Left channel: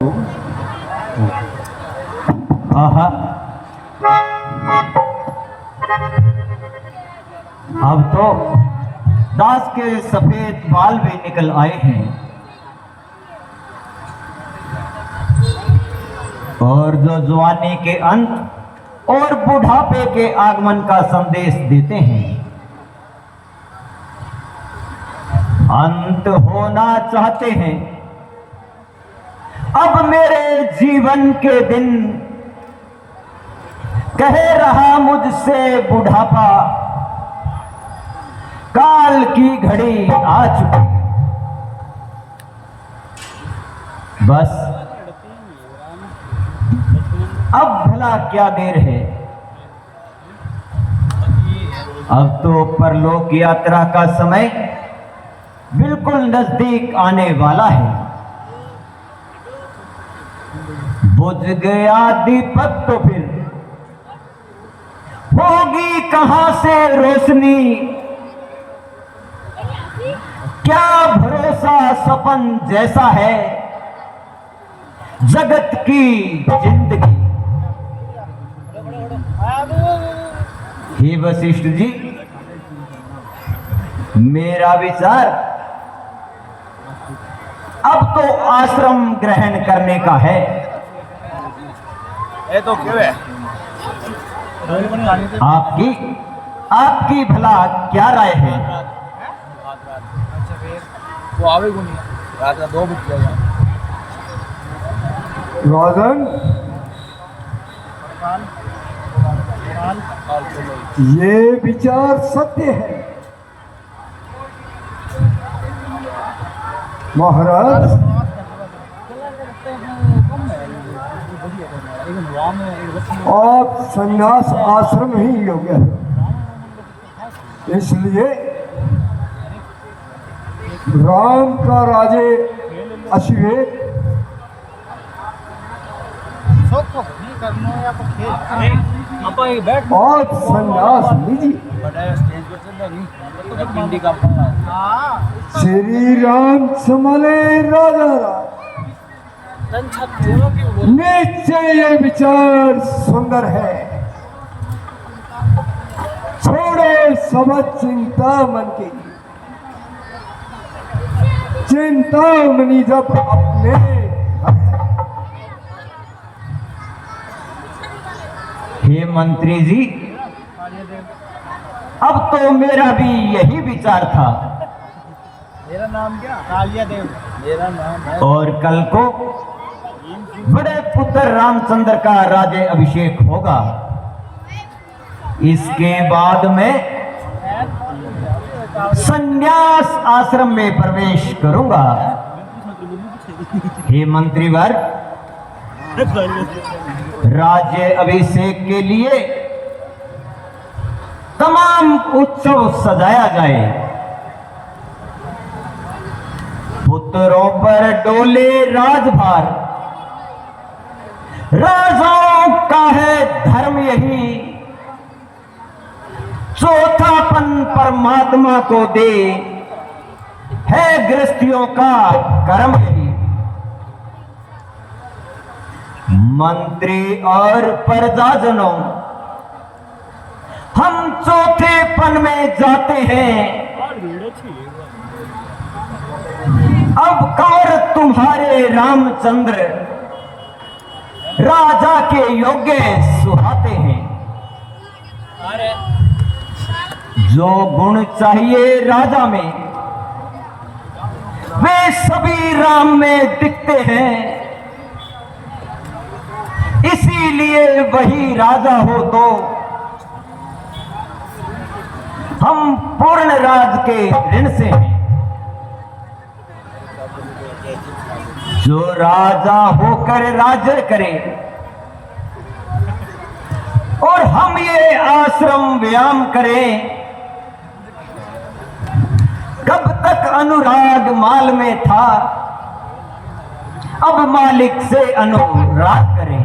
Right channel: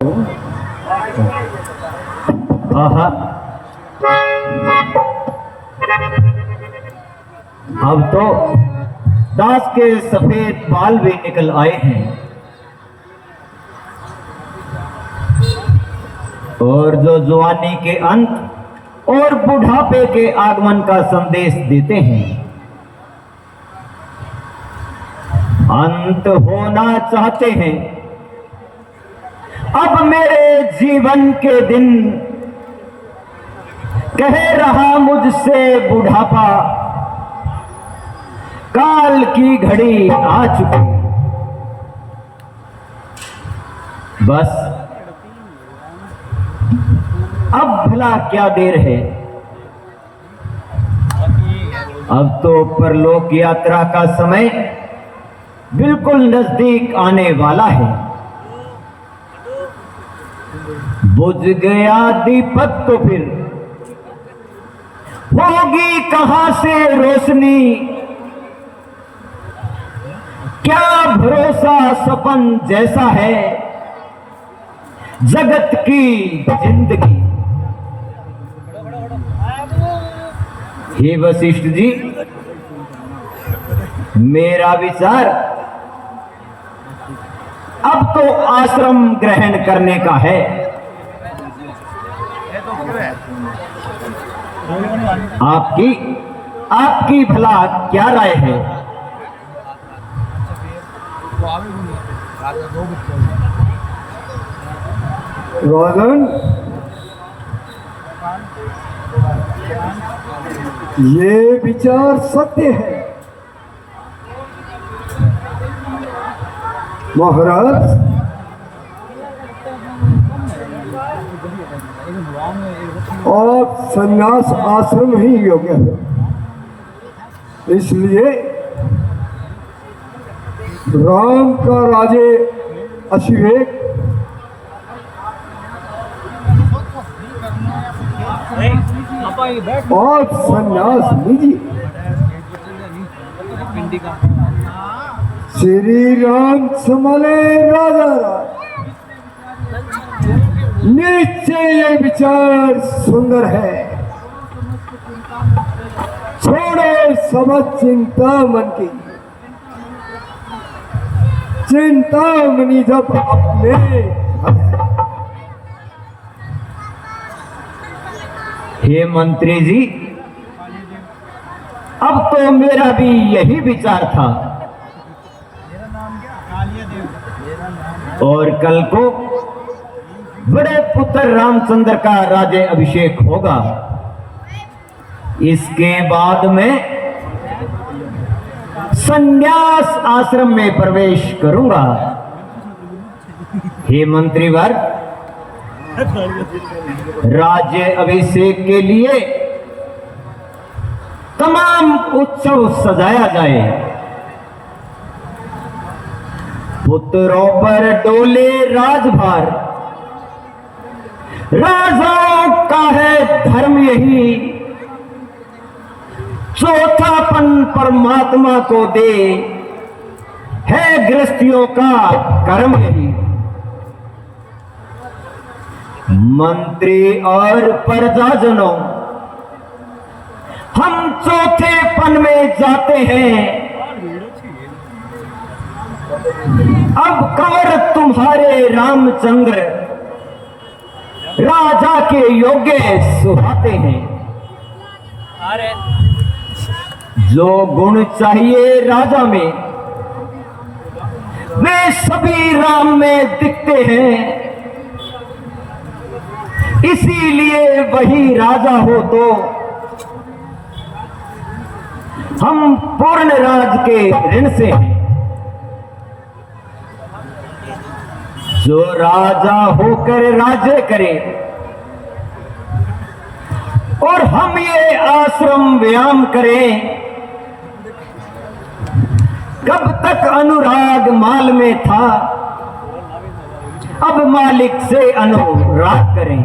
आहा, अब तो दास के सफेद बाल भी निकल आए हैं और जो जवानी के अंत और बुढ़ापे के आगमन का संदेश देते हैं। अंत होना चाहते हैं अब मेरे जीवन के दिन, कह रहा मुझसे बुढ़ापा, काल की घड़ी आ चुकी। बस अब भला क्या देर है, अब तो परलोक यात्रा का समय बिल्कुल नजदीक आने वाला है। बुझ गया दीपक तो फिर होगी कहां से रोशनी, क्या भरोसा सपन जैसा है जगत की जिंदगी। हे वशिष्ठ जी, मेरा विचार अब तो आश्रम ग्रहण करने का है। तो क्यों है? आपकी भला क्या राय है? वो आवे को नहीं रात का 2 बज गया। राजन, ये विचार सत्य है। महाराज, आप संन्यास आश्रम ही योग्य है। इसलिए राम का राजे अशिवेक आप संन्यास लीजिए। श्री राम संभले राजा। निश्चय ये विचार सुंदर है। छोड़े सब चिंता मन की, चिंता मनी जब अपने। हे मंत्री जी, अब तो मेरा भी यही विचार था। मेरा नाम क्या? कालिया देव। मेरा नाम है। और कल को बड़े पुत्र रामचंद्र का राज्य अभिषेक होगा। इसके बाद में संन्यास आश्रम में प्रवेश करूंगा। हे मंत्रीवर, राज्य अभिषेक के लिए तमाम उत्सव सजाया जाए। पुत्रों पर डोले राजभार, राजाओं का है धर्म यही, चौथापन परमात्मा को दे, है गृहस्थियों का कर्म यही। मंत्री और प्रजाजनों, हम चौथेपन में जाते हैं। अब कौर तुम्हारे रामचंद्र राजा के योग्य सुहाते हैं। जो गुण चाहिए राजा में वे सभी राम में दिखते हैं। इसीलिए वही राजा हो तो हम पूर्ण राज के ऋण से हैं। जो राजा होकर राज्य करे और हम ये आश्रम व्यायाम करें, कब तक अनुराग माल में था, अब मालिक से अनुराग करें।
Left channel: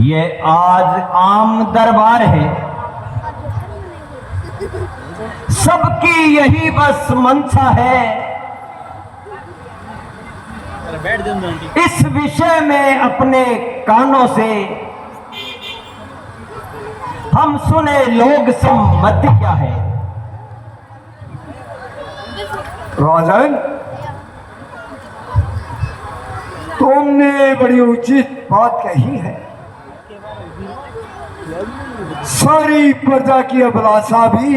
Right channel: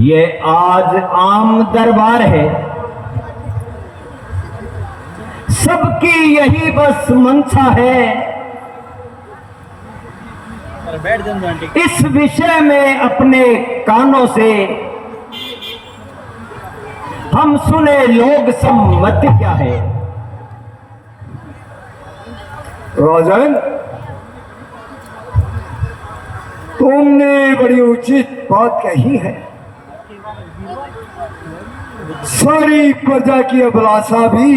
ये आज आम दरबार है, सबकी यही बस मंशा है अरे बैठ जाओ आंटी। इस विषय में अपने कानों से हम सुने लोग सम्मति क्या है। राजन, तुमने बड़ी उचित बात कही है। सारी प्रजा की अभिलाषा भी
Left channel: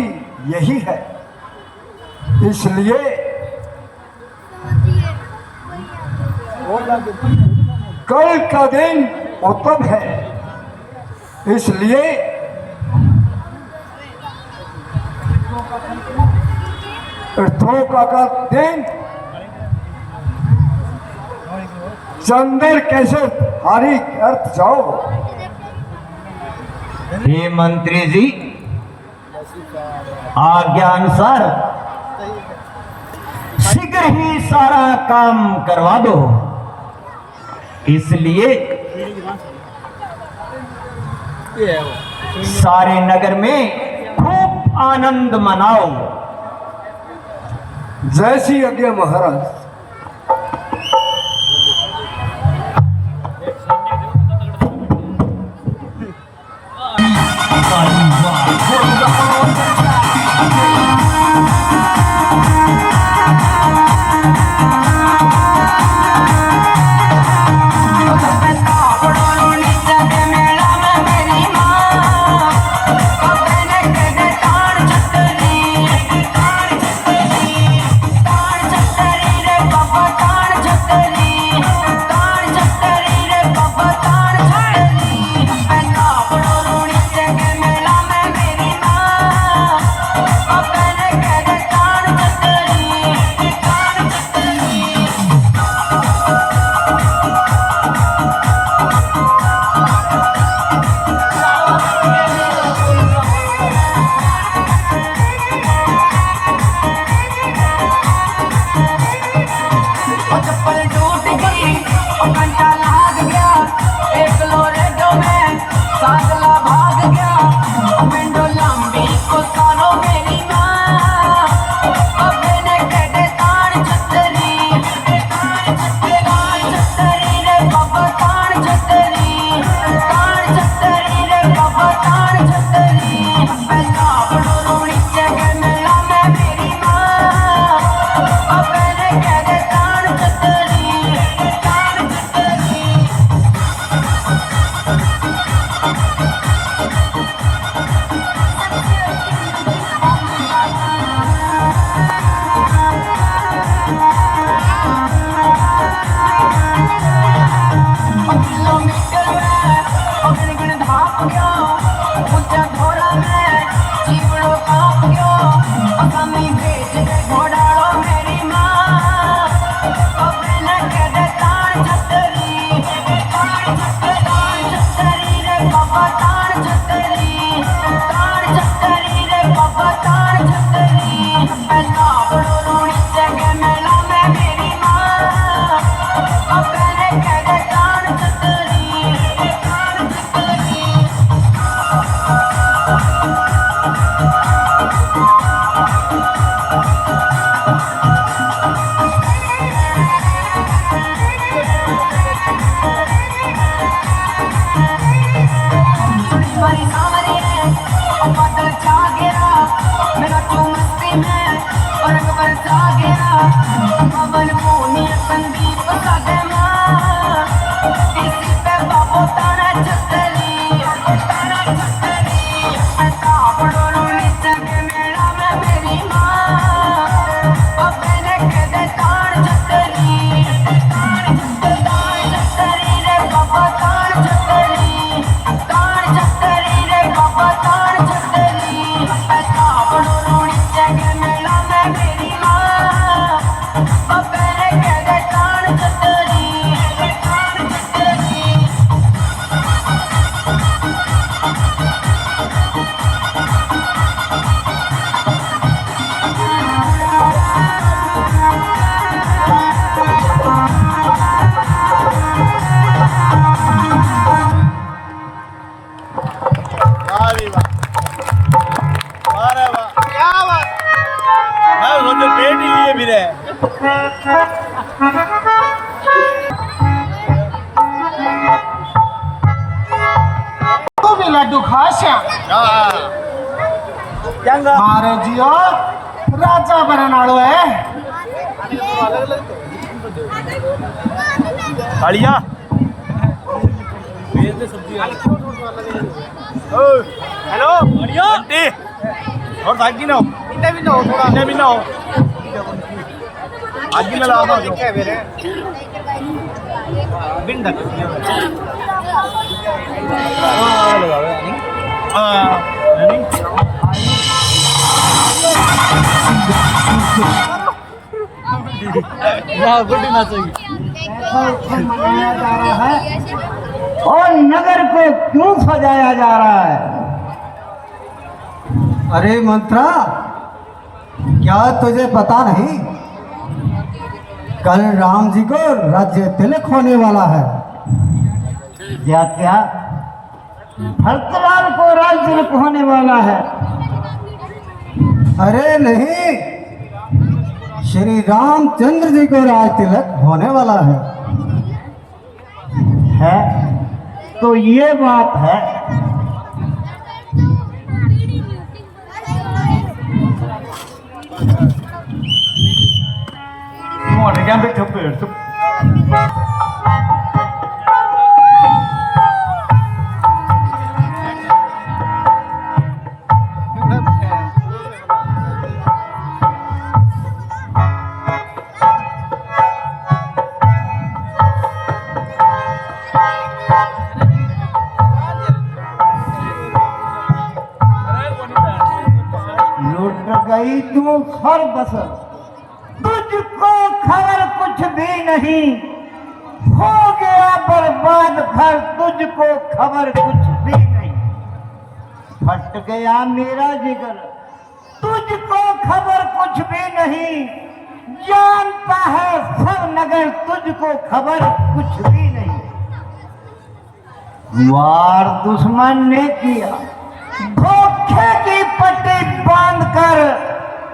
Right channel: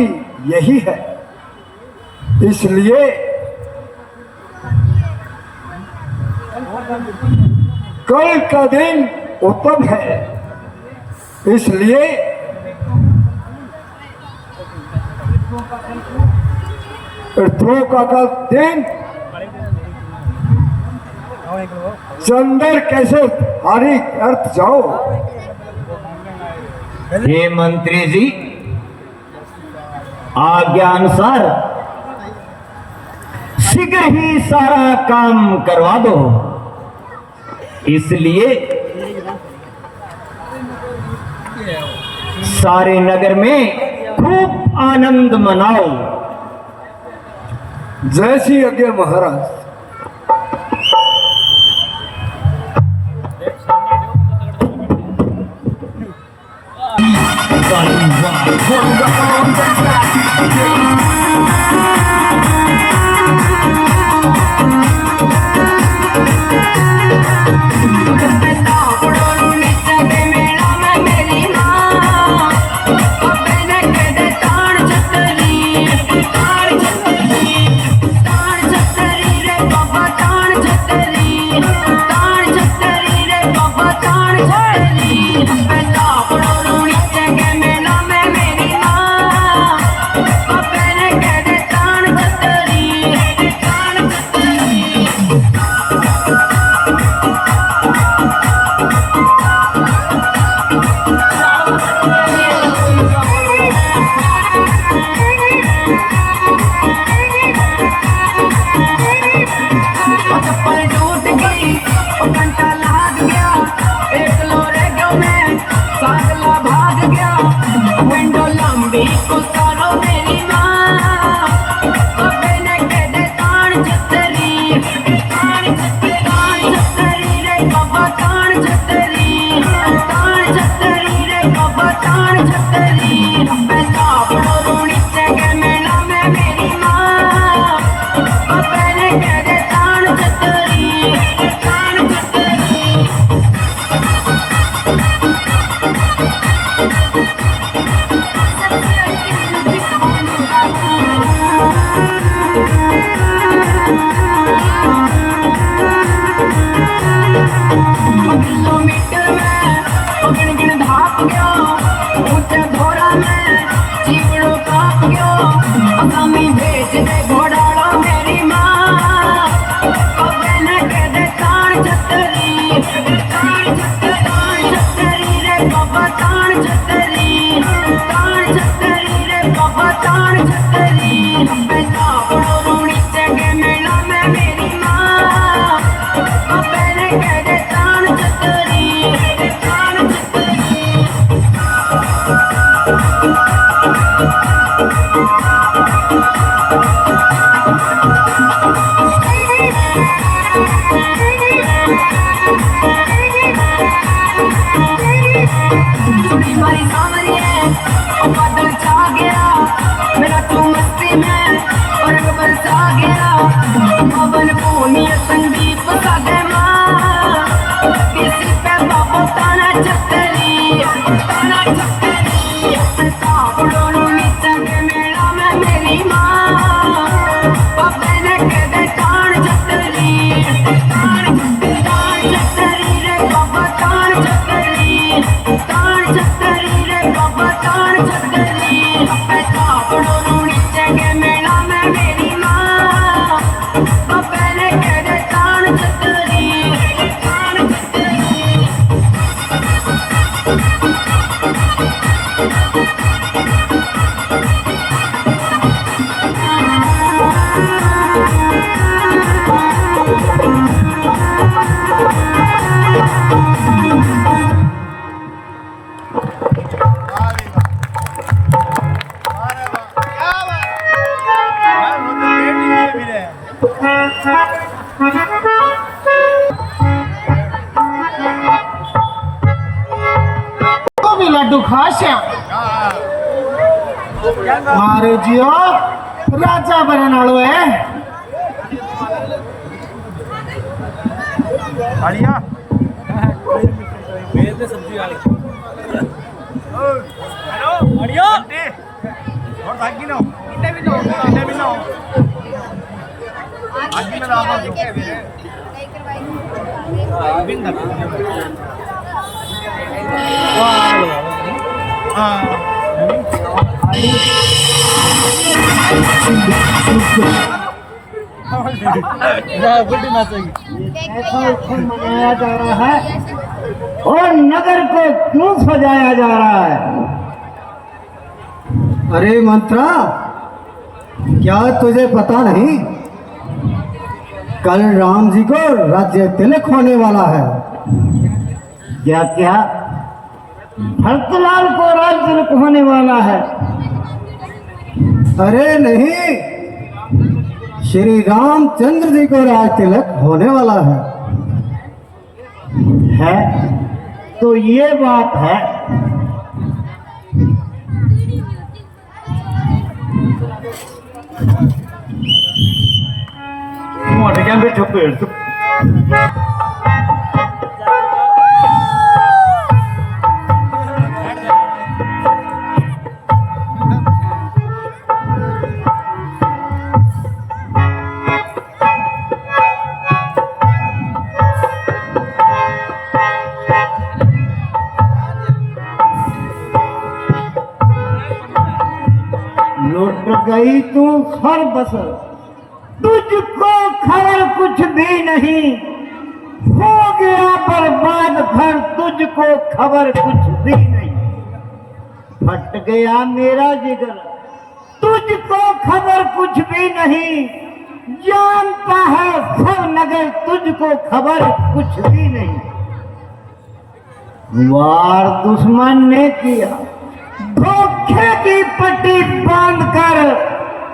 यही है, इसलिए कल का दिन उत्तम है, इसलिए का दिन चंदर कैसे हरी अर्थ जाओ। हे मंत्री जी, आज्ञा अनुसार शीघ्र ही सारा काम करवा दो, इसलिए सारे नगर में खूब आनंद मनाओ। जैसी आज्ञा महाराज। मारो जियो राजा बनने वालों है बढ़िया मेरे से सब्जी आ रही हेलो बढ़िया और भागी ना हो इतने भी ना हो थोड़ा इतने भी ना हो आगे में लगा दो क्या मेरे बिन ढक वाह आगे लगा रहा है बुढ़ी नाचेगी मनाया जा रहा है और नगर को क्यों सजाया जा रहा है? अरे मंत्रा, क्या तुझे पता नहीं? कल राम जी को राज्य तिलक होने वाला है। क्या क्या भरतलाल को राज्य तिलक होने वाला है? अरे नहीं, श्री रामचंद्र जी को राज तिलक होने वाला है तो ये बात है। मोट गया भी चुप लुट गई तू हर बसर, तुझको खबर कुछ भी नहीं, हो गया बर्बाद घर, तुझको खबर कुछ भी नहीं। फट गया मेरा जिगर, तुझको खबर कुछ भी नहीं, जानता है सब नगर, तुझको खबर कुछ भी नहीं। वार दुश्मन ने किया, धोखे की पट्टी बांधकर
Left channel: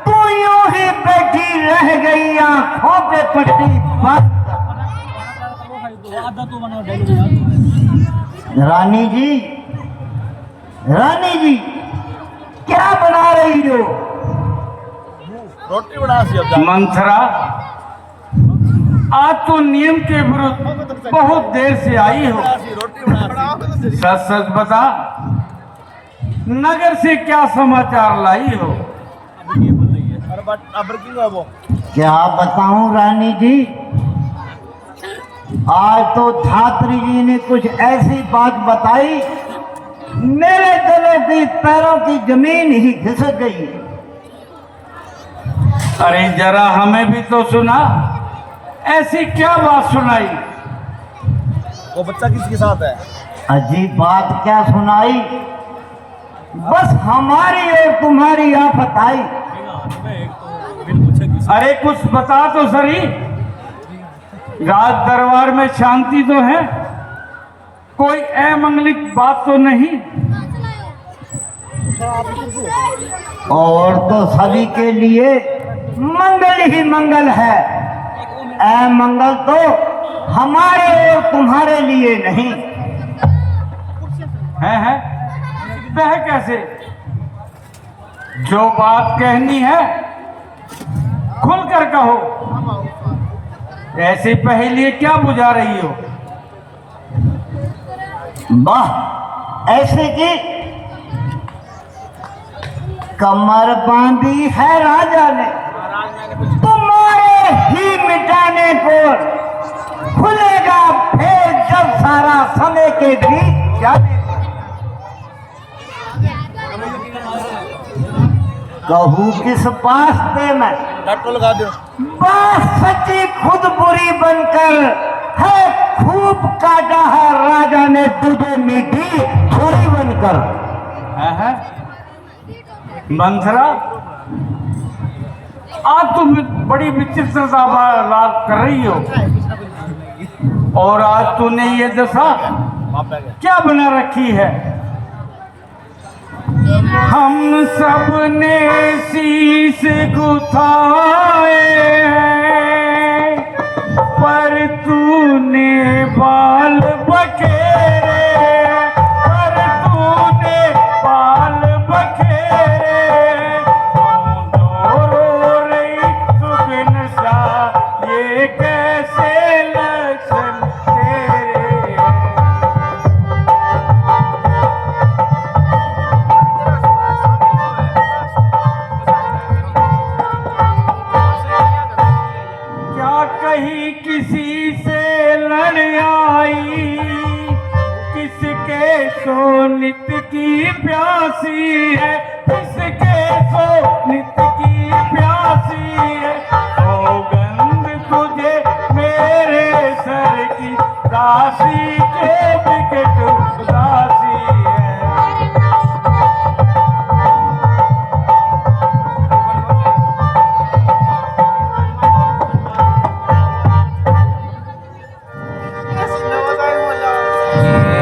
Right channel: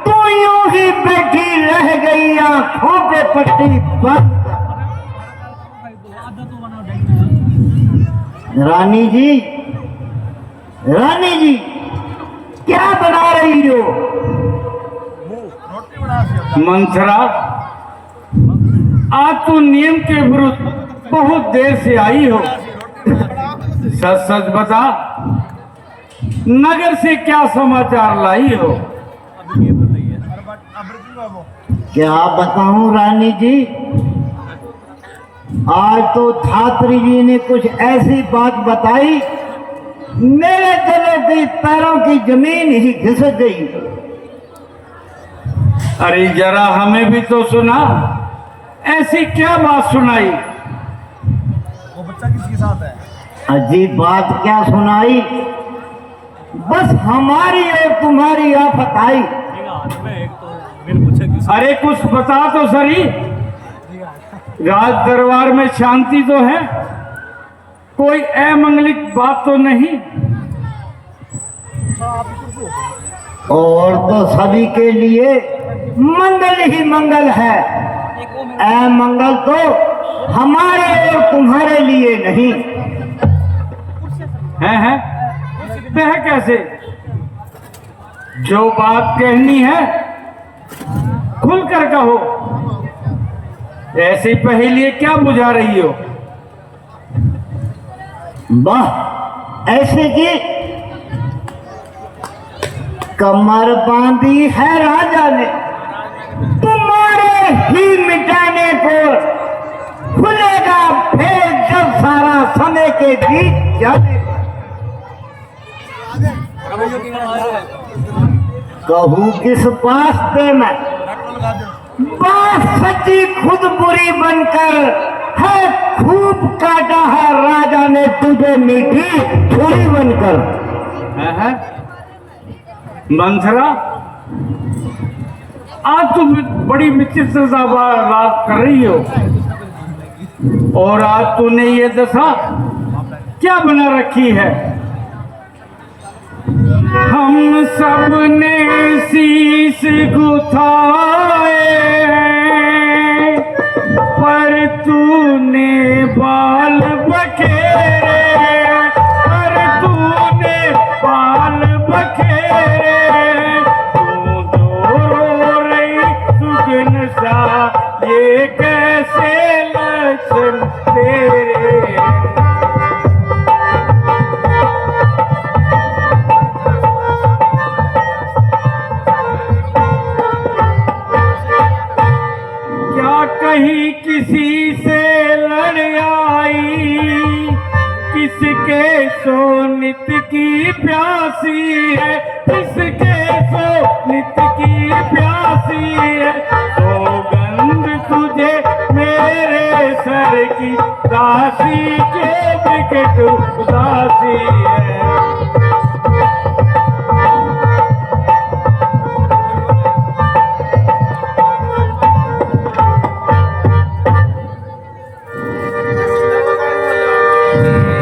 तू यूं ही बैठी रह गई, आंखों पे पट्टी बांध। रानी जी, रानी जी, क्या बना रही हो? रोटी बना मंथरा, आज तो नियम के विरुद्ध बहुत देर से आई हो। सच सच बता, नगर से क्या समाचार लाई हो? अभी ये बोल रही है अब है वो क्या बताऊं रानी जी, आज तो धात्री जी ने कुछ ऐसी बात बताई, मेरे गले की पैरों की जमीन ही घिसक गई। अरे जरा हमें भी तो सुना, ऐसी क्या बात सुनाई? वो बच्चा किसके साथ है? अजीब बात क्या सुनाई, बस हमारी और तुम्हारी आफत आई। अरे कुछ बता तो सही, राज दरबार में शांति तो है, कोई अमंगलिक बात तो नहीं? और तो सभी के लिए मंगल ही मंगल है, अमंगल तो हमारे और तुम्हारे लिए नहीं है। वह कैसे? जो बात कहनी है खुलकर कहो, ऐसी पहेली क्या बुझा रही हो? वाह, ऐसे की कमर बांधी है राजा ने, तुम्हारे ही मिटाने को, खुलेगा फिर जब सारा समय के बीच जाने। कहूँ किस पास पे मैं, बात सच्ची खुद बुरी बनकर है, खूब काटा है राजा ने तुझे मीठी छुरी बनकर। मंथरा, आज तुम बड़ी विचित्र सा बात कर रही हो, और आज तूने ये दशा क्या बना रखी है? हम सब ने शीश गुथाए, पर तूने बाल बखेरे, पर तूने बाल बखेरे, ये कैसे लक्षण तेरे। क्या कहीं किसी से लड़ आई, किसके सोनित की प्यासी है, किसके सोनित की प्यासी है। सौगंध तुझे मेरे सर की, दासी के विकट उदासी है।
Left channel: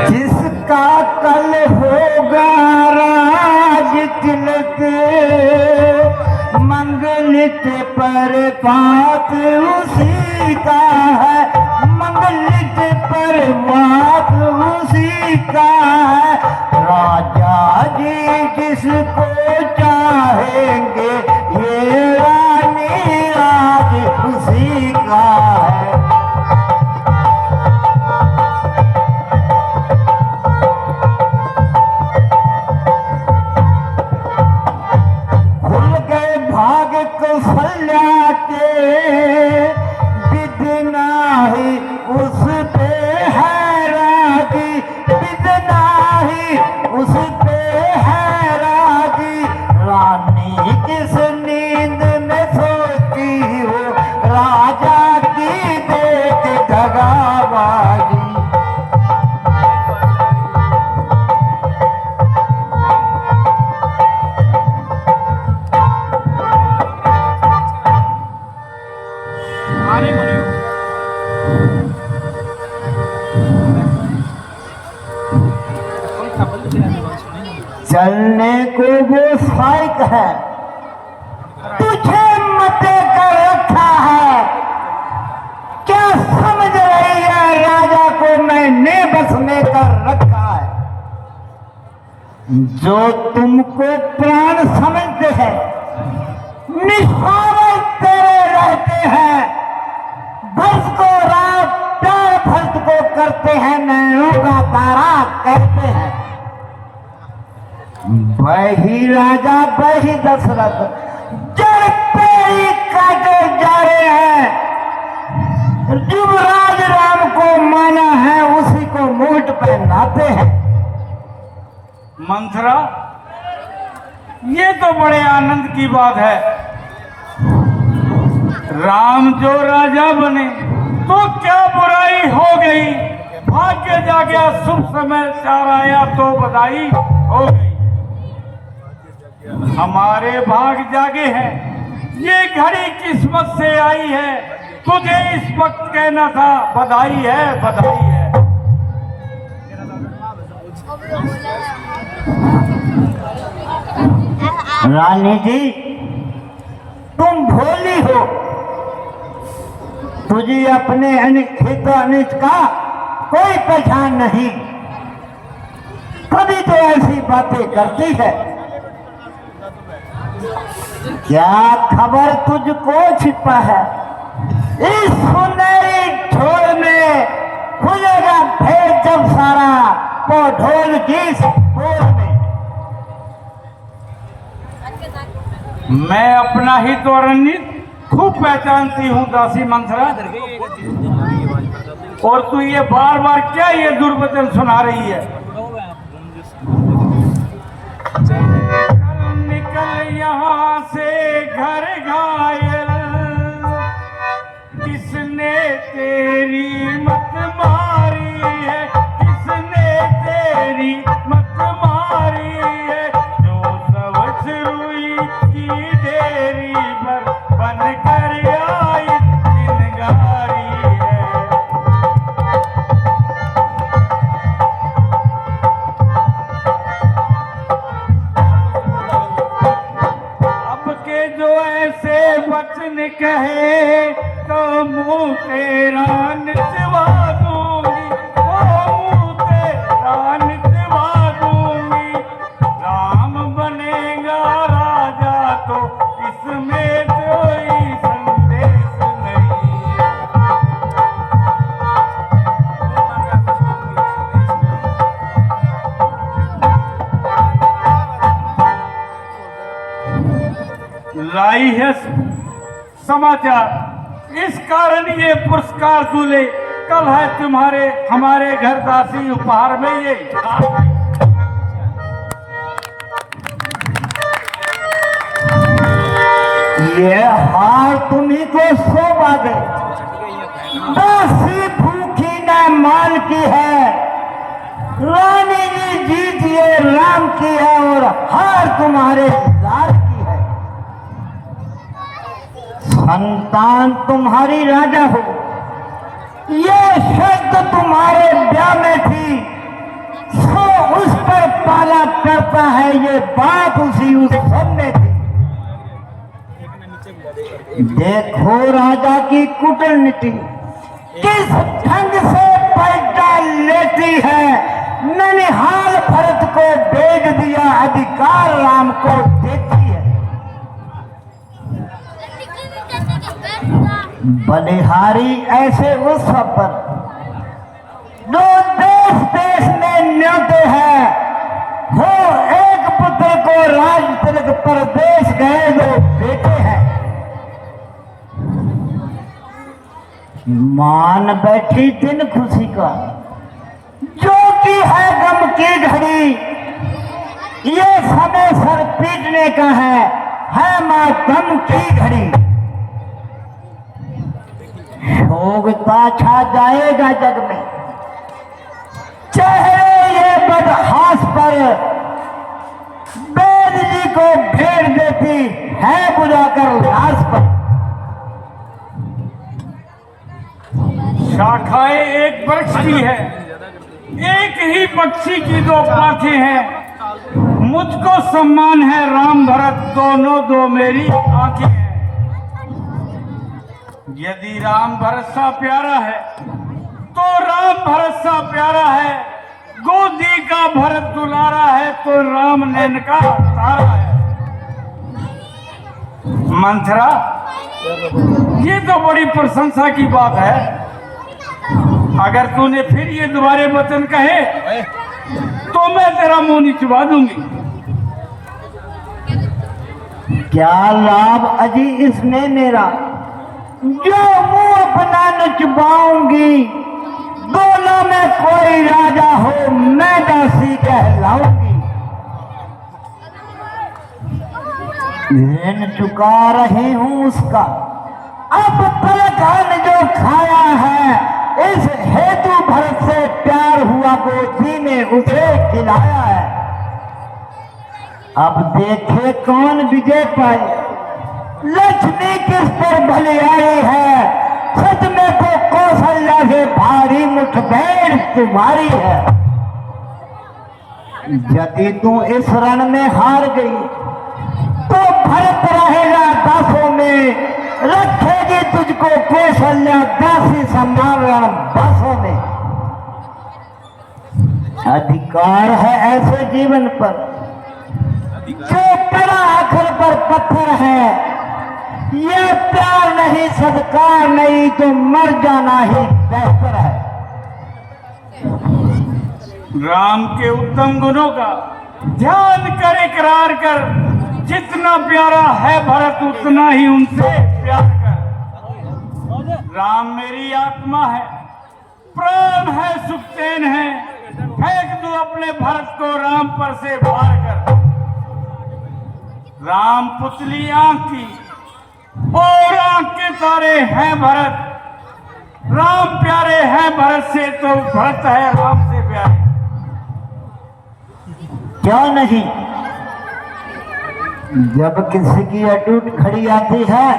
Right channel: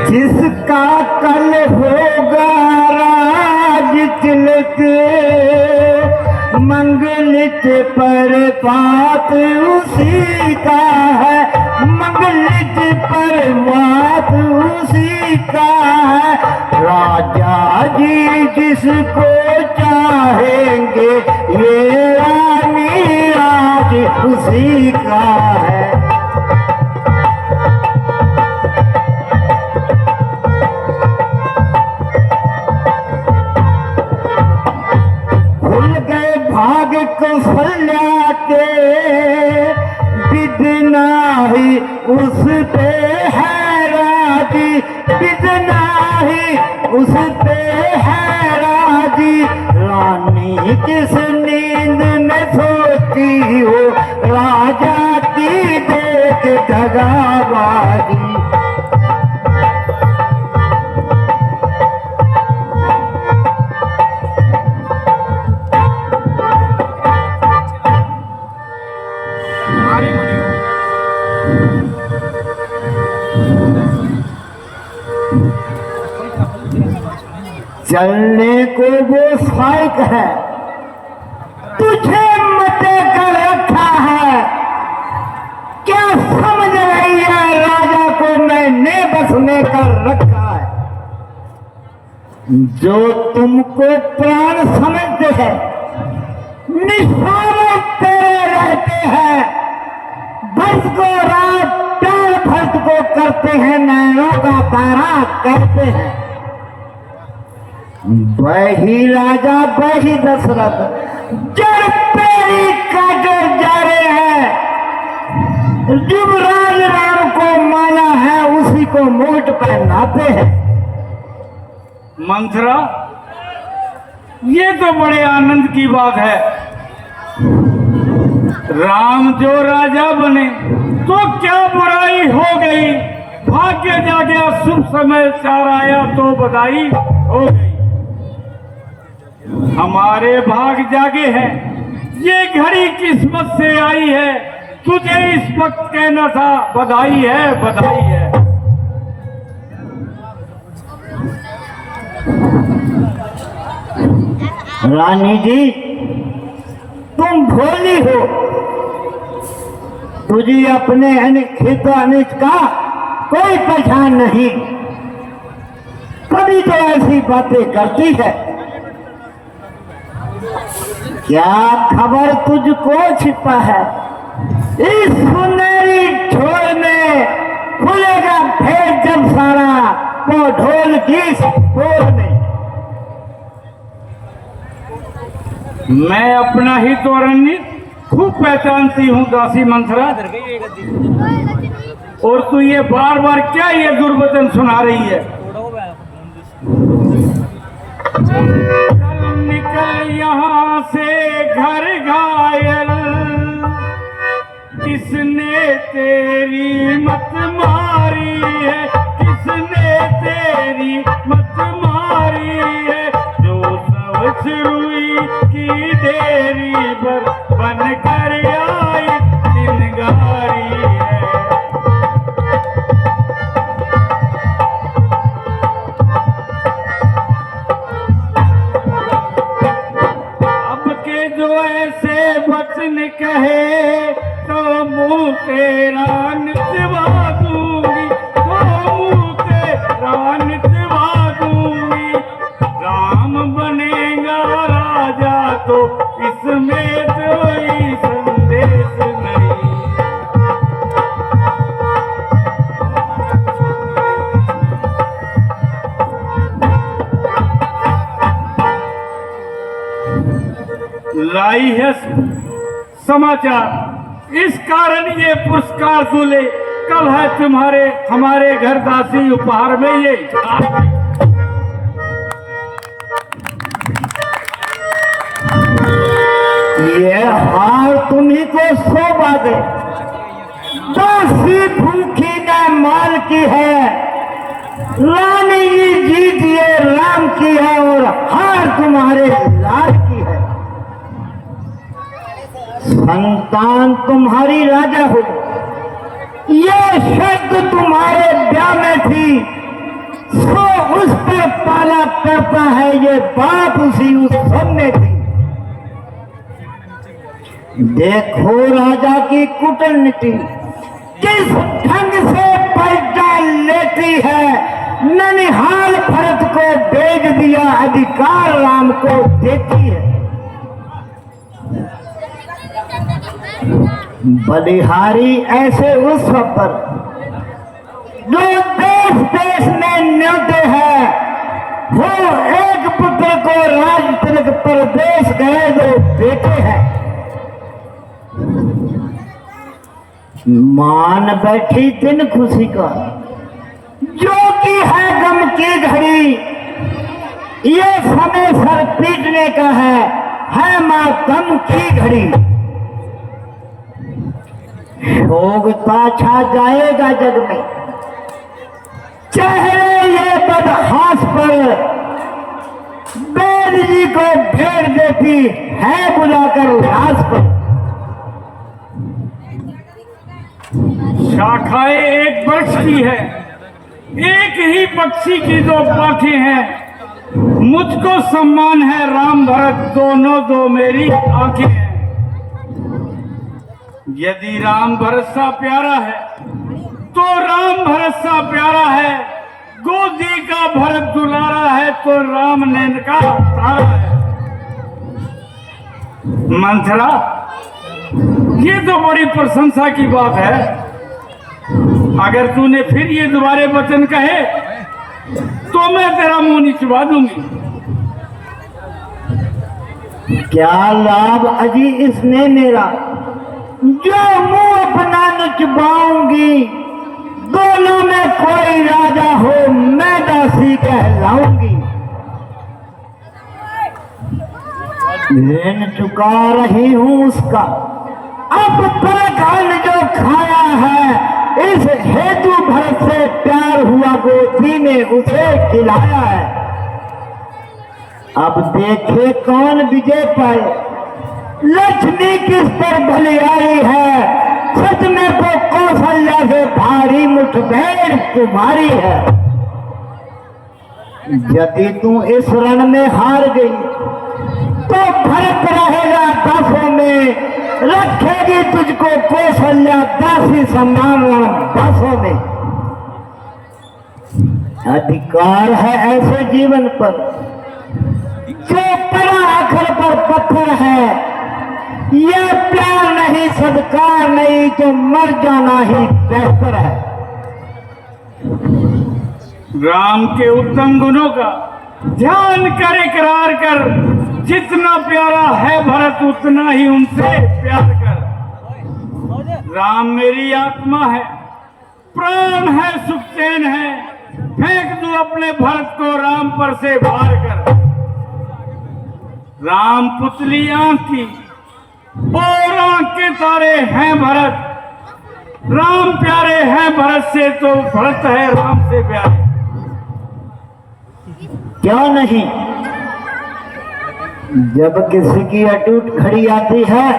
जिसका कल होगा राज तिलक, मंगलित पर बात उसी का है, मंगलित पर बात उसी का है। राजा जी जिसको चाहेंगे, ये रानी राज उसी का है। उस पे है राजी, बिजना ही उस पे है राजी। रानी किस नींद में सोती हो, राजा की देख दगाबाजी। चलने को वो साइक है, तुझे मते कर रखा है। क्या समझ रही है राजा को मैंने बस में कर रखा है। जो तुमको प्राण समझते हैं, निशाने तेरे रहते हैं। भर्त को रात प्यार भर्त को करते हैं, नैनों का तारा कहते हैं। वही राजा वही दशरथ, जड़ पेड़ी काटे जा रहे हैं। युवराज राम को माना है, उसी को मोट पहनाते हैं। मंथरा, ये तो बड़े आनंद की बात है। राम जो राजा बने तो क्या बुराई हो गई। भाग्य जागया शुभ समय चार आया तो बधाई हो गई। हमारे भाग जागे हैं, ये घड़ी किस्मत से आई है। तुझे इस वक्त कहना था बधाई है, बधाई है। रानी जी, तुम भोली हो, तुझे अपने हित अनित का कोई पहचान नहीं। कभी तो ऐसी बातें करती है। क्या खबर तुझको छिपा है। इस सुनहरी छोड़ में खुलेगा फिर जब सारा वो ढोल की बोल में। मैं अपना ही तो रणनीति खूब पहचानती हूँ दासी मंथरा, और तू ये बार बार क्या ये दुर्वचन सुना रही है। निकल यहाँ से घर घायल, किसने तेरी मत मारी है, किसने तेरी मत मारी है। जो सवच रुई की डेरी पर बन कर आई चिनगारी है। अब के जो ऐसे वचन कहे तो मुँह तेरा निचवा दूंगी, तो मुँह तेरा निचवा दूंगी। राम बनेगा राजा तो इसमें कोई संदेश नहीं। लाई है समाचार, इस कारण ये पुरस्कार दूल्हे कल है तुम्हारे हमारे घर दासी उपहार में ये। ये हार तुम्ही को शोभा दे, दासी भूखी न माल की है, रानी जी जीतिए राम की है और हार तुम्हारे लाल की है। संतान तुम्हारी राजा हो, ये शब्द तुम्हारे ब्याह में थी, सो उस पर पाला करता है ये बात उसी उत्सव में थी। देखो राजा की कूटनीति किस ढंग से पलटा लेती है, ननिहाल भरत को भेज दिया, अधिकार राम को देती है। बलिहारी ऐसे उस पर जो देश देश में मिलते हैं, वो एक पुत्र को राज तिलक परदेश गए जो बेटे हैं। मान बैठी दिन खुशी का, जो कि है गम की घड़ी, ये समय सर पीटने का है मातम की घड़ी। शोकता छा जाएगा जग में, चेहरे ये बदहास पर बैल जी को भेड़ देती है बुलाकर लाश पर। शाखाएं एक वृक्ष की है, एक ही पक्षी की दो पाखें हैं, मुझको सम्मान है राम भरत दोनों दो मेरी आंखें हैं। यदि राम भरत सा प्यारा है तो राम भरत सा प्यारा है, गोदी का भरत दुलारा है तो राम नैन का तारा है। मंथरा, ये तो बड़ी प्रशंसा की बात है। अगर तूने फिर ये दोबारे वचन कहे तो मैं तेरा मुंह नहीं चुबा दूंगी। क्या लाभ अजी इसमें मेरा, जो मुंह अपना न चुबाऊंगी, दोनों में कोई राजा हो मैं दासी कहलाऊंगी। ऋण चुका रही हूं उसका, अब पलकान जो खाया है, इस हेतु भरत से प्यार हुआ गोदी ने उसे खिलाया है। अब देखे कौन विजय पाए, लक्ष्मी किस पर भली आई है, सच में तो कौशल्या से भारी मुठभेड़ तुम्हारी है। यदि तू इस रण में हार गई तो भरत रहेगा दासों में, रखेगी तुझको कौशल्या दासी सम्मान रण दासों में। अधिकार है ऐसे जीवन पर जो पड़ा आखिर पर पत्थर है, ये प्यार नहीं सदकार नहीं तो मर जाना ही बेहतर है। राम के उत्तम गुणों का ध्यान कर इकरार कर, जितना प्यारा है भरत उतना ही उनसे प्यार कर। राम मेरी आत्मा है, प्राण है, सुखचैन है, फेंक दो अपने भरत को राम पर से भार कर। राम पुतली आंख की और आंख के तारे हैं भरत, राम प्यारे हैं भरत से तो भरत है राम से प्यारे। क्यों नहीं, जब किसी की अटूट खड़ी आती है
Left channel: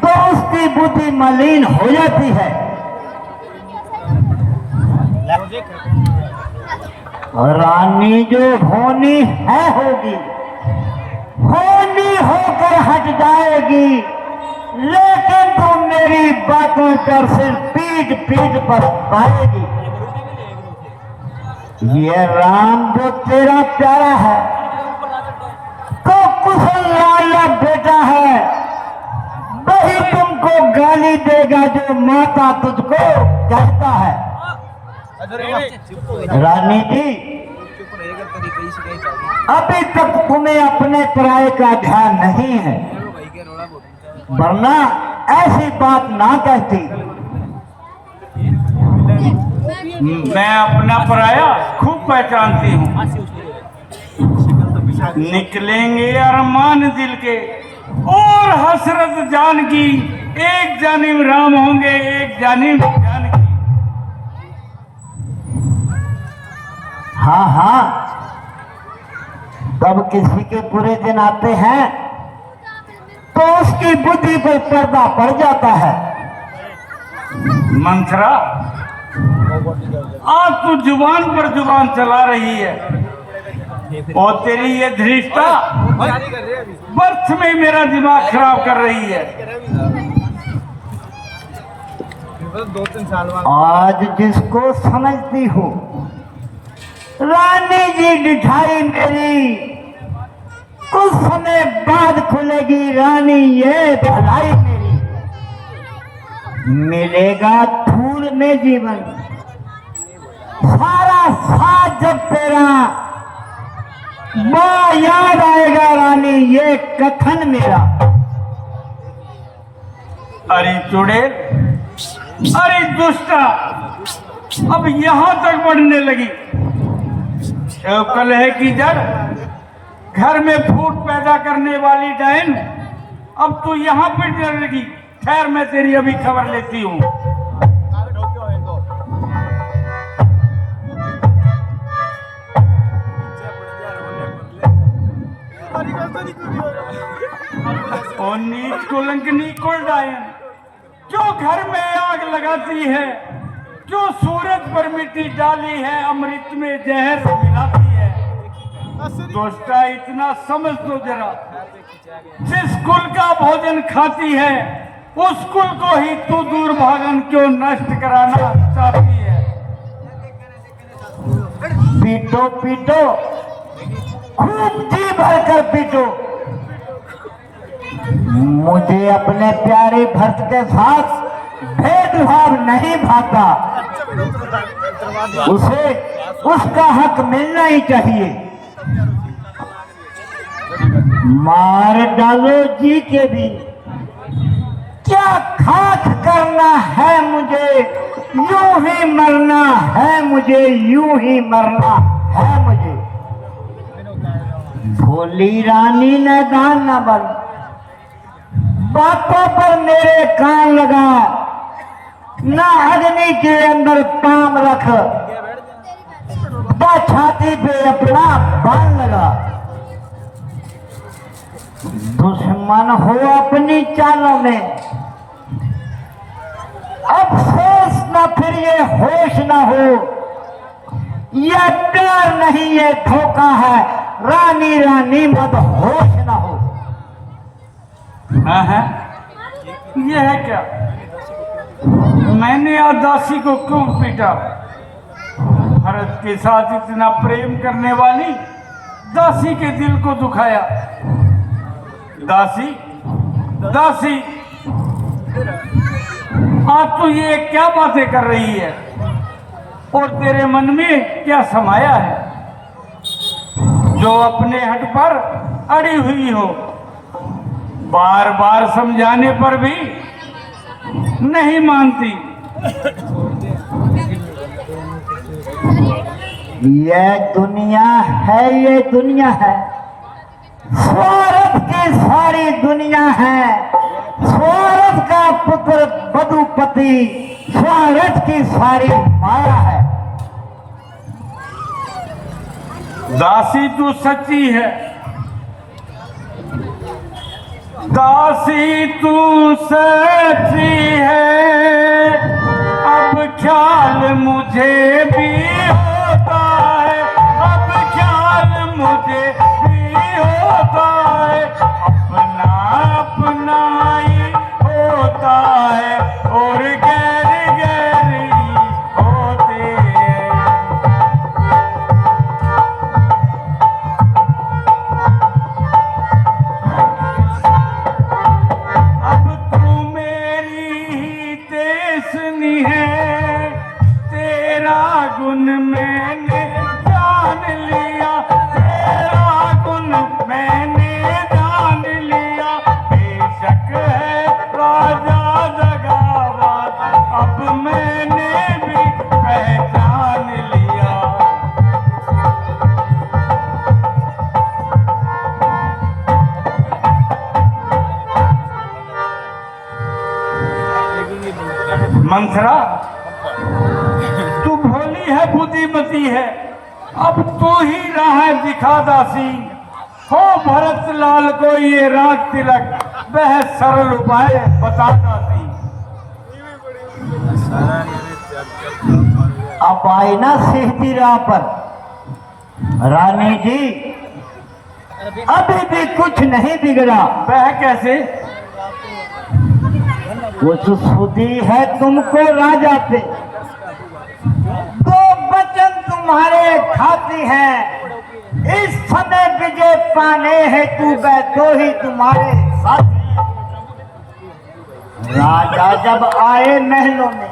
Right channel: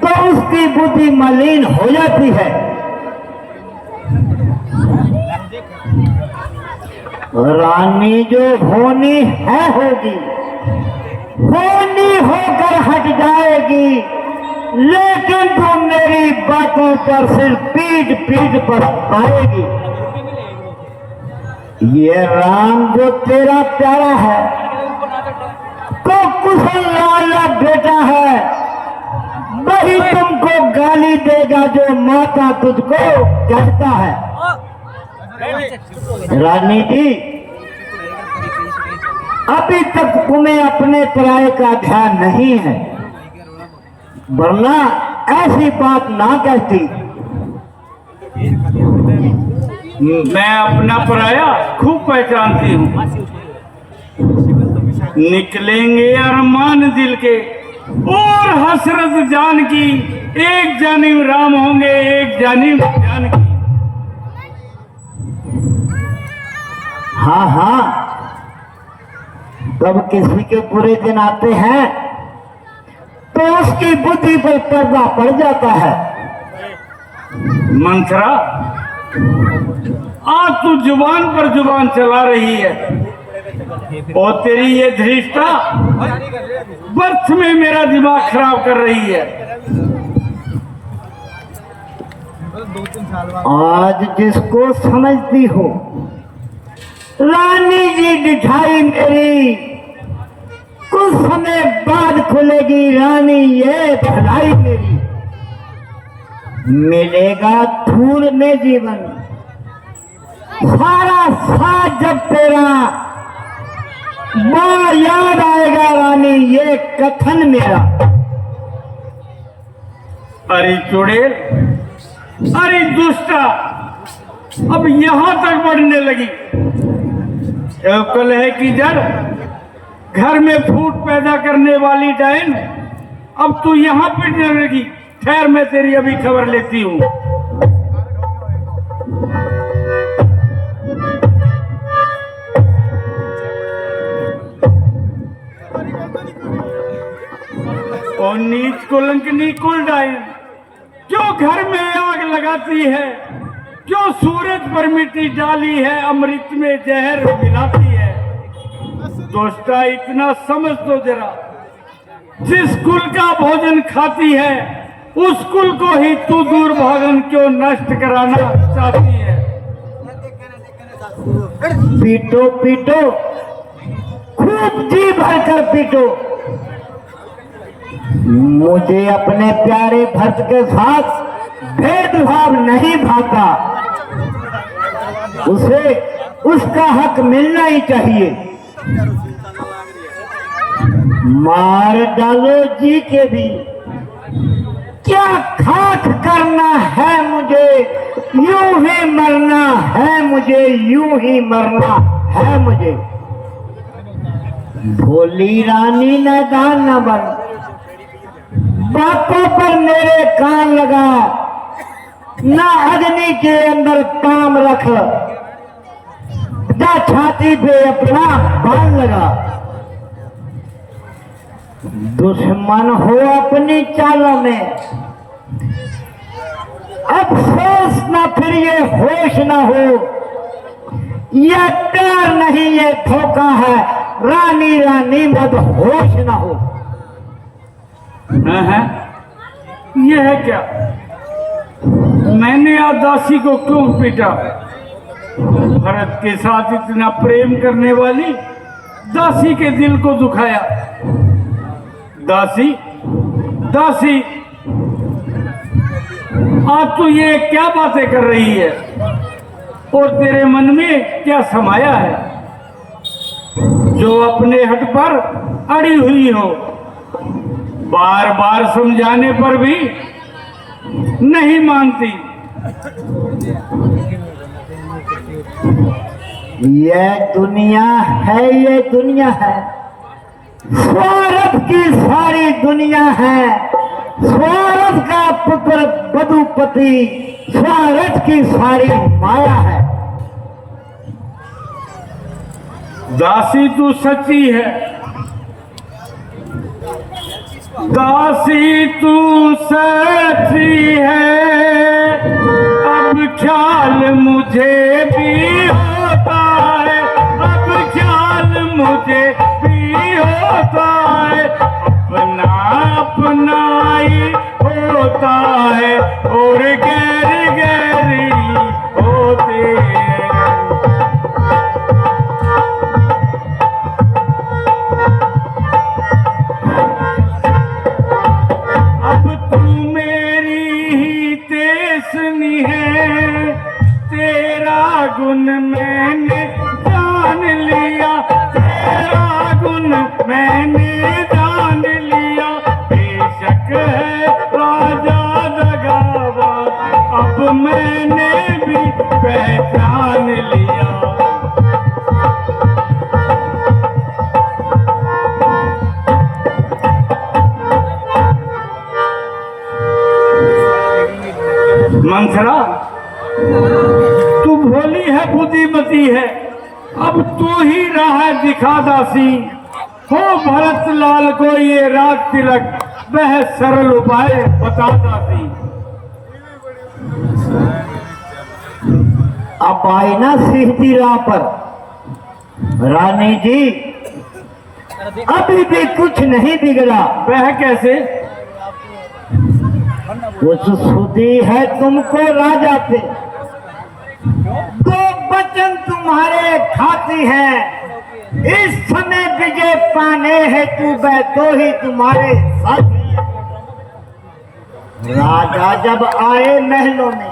तो उसकी बुद्धि मलिन हो जाती है। रानी जो होनी है होगी, होनी होकर हट जाएगी, लेकिन तुम मेरी बातों पर सिर्फ पीठ पीठ पर पाएगी। ये राम जो तेरा प्यारा है तो कुशल लाल बेटा है, वही तुमको गाली देगा जो माता तुझको कहता है। रानी जी अभी तक तुम्हें अपने पराये का ध्यान नहीं है, वरना ऐसी बात ना कहती। मैं अपना पराया खूब पहचानती हूँ। निकलेंगे अरमान दिल के और हसरत जान की, एक जानिब राम होंगे एक जानिब जानकी। हाँ हाँ, तब किसी के बुरे दिन आते हैं तो उसकी बुद्धि पर पर्दा पड़ जाता है। मंथरा, आज तू जुबान पर जुबान चला रही है और तेरी ये धृष्टा बर्थ में मेरा दिमाग खराब कर रही है। आज जिसको समझती हो रानी जी दिखाई मेरी, कुछ समय बाद खुलेगी रानी ये भलाई मेरी। मिलेगा धूल में जीवन, सारा साथ जब तेरा, बड़ा याद आएगा रानी ये कथन मेरा। अरे चुड़ैल, अरे दुष्टा, अब यहाँ तक बढ़ने लगी। कल है कि जड़, घर में फूट पैदा करने वाली डायन, अब तू यहाँ पर डर लगी। खैर, मैं तेरी अभी खबर लेती हूँ। और नीच कुलंकनी कुल डायन, क्यों घर में आग लगाती है, क्यों सूरज पर मिट्टी डाली है, अमृत में जहर मिलाती है। दोस्ता, इतना समझ तो जरा, जिस कुल का भोजन खाती है उस कुल को ही तू दूर भागन क्यों नष्ट कराना चाहती है। पीटो पीटो, खूब जी भरकर पीटो। मुझे अपने प्यारे भक्त के साथ भेदभाव नहीं भाता, उसे उसका हक मिलना ही चाहिए। मार डालो जी के भी, क्या खाक करना है मुझे, यूं ही मरना है मुझे, यूं ही मरना है मुझे। भोली रानी ने दान न बन, बातों पर मेरे कान लगा, ना अग्नि के अंदर काम रख, जा छाती पे अपना बाण लगा। दुश्मन हो अपनी चालों में, अफसोस न फिर ये होश न हो, ये प्यार नहीं ये धोखा है, रानी रानी मत होश न हो। है ये है क्या? मैंने आज दासी को क्यों पीटा? भरत के साथ इतना प्रेम करने वाली दासी के दिल को दुखाया। दासी, दासी, आज तू ये क्या बातें कर रही है और तेरे मन में क्या समाया है जो अपने हट पर अड़ी हुई हो? बार बार समझाने पर भी नहीं मानती। ये दुनिया है, ये दुनिया है, स्वार्थ की सारी दुनिया है। स्वार्थ का पुत्र बधुपति, स्वार्थ की सारी माया है। दासी तू सच्ची है, दासी तू सच्ची है। अब ख्याल मुझे भी होता है, अब ख्याल मुझे भी होता है। अपना अपना ही होता है और गैर गैरी होते हैं। अब तू मेरी ही तेसनी है, तेरा गुण मैंने जान लिया, तेरा मंथरा, तू भोली है, बुद्धिमती है, अब तू ही राह दिखा दासी। हो भरत लाल को ये राग तिलक, वह सरल उपाय बता दासी। अब आई ना सीधी राह पर। रानी जी, अभी भी कुछ नहीं बिगड़ा। वह कैसे? कुछ सुधी है तुमको राजा से, दो वचन तुम्हारे खाती है। इस समय विजय पाने है तू, वह दो ही तुम्हारे साथ है। राजा जब आए महलों में,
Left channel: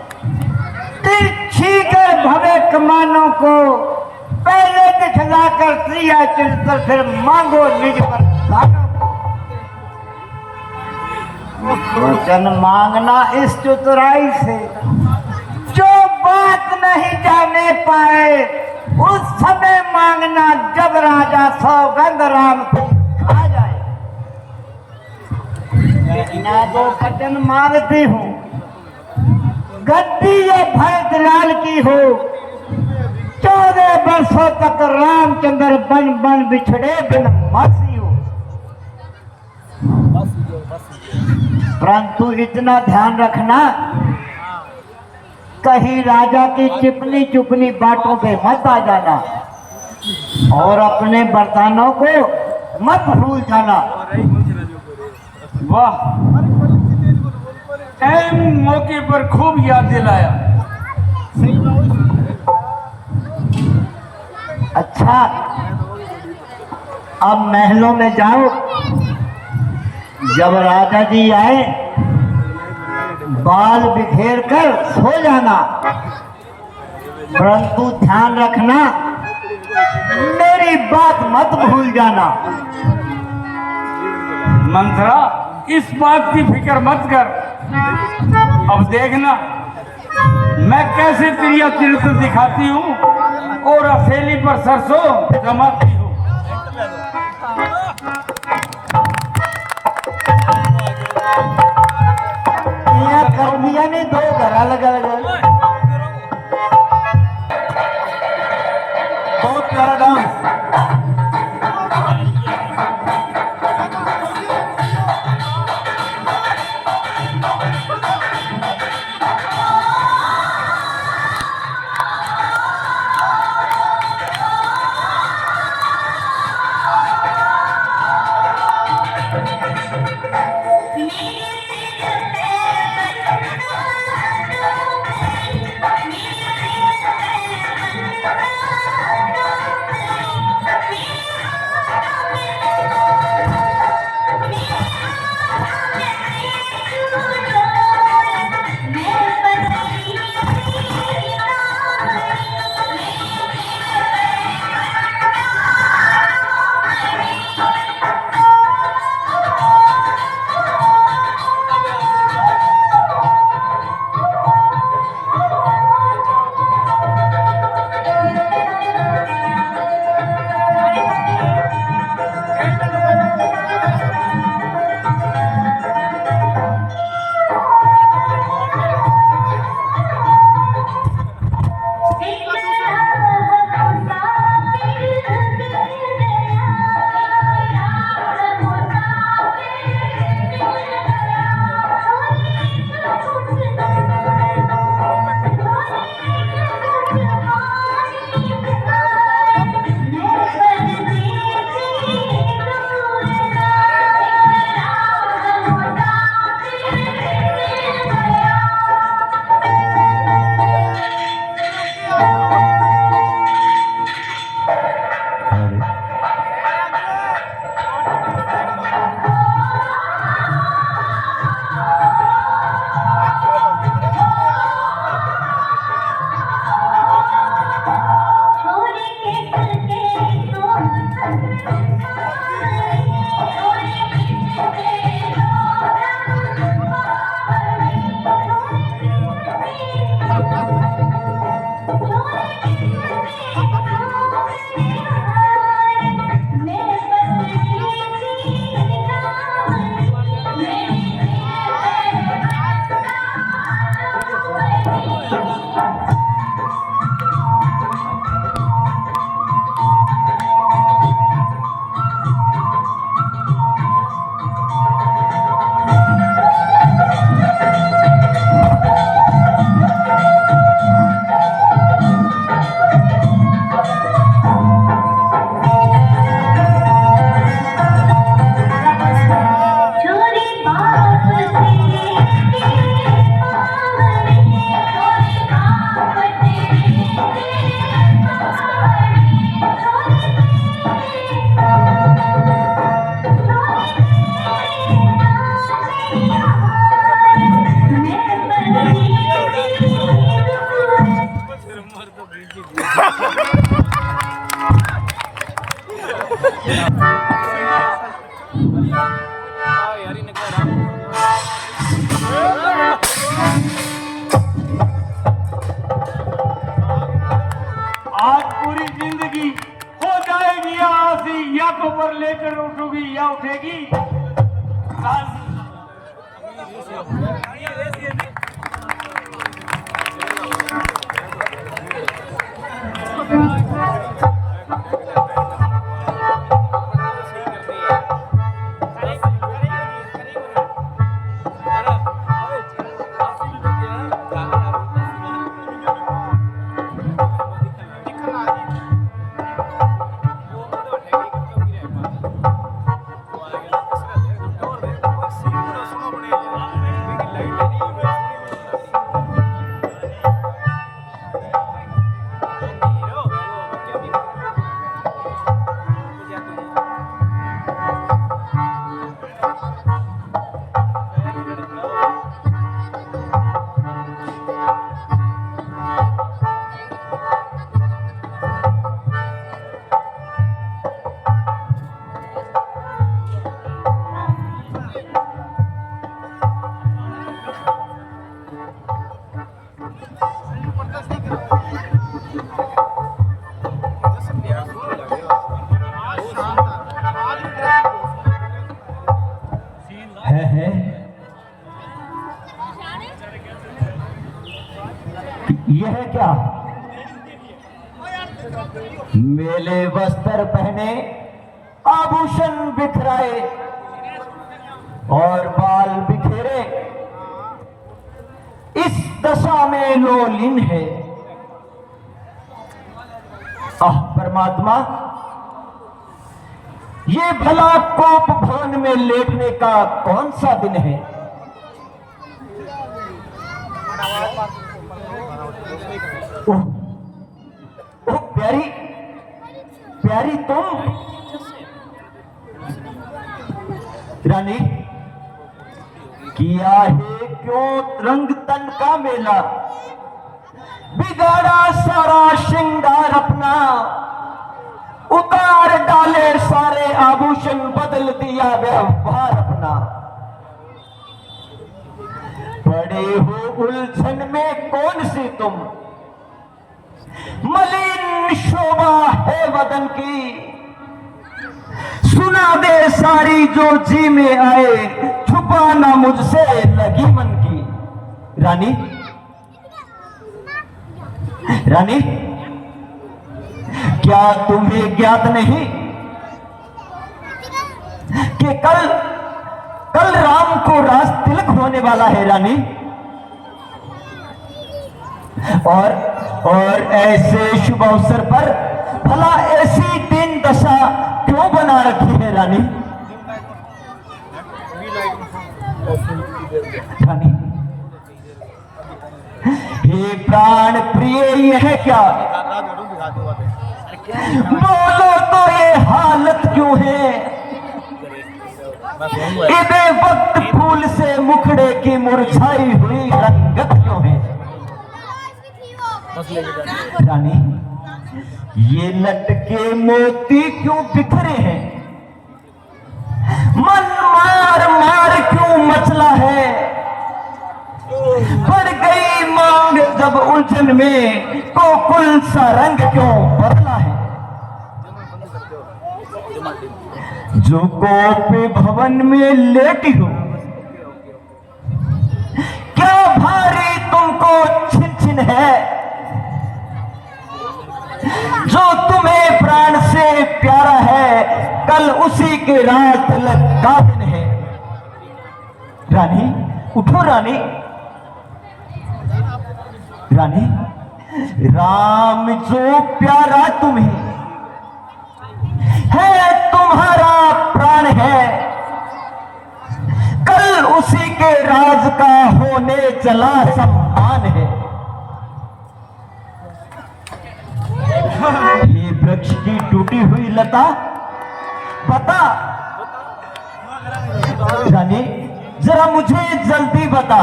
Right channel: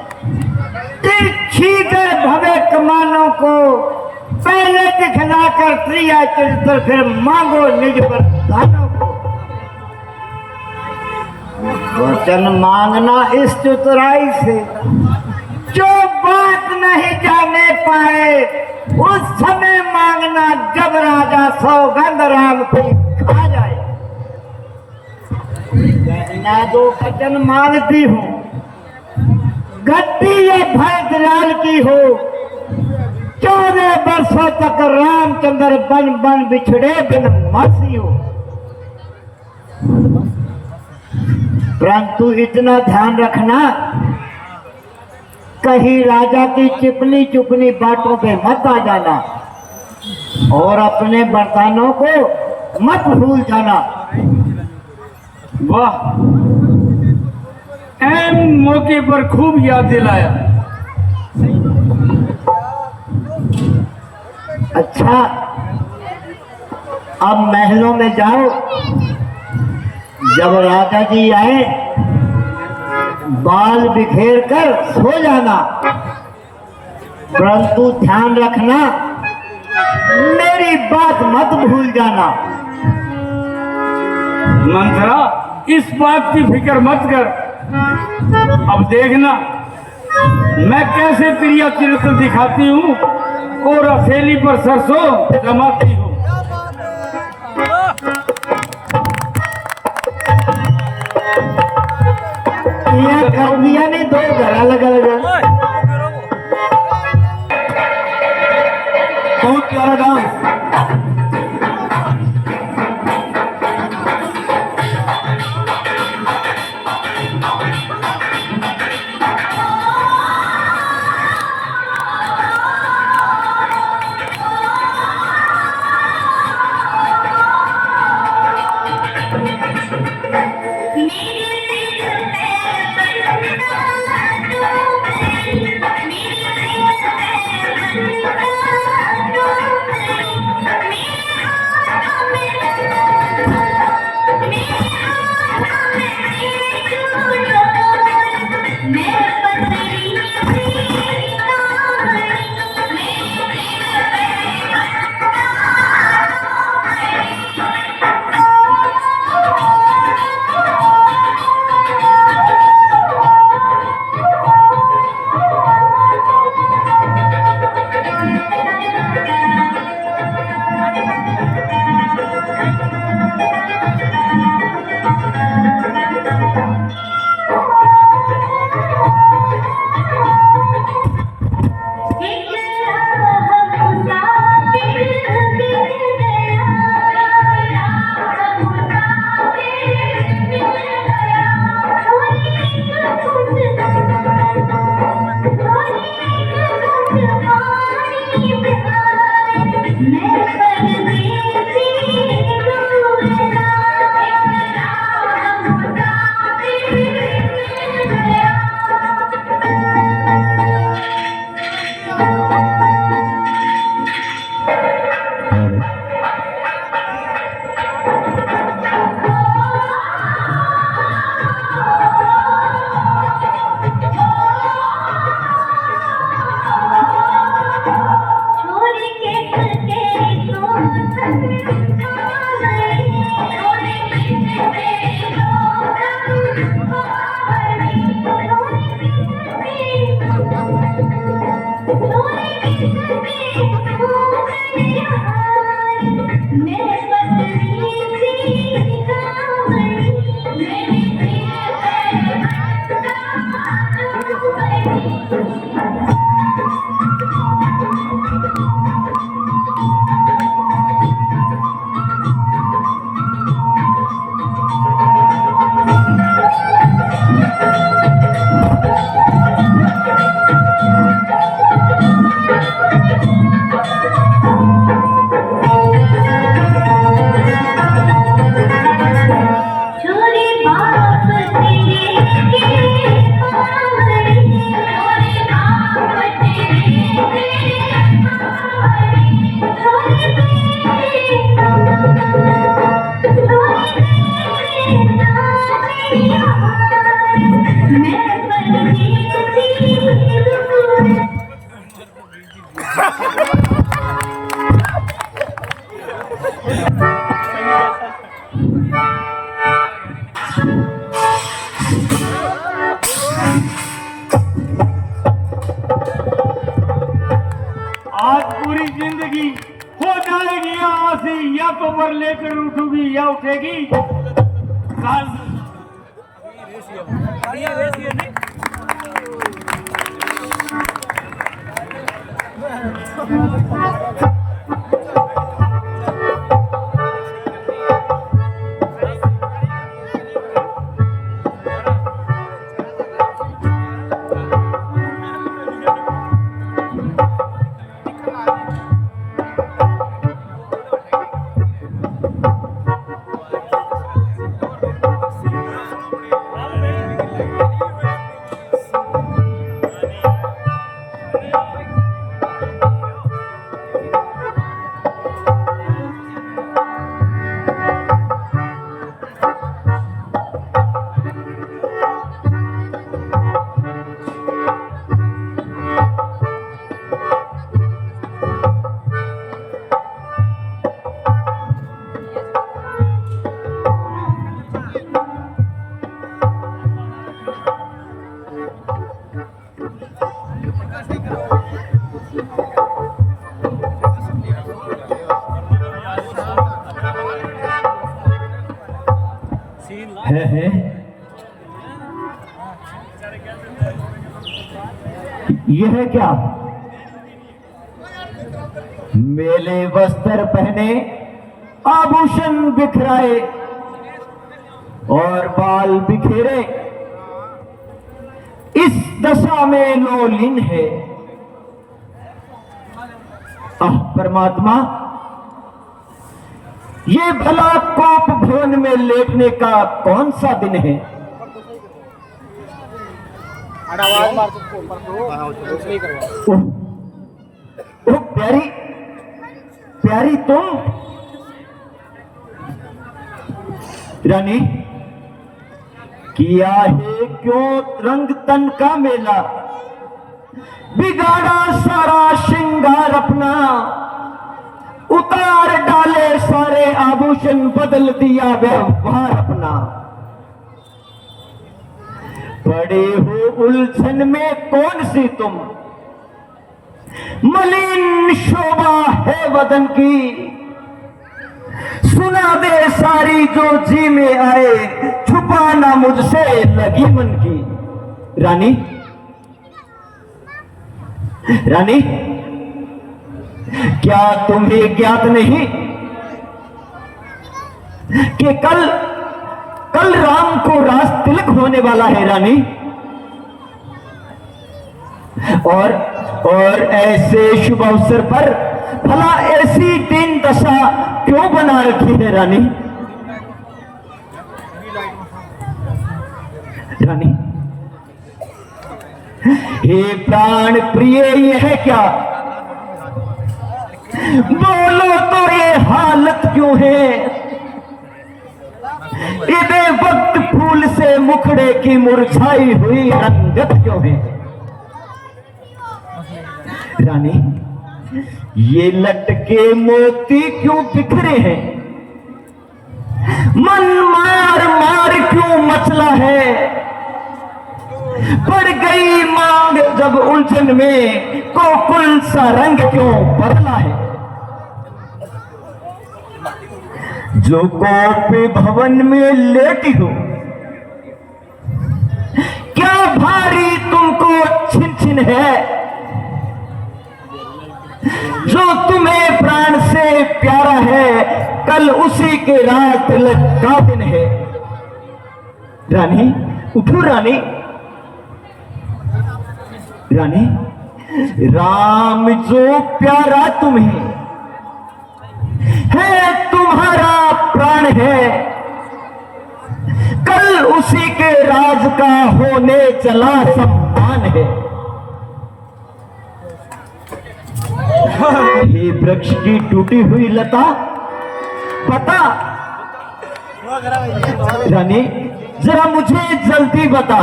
तिरछी कर भरे कमानों को पहले दिखलाकर क्रिया चरित्र, फिर मांगो निज वरदानों को। वचन मांगना इस चतुराई से, जो बात नहीं जाने पाए उस समय मांगना, जब राजा सौगंध राम की खा जाए। मैं जो वचन मांगती हूँ, गद्दी ये भरतलाल की हो। 14 वर्षों तक रामचंद्र बन बन बिछड़े बिन मासी हो। परंतु इतना ध्यान रखना, कहीं राजा की चिपनी चुपनी बातों पे मत आ जाना, और अपने वरदानों को मत भूल जाना। वाह, ऐन मौके पर खूब याद दिलाया। अच्छा, अब महलों में जाओ। जब राजा जी आए, बाल बिखेर कर सो जाना, परंतु ध्यान रखना, मेरी बात मत भूल जाना। मंथरा, इस बात की फिक्र मत कर। अब देखना मैं कैसे तेरा चरित्र दिखाती हूँ और हथेली पर सरसों जमाती हूँ। यह कर दिया नहीं तो गला लगा लगा। बहुत प्यारा डांस। आज पूरी जिंदगी हो जाएगी यहाँ से, या कबर लेकर उठोगी या उठेगी। है यह है क्या? मेले वस्त्र पहने, आभूषण बिखराए और बाल बिखेरे, इस दशा में लोलीन है। आह परमात्मा, ये भला कोप भवन में लेटने का कौन सा दिन है? ओह प्यारी, प्यारी तुम रानी, किया है क्यों रंग तन का मेला, बिगाड़ा सारा श्रृंगार अपना, उतार डाले सारे आभूषण, बदल दिया व्यवहार अपना। पड़े हो उलझन में कौन सी तुम, मलिन शोभा है वदन की, सुना दे सारी जो जी में आए, छुपाना मुझसे लगी मन की। रानी, रानी, क्या तुम्हें ज्ञात नहीं कि कल राम को रास तिलक होने वाला है रानी? और ऐसे शुभ अवसर पर भला ऐसी दीन दशा क्यों बना रखी है रानी? रानी, हे प्राण प्रिय, यह क्या? बोलो तो ये हालत क्यों है? इधे वक्त फूल से मुखड़े की मुरझाई हुई रंगत क्यों है? रानी, ये लटके मोती क्यों बिखरे हैं? मन मार मार क्यों मचला है? पड़ गई मांग जब उलझन में, कोकुल सा रंग क्यों बदला है? जो गोपी भवन में लेटी हो, क्या भारी तुमको दिन है जो तुम्हें प्राण से प्यारा है, कल उसी के रात तिलक का दिन है। रानी उठो रानी, रानी राम जो प्यारा तुम्हें है, तुम्हारा प्राण है, कल उसी के राज का होने चला सम्मान है। ये वृक्ष की टूटी हुई लता बता, रानी जरा मुझे जल्दी बता,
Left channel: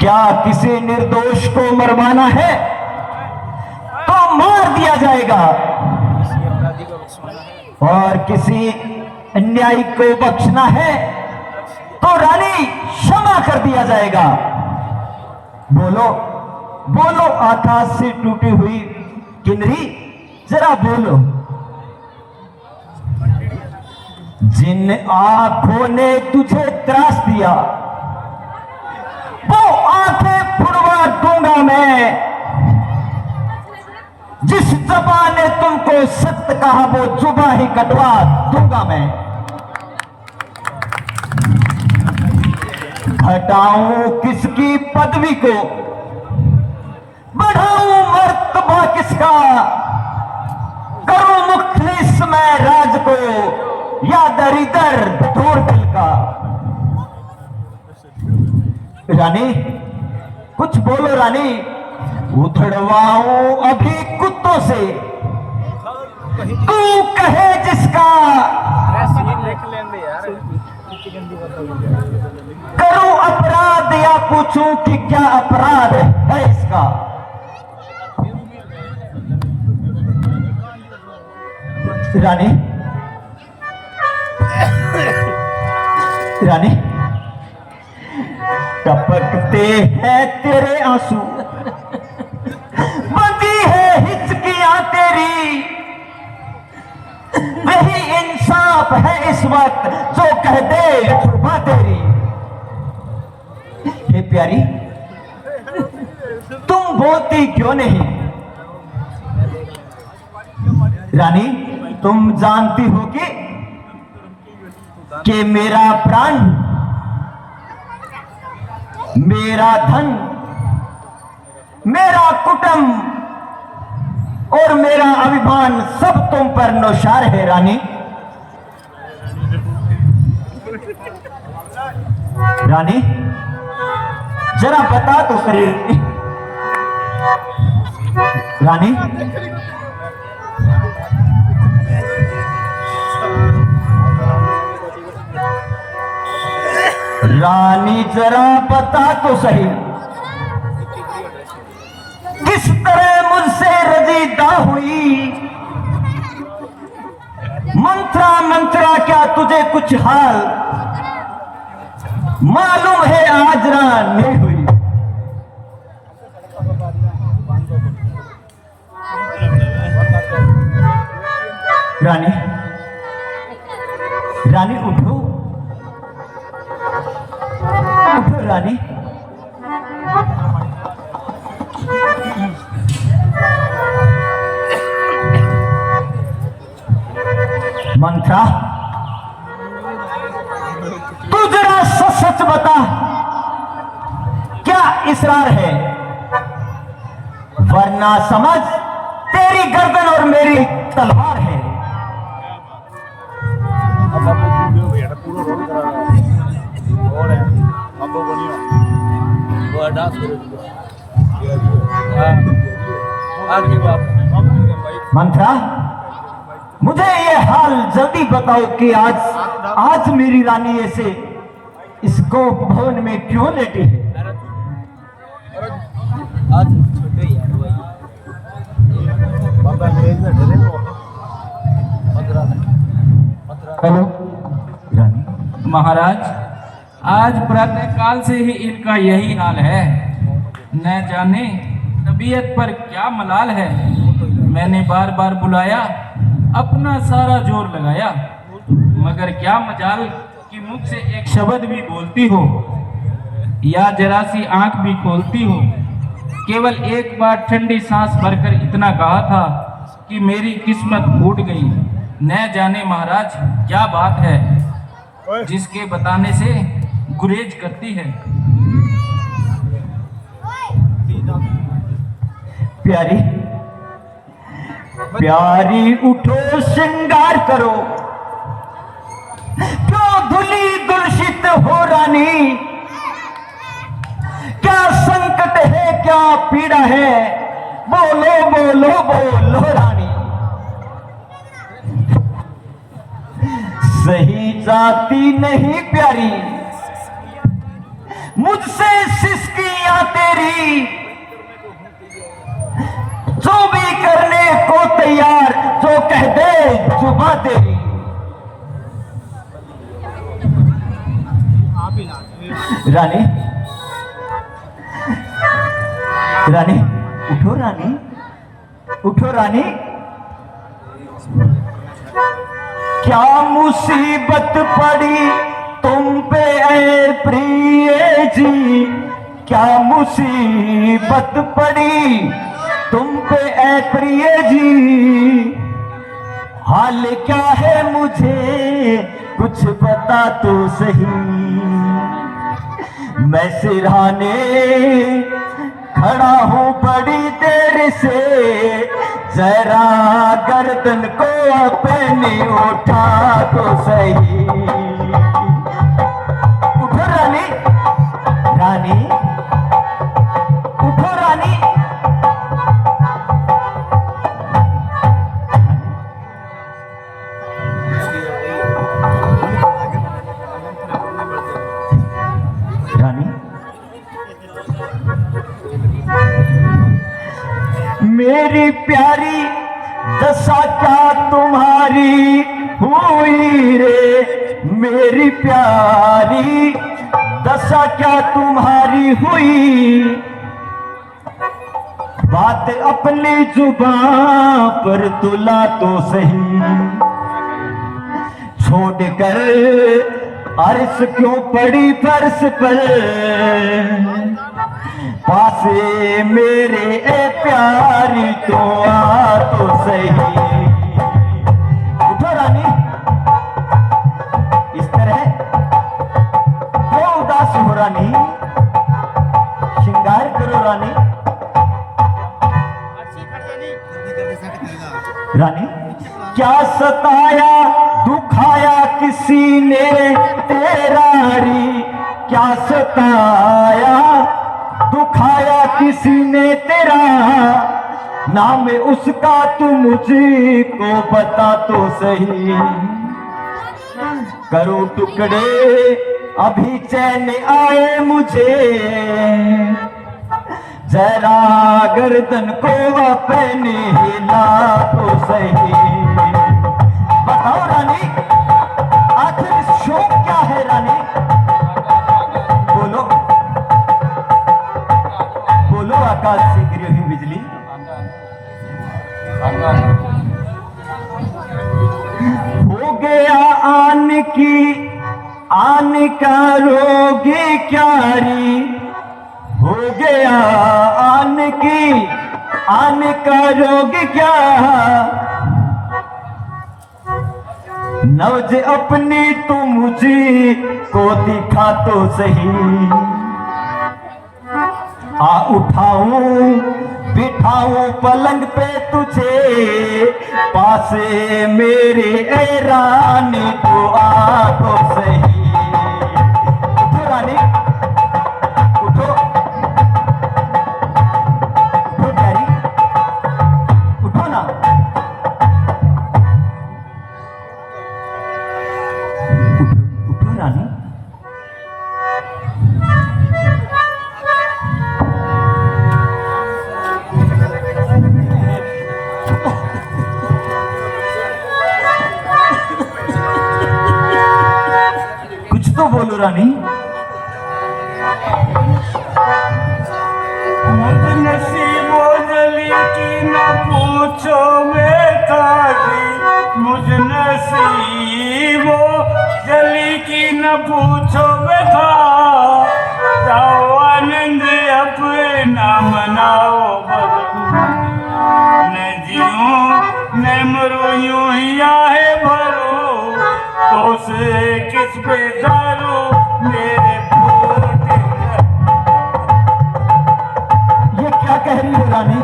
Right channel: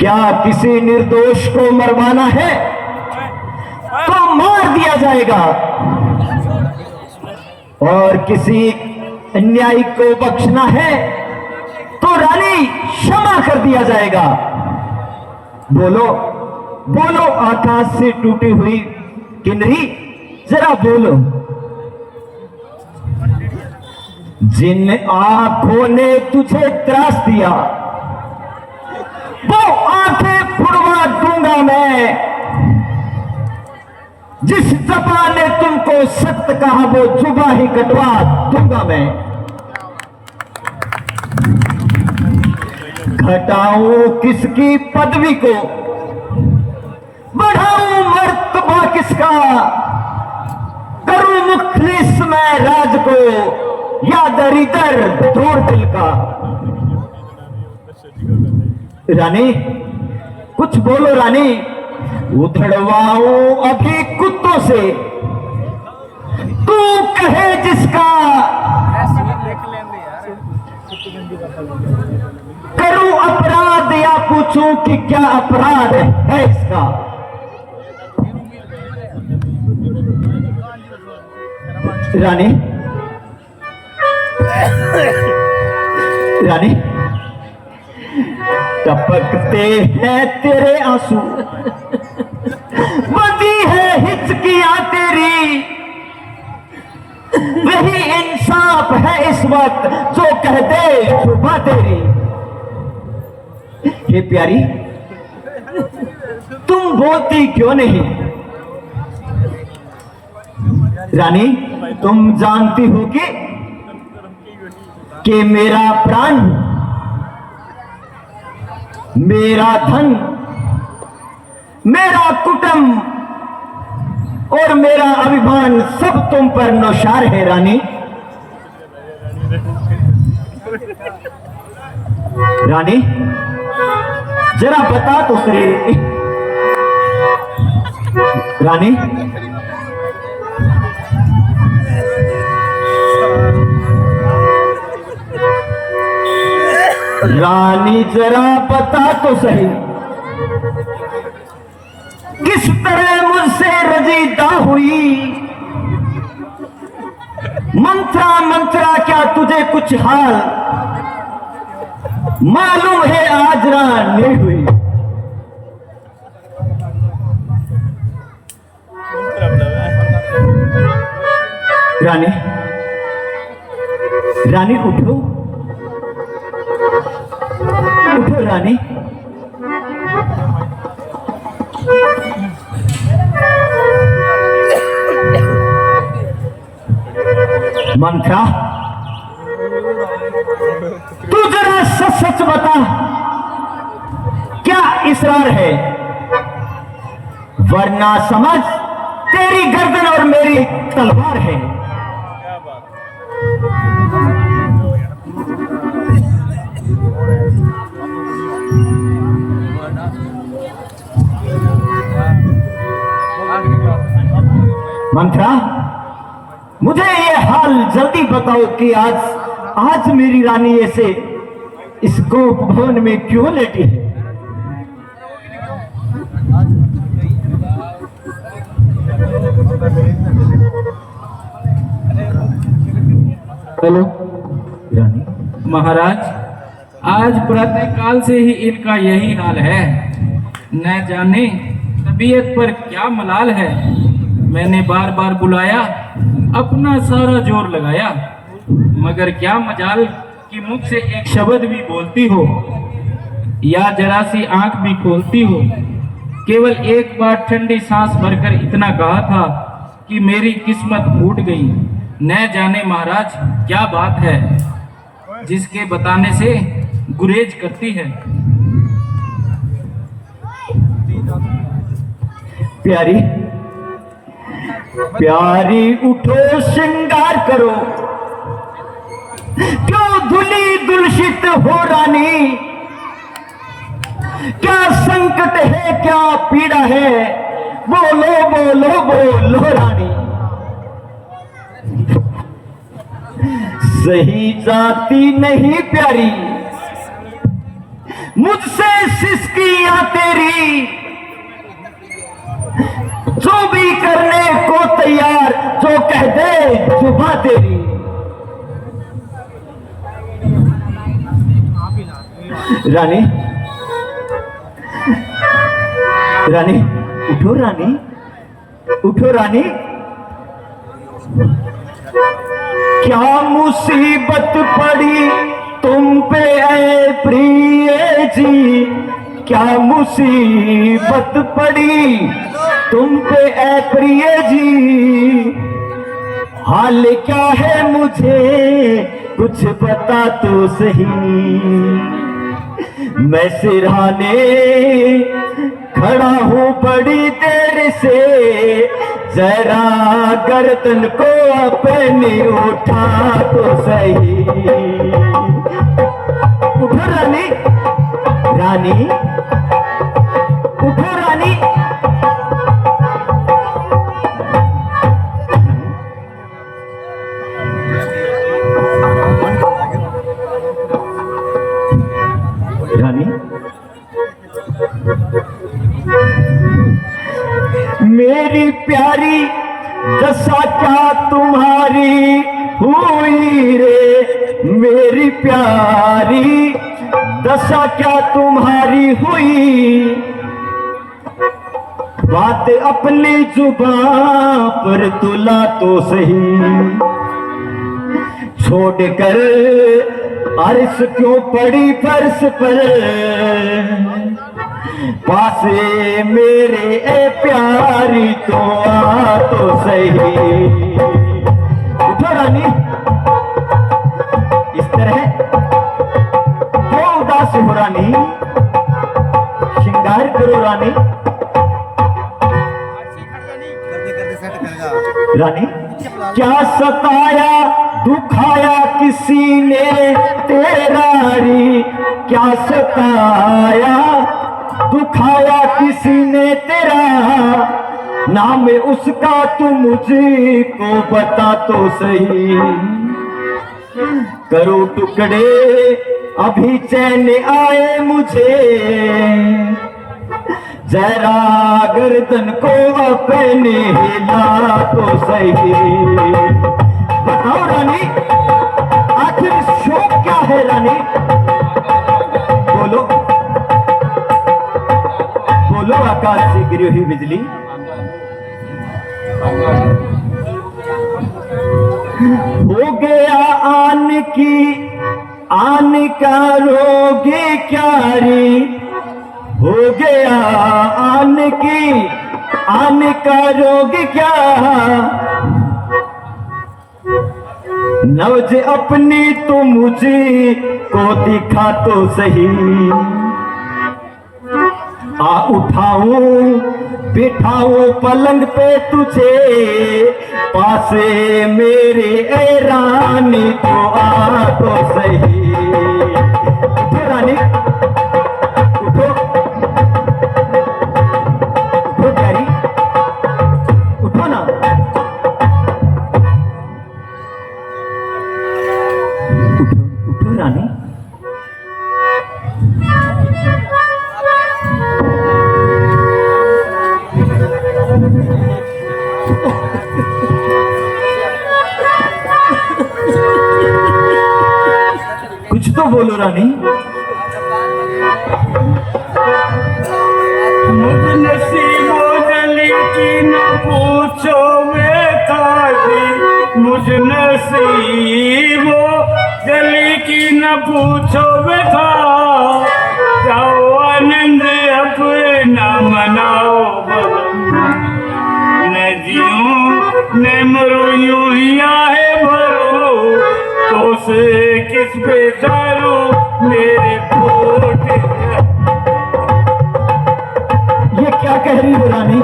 क्या किसी निर्दोष को मरवाना है तो मार दिया जाएगा, और किसी अन्यायी को बख्शना है तो रानी क्षमा कर दिया जाएगा। बोलो बोलो आकाश से टूटी हुई किन्नरी, जरा बोलो। जिन आंखों ने तुझे त्रास दिया वो आंखें फुड़वा दूंगा मैं, जिस जुबान ने तुमको सत्य कहा वो जुबान ही कटवा दूंगा मैं। घटाऊं किसकी पदवी को, बढ़ाऊं मर्तबा किसका, करूं मुखलिस मैं राज को या दरिदर दूर दिल का। रानी कुछ बोलो रानी, उधड़वाऊं अभी कुत्तों से, तू कहे जिसका, करूं अपराध या पूछूं कि क्या अपराध है इसका। रानी रानी टपकते हैं तेरे आंसू, बंदी है हिचकियां तेरी, वही इंसाफ है इस वक्त जो कह दे सुबह तेरी। हे प्यारी तुम बोलती क्यों नहीं? रानी तुम जानती हो कि मेरा प्राण, मेरा धन, मेरा कुटुंब और मेरा अभिमान सब तुम पर नौशार है रानी। रानी जरा बता तो सही रानी। रानी जरा बता तो सही, किस तरह मुझसे रजीदा हुई? मंत्रा मंत्रा क्या तुझे कुछ हाल मालूम है आज रानी हुई? रानी रानी उठो उठो रानी। मंत्रा तू जरा सच सच बता, क्या इसरार है? वरना समझ तेरी गर्दन और मेरी तलवार है। मंत्रा मुझे ये हाल जल्दी बताओ कि आज मेरी रानी ऐसे इस गोप भवन में क्यों लेटी है? हेलो रानी। महाराज आज प्रातःकाल से ही इनका यही हाल है, न जाने तबीयत पर क्या मलाल है। मैंने बार बार बुलाया, अपना सारा जोर लगाया, मगर क्या मजाल कि मुख से एक शब्द भी बोलती हो। या जरा सी आंख भी खोलती हो। केवल एक बार ठंडी सांस भरकर इतना कहा था कि मेरी किस्मत फूट गई। न जाने महाराज क्या बात है जिसके बताने से गुरेज करती है। प्यारी प्यारी उठो श्रृंगार करो, क्यों धुली दुलशित हो रानी। क्या संकट है क्या पीड़ा है, बोलो बोलो बोलो रानी। सही जाती नहीं प्यारी मुझसे सिसकियां तेरी, जो भी करने को तैयार जो कह दे जुबां तेरी। रानी रानी उठो रानी, उठो रानी। क्या मुसीबत पड़ी तुम पे ऐ प्रिय जी, क्या मुसीबत पड़ी तुम पे ऐ प्रिय जी। हाल क्या है मुझे कुछ बता तो सही, मैं सिरहाने खड़ा हूँ बड़ी देर से, जरा गर्दन को अपनी उठा तो सही। उठो रानी, रानी उठो रानी। रानी मेरी प्यारी दशा क्या तुम्हारी हुई रे, मेरी प्यारी दशा क्या तुम्हारी हुई। बात अपनी जुबान पर तुला तो सही, छोड़कर अर्श क्यों पड़ी फर्श पर, पासे मेरे ए प्यारी तो आ तो सही। उठो रानी, इस तरह क्यों उदास हो रानी, श्रृंगार करो रानी। रानी क्या सताया दुखाया किसी ने तेरा री, क्या सताया दुखाया किसी ने तेरा, नाम उसका तू मुझको बता तो सही। करो टुकड़े अभी चैन आए मुझे, जरा गर्दन को अपने हिला तो सही। बताओ रानी आखिर शौक क्या है रानी, बोलो बोलो। आकाश से गिरी हुई बिजली हो गया आन का रोगे क्यारी, हो गया आन का रोग क्या। नवज अपनी तो मुझे को दिखा तो सही, आ उठाऊं बिठाऊं पलंग पे तुझे, पासे मेरे ए रानी तो आ तो सही। उठो रानी उठो, उठो प्यारी उठो ना। उठो उठो रानी। कुछ तो बोलो रानी। मुझ नसीबो जली की न पूछो बेतारी, मुझ नसीबो जली की न पूछो बेटा, जाओ कह रही हो रानी?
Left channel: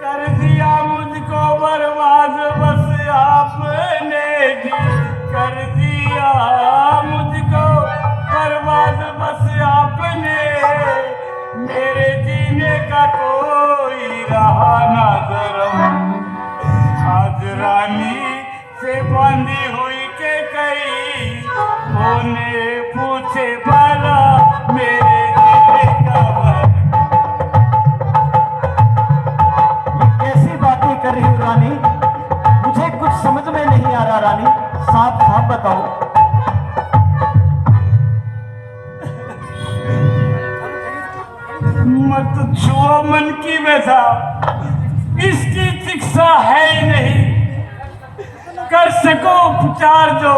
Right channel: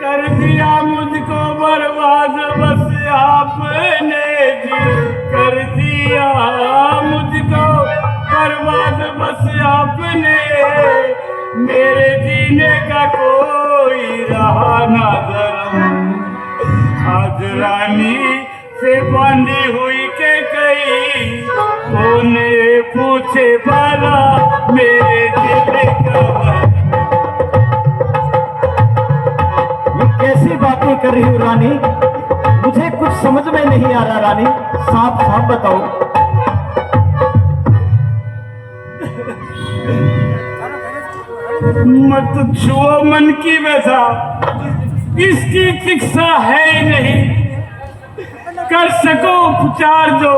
कर दिया मुझको बर्बाद बस आपने जी, कर दिया मुझको बर्बाद बस आपने, मेरे जीने का कोई रहा ना धर्म। आज रानी से बंधी हुई के कई कोने पूछे भला मेरे जीने का भरम। कैसी बातें कर रही हो रानी? मुझे कुछ समझ में नहीं आ रहा रानी, साफ साफ बताओ। मत छुओ मन की व्यथा, इसकी चिकित्सा है ही नहीं, कर सको उपचार जो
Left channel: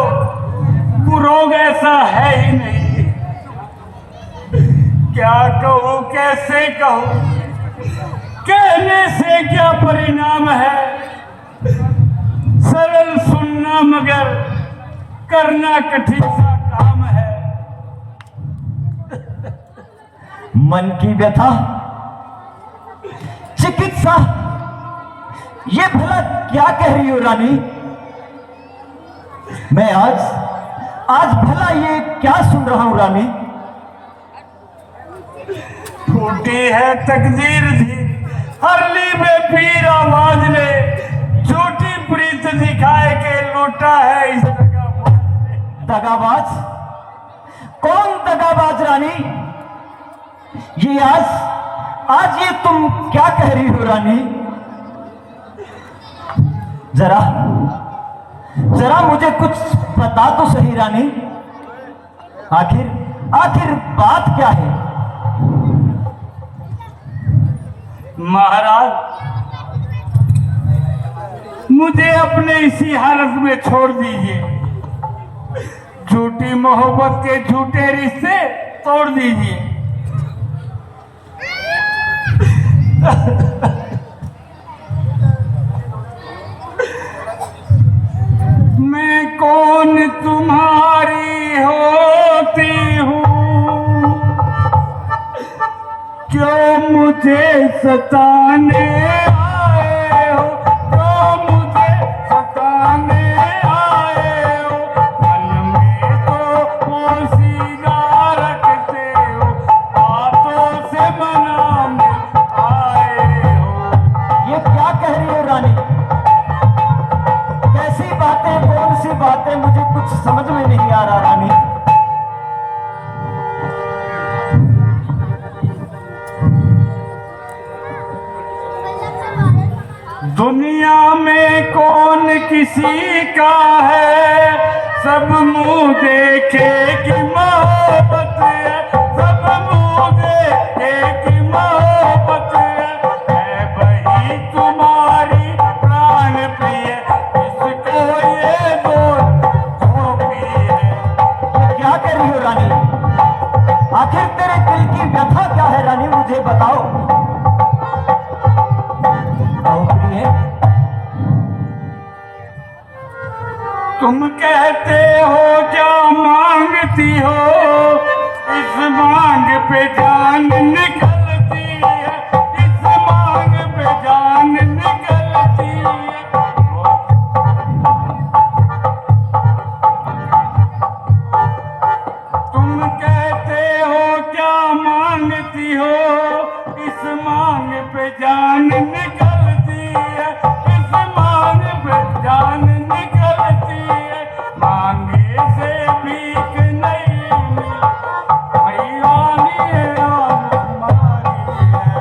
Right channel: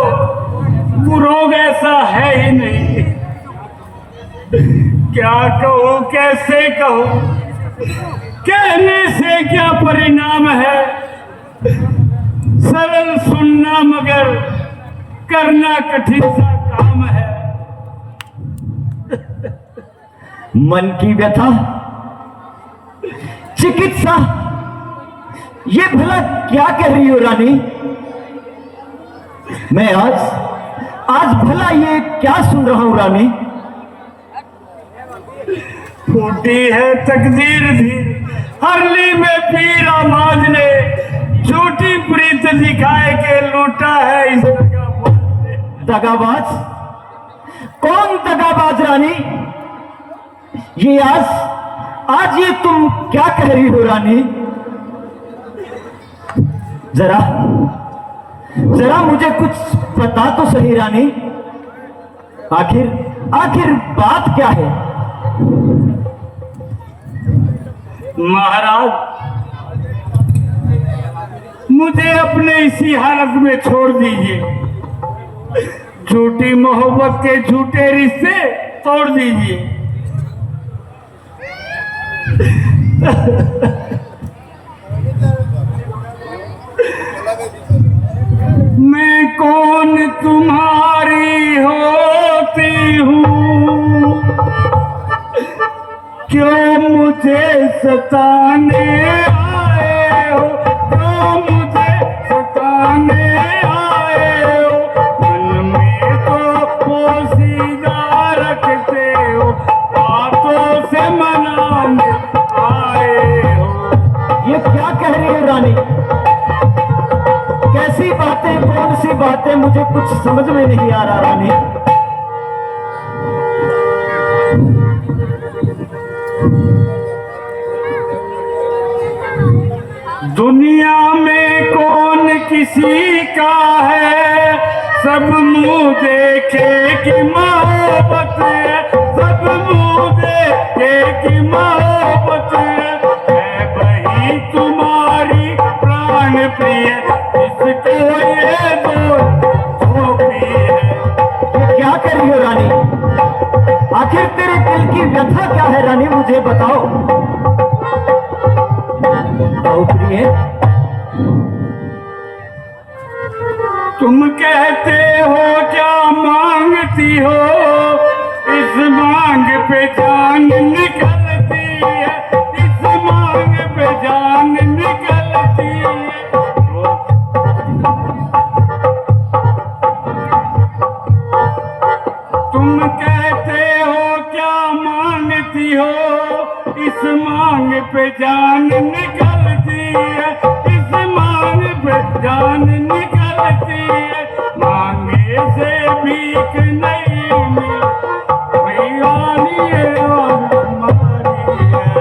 वो रोग ऐसा है ही नहीं। क्या कहूँ कैसे कहूँ, कहने से क्या परिणाम है, सरल सुनना मगर करना कठिन सा काम है। मन की व्यथा, चिकित्सा, ये भला क्या कह रही हो रानी? मैं आज भला ये क्या सुन रहा हूं रानी? फूटी है तकदीर थी हरली में पीर आवाज ने, झूठी प्रीत दिखाए के लूटा है इस दगाबाज ने। दगाबाज? कौन दगाबाज रानी? ये आज ये तुम क्या कह रही हो रानी? जरा मुझे कुछ बता तो सही रानी, आखिर बात क्या है? महाराज, मुझे अपने इसी हालत में छोड़ दीजिए, झूठी मोहब्बत के झूठे रिश्ते तोड़ दीजिए। मैं कौन तुम्हारी होती हूँ, क्यों मुझे सताने आए हो, क्यों मुझे सताने आए हो, मन में तो पोशीदा रखते हो, बातों से मनाने आए हो। ये क्या कह रही हो रानी? कैसी बातें, कौन सी बातें? मुझे कुछ समझ में नहीं आ रहा रानी। दुनिया में कौन किसी का है, सब मुंह देखे कि मोहब्बत है, सब मुंह देखे कि मोहब्बत है वही तुम्हारी प्राण प्रिय, इसको ये दो सौंपी है। ये क्या कर रही हो रानी? आखिर तेरे दिल की व्यथा क्या है रानी? मुझे बताओ प्रिय। तुम कहते हो क्या मांगती हो, इस मांग पे जान निकलती है, इस मांग पे जान निकलती है। तुम कहते हो क्या मांगती हो, इस मांग पे जान निकलती है, इस मांग पे जान निकलती है। मांगे से भीख नहीं मिली, भैयानी है और तुम्हारी है।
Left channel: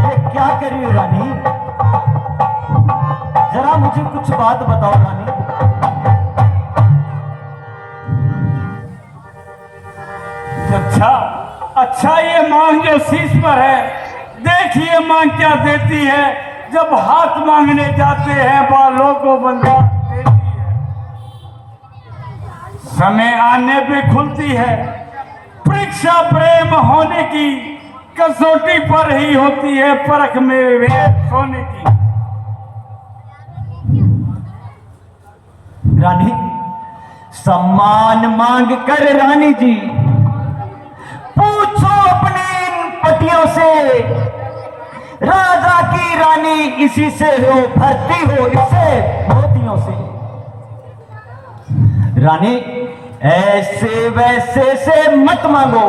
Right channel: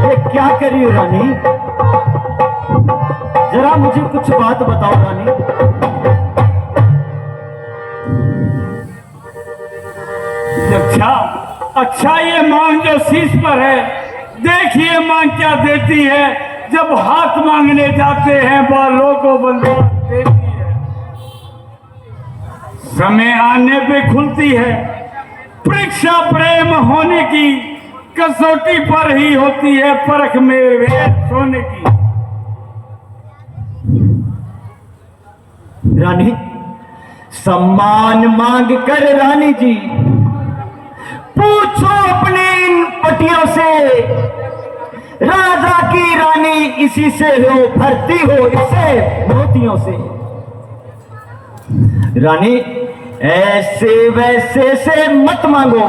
ये क्या कर रही हो रानी? जरा मुझे कुछ बात बताओ रानी। अच्छा ये मांग जो शीश पर है, देखिए मांग क्या देती है, जब हाथ मांगने जाते हैं बालों को बंधा देती है, समय आने पे खुलती है। परीक्षा प्रेम होने की कसौटी पर ही होती है, परख में वेद सोने की। रानी, सम्मान मांग कर रानी जी पूछो अपने इन पटियों से, राजा की रानी इसी से हो, भरती हो इसे मोतियों से। रानी ऐसे वैसे से मत मांगो,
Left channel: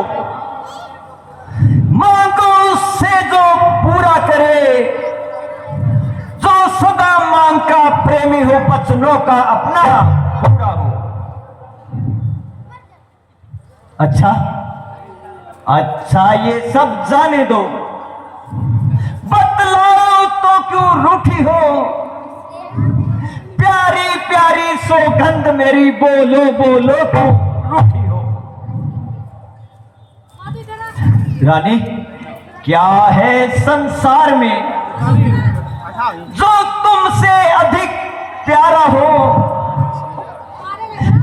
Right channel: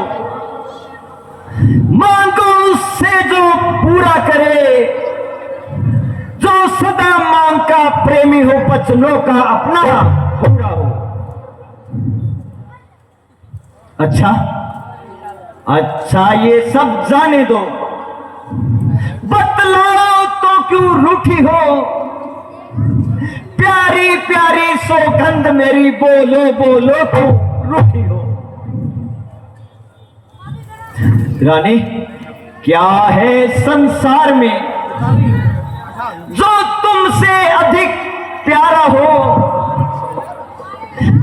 मांगो उससे जो पूरा करे, जो सदा मांग का प्रेमी हो, बचनों का अपना पूरा हो। अच्छा अच्छा, ये सब जाने दो, बतलाओ तो क्यों रूठी हो, प्यारी प्यारी सौगंध मेरी, बोलो बोलो तो रूठी हो। रानी क्या है संसार में जो तुमसे अधिक प्यारा हो,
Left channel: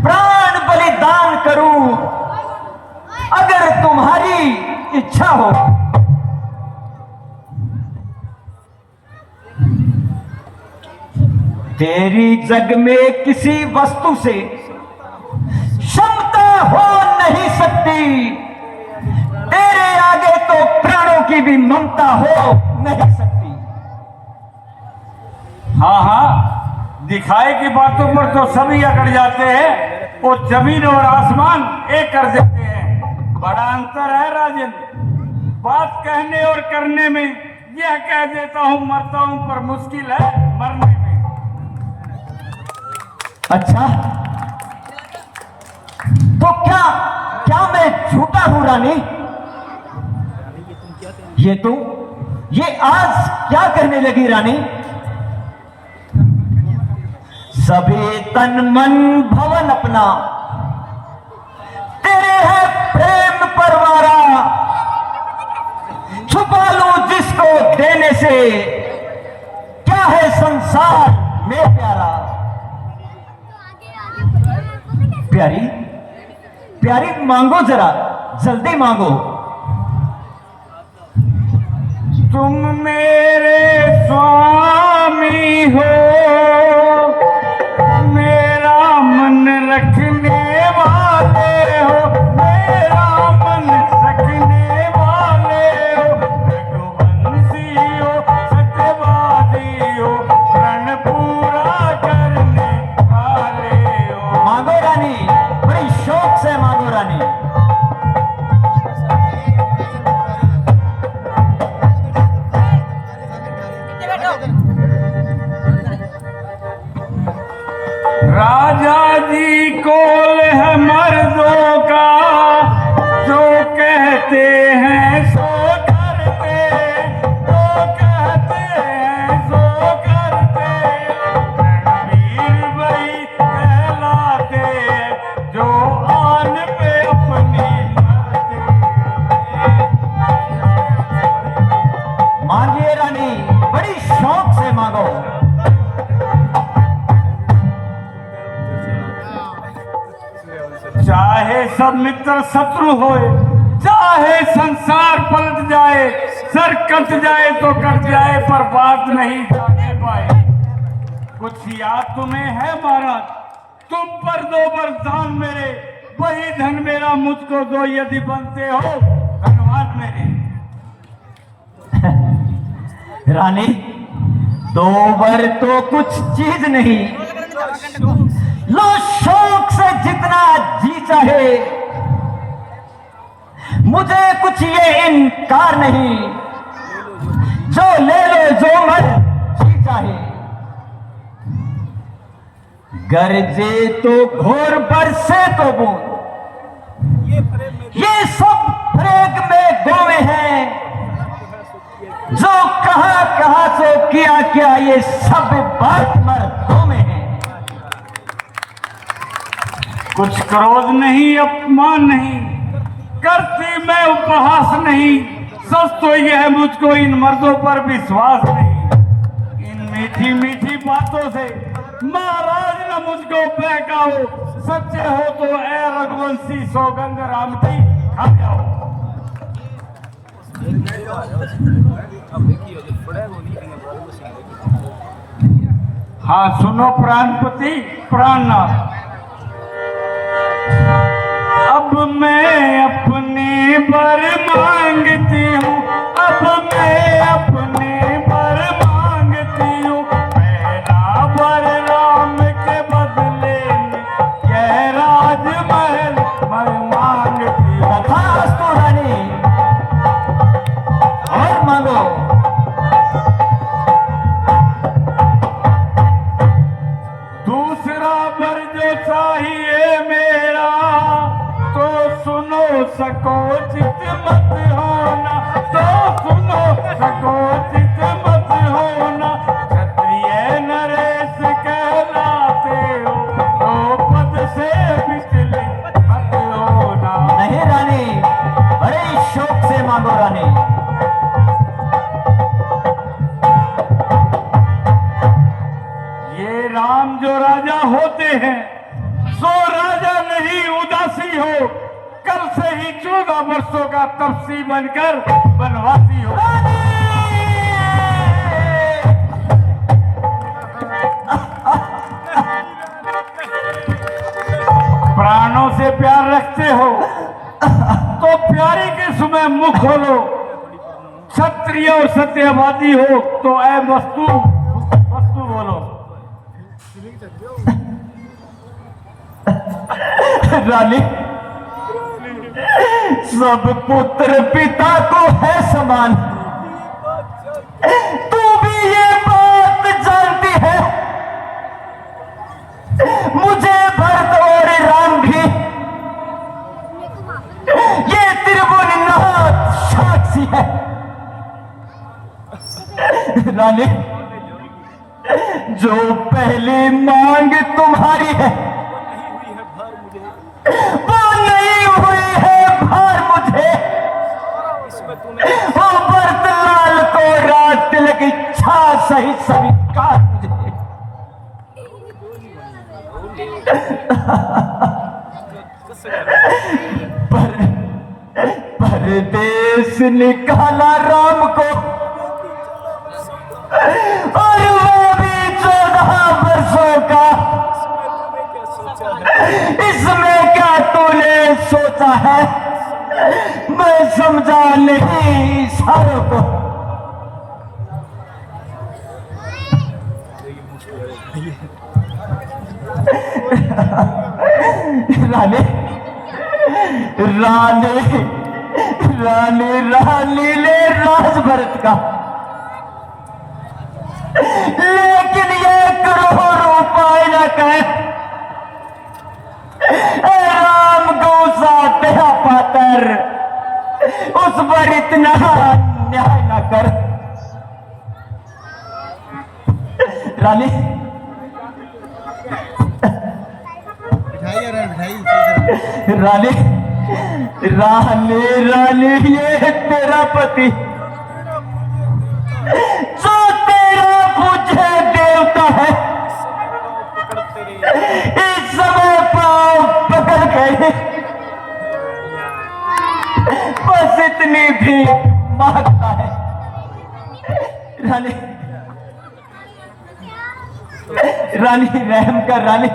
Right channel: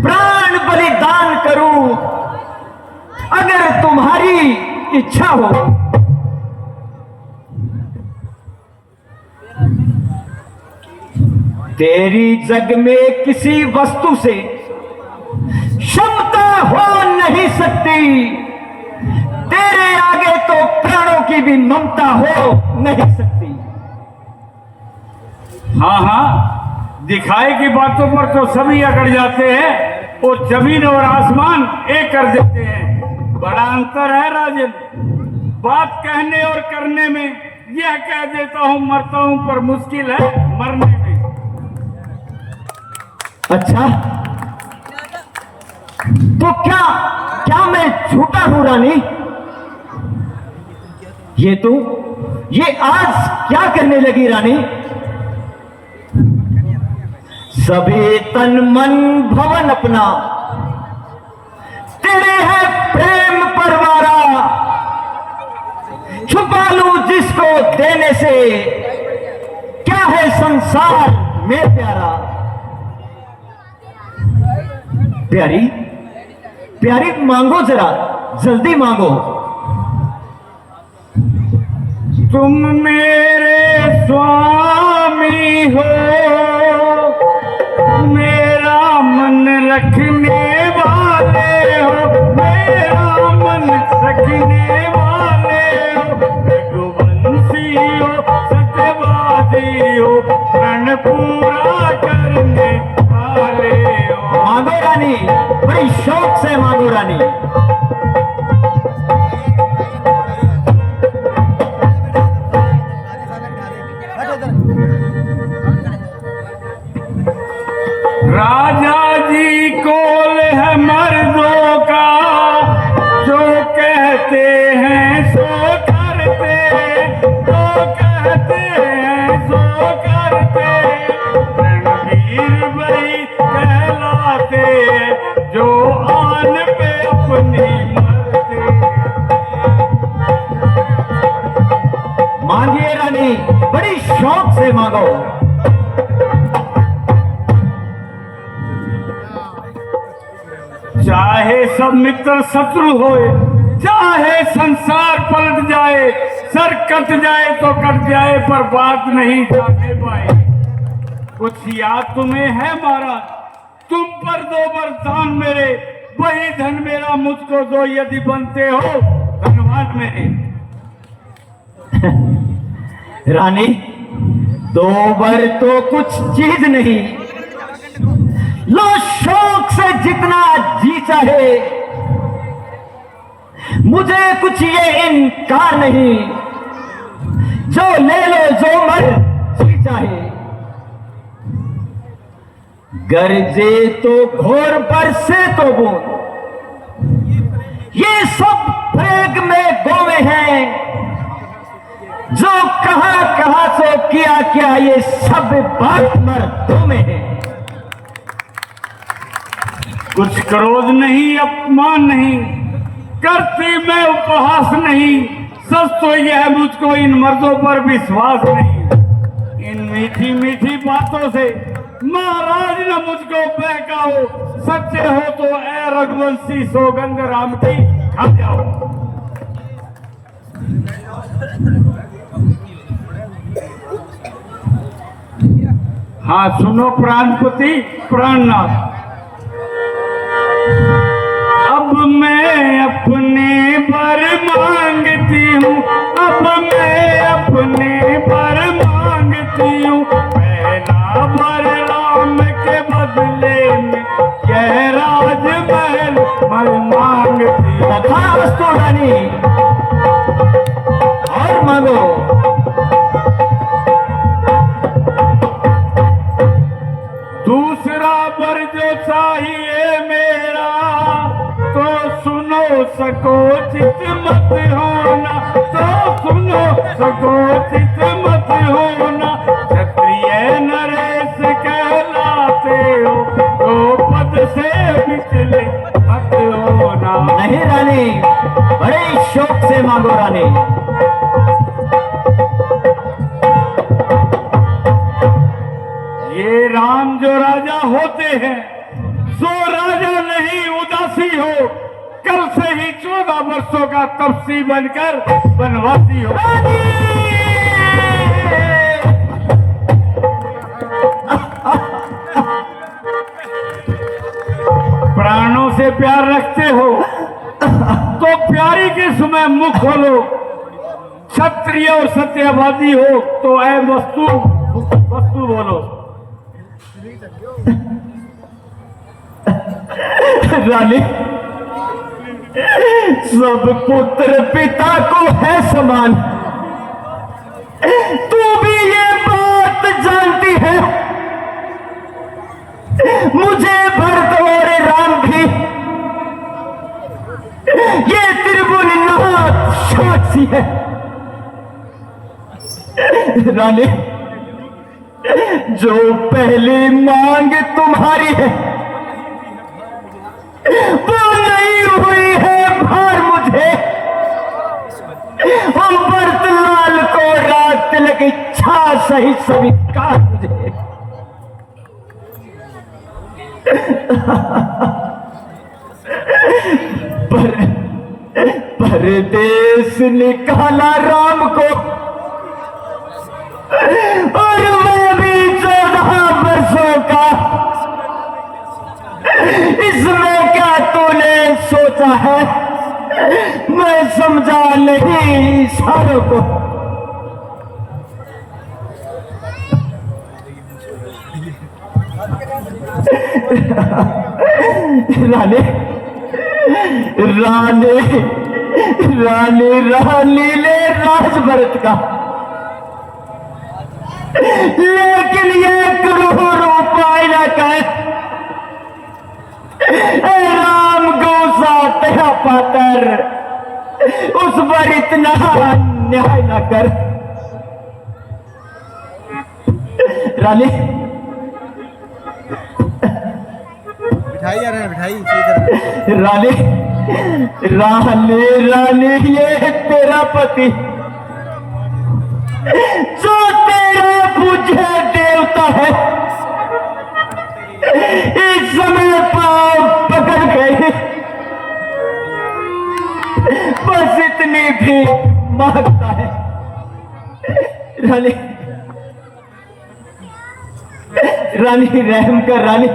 प्राण बलिदान करूं अगर तुम्हारी इच्छा हो। तेरी जग में किसी वस्तु से क्षमता हो नहीं सकती, तेरे आगे तो प्राणों की भी ममता हो नहीं सकती। हाँ हाँ, दिखाए की बातों पर तो सभी अकड़ जाते हैं और जमीन और आसमान एक कर देते हैं। बड़ा अंतर है राजन, बात कहने और करने में। यह कह देता हूं मरता हूं, पर मुश्किल है मरने में। अच्छा तो क्या क्या मैं झूठा हूं रानी? ये आज क्या करने लगी रानी? सभी तन मन भवन अपना तेरे है प्रेम परवारा, छुपा लूं जिसको देने से, क्या है संसार में प्यारा। प्यारी प्यारी मांगो, जरा जल्दी मांगो। तुम मेरे स्वामी हो, मेरा मन रखने वाले हो, मेरा मन रखने वाले हो, रघुवंशी हो, सत्यवादी हो, प्रण पूरा करने वाले हो। मांगो रानी, बड़ी शौक से मांगो रानी। राजा जी को है मर्दों का, जो कहते हैं सो करते, जो कहते हैं सो करते, रणवीर भाई कहलाते, जो आन पे अपनी मरते। मांगिए रानी, बड़ी शौक से मांगो। चाहे सब मित्र शत्रु होए, चाहे संसार पलट जाए, सर कट जाए तो कट जाए, पर बात नहीं जाने पाए। कुछ याद तुम्हें है मारा, तुम पर दो वरदान मेरे, वही धन मेरा मुझको दो, यदि बनते हो धनवान मेरे। रानी दो वर तो कुछ चीज नहीं, लो शौक से जितना जी चाहे, मुझे कुछ ये इनकार नहीं, जो ले लो जो मर जी चाहे। गरजे तो घोर बरसे तो बूंद, ये सब प्रेग में गोवे हैं, जो कहां कहां से किया क्या ये सब बात मर्दों में है। कुछ क्रोध नहीं, अपमान नहीं, करती मैं उपहास नहीं, सच तो यह मुझको इन मर्दों पर विश्वास नहीं। इन मीठी मीठी बातों से महाराज न मुझको बहकाओ, सच्चे हो तो ऐ रघुवंशी सौगंध राम की खा जाओ। हाँ सुनो प्राणपति प्राणनाथ। अब मैं अपने बर मांगती हूँ, अब मैं अपने बर मांगती हूँ। पहला बर राम के बदले में यह राजमहल मैं मांगती हूँ। तथास्तु रानी, और मांगो। दूसरा बर जैसा ही है मेरा, तो सुनो सकोचित मत होना, तो सुनो सकोचित मत होना। क्षत्रिय नरेश कहलाते हो, तो पद से विचलित मत होना। नहीं रानी, बड़े शौक से मांगो रानी। ये राम जो राजा होते हैं, सो राजा नहीं उदासी हो। कल से ही 14 वर्षों का तपसी बनकर वनवासी हो। प्राणों से प्यार रखते हो तो प्यारी के समय मुख खोलो। क्षत्रिय और सत्यवादी हो तो ऐ वस्तु वस्तु बोलो। रानी, सब पुत्र पिता को है समान। तू भी ये बात जानती है। मुझे भरत और राम भी ये त्रिभुवननाथ साक्षी है। रानी, जो पहली मांग तुम्हारी है वो नहीं हुई है भार मुझे। हम भरत लाल को रात तिलक इच्छा सही स्वीकार मुझे। परदेश निकाला राम को, और मैं भी 14 वर्षों का। इसमें क्या तूने सोचा है, मैं समझा नहीं सारों को। रानी, रानी, रानी, रानी ले राज भरत का, लेकिन ये करोड़ रुपये का राम गौसा तेरा पातर, उस पर इतना अन्याय न कर। रानी, रानी, रानी, रानी, ये तेरा पति जो तेरा पूज्य देवता है, इस समय पाँव पकड़ गए। बस इतनी भी मांगता है। रानी, रानी रहम कर। रानी,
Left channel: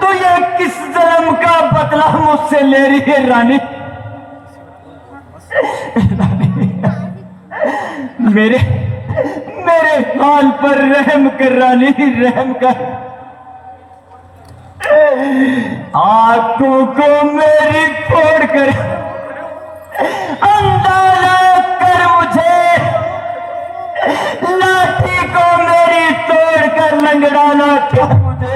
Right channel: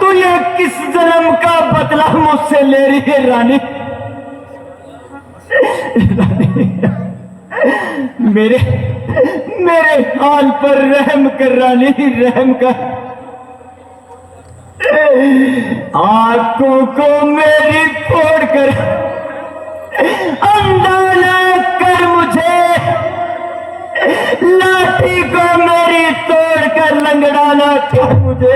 तू ये किस जन्म का बदला मुझसे ले रही है रानी? मेरे मेरे हाल पर रहम कर रानी, रहम कर। आंखों को मेरी फोड़ कर अंधारा कर मुझे, लाठी को मेरी तोड़ कर लंगड़ाना कर मुझे।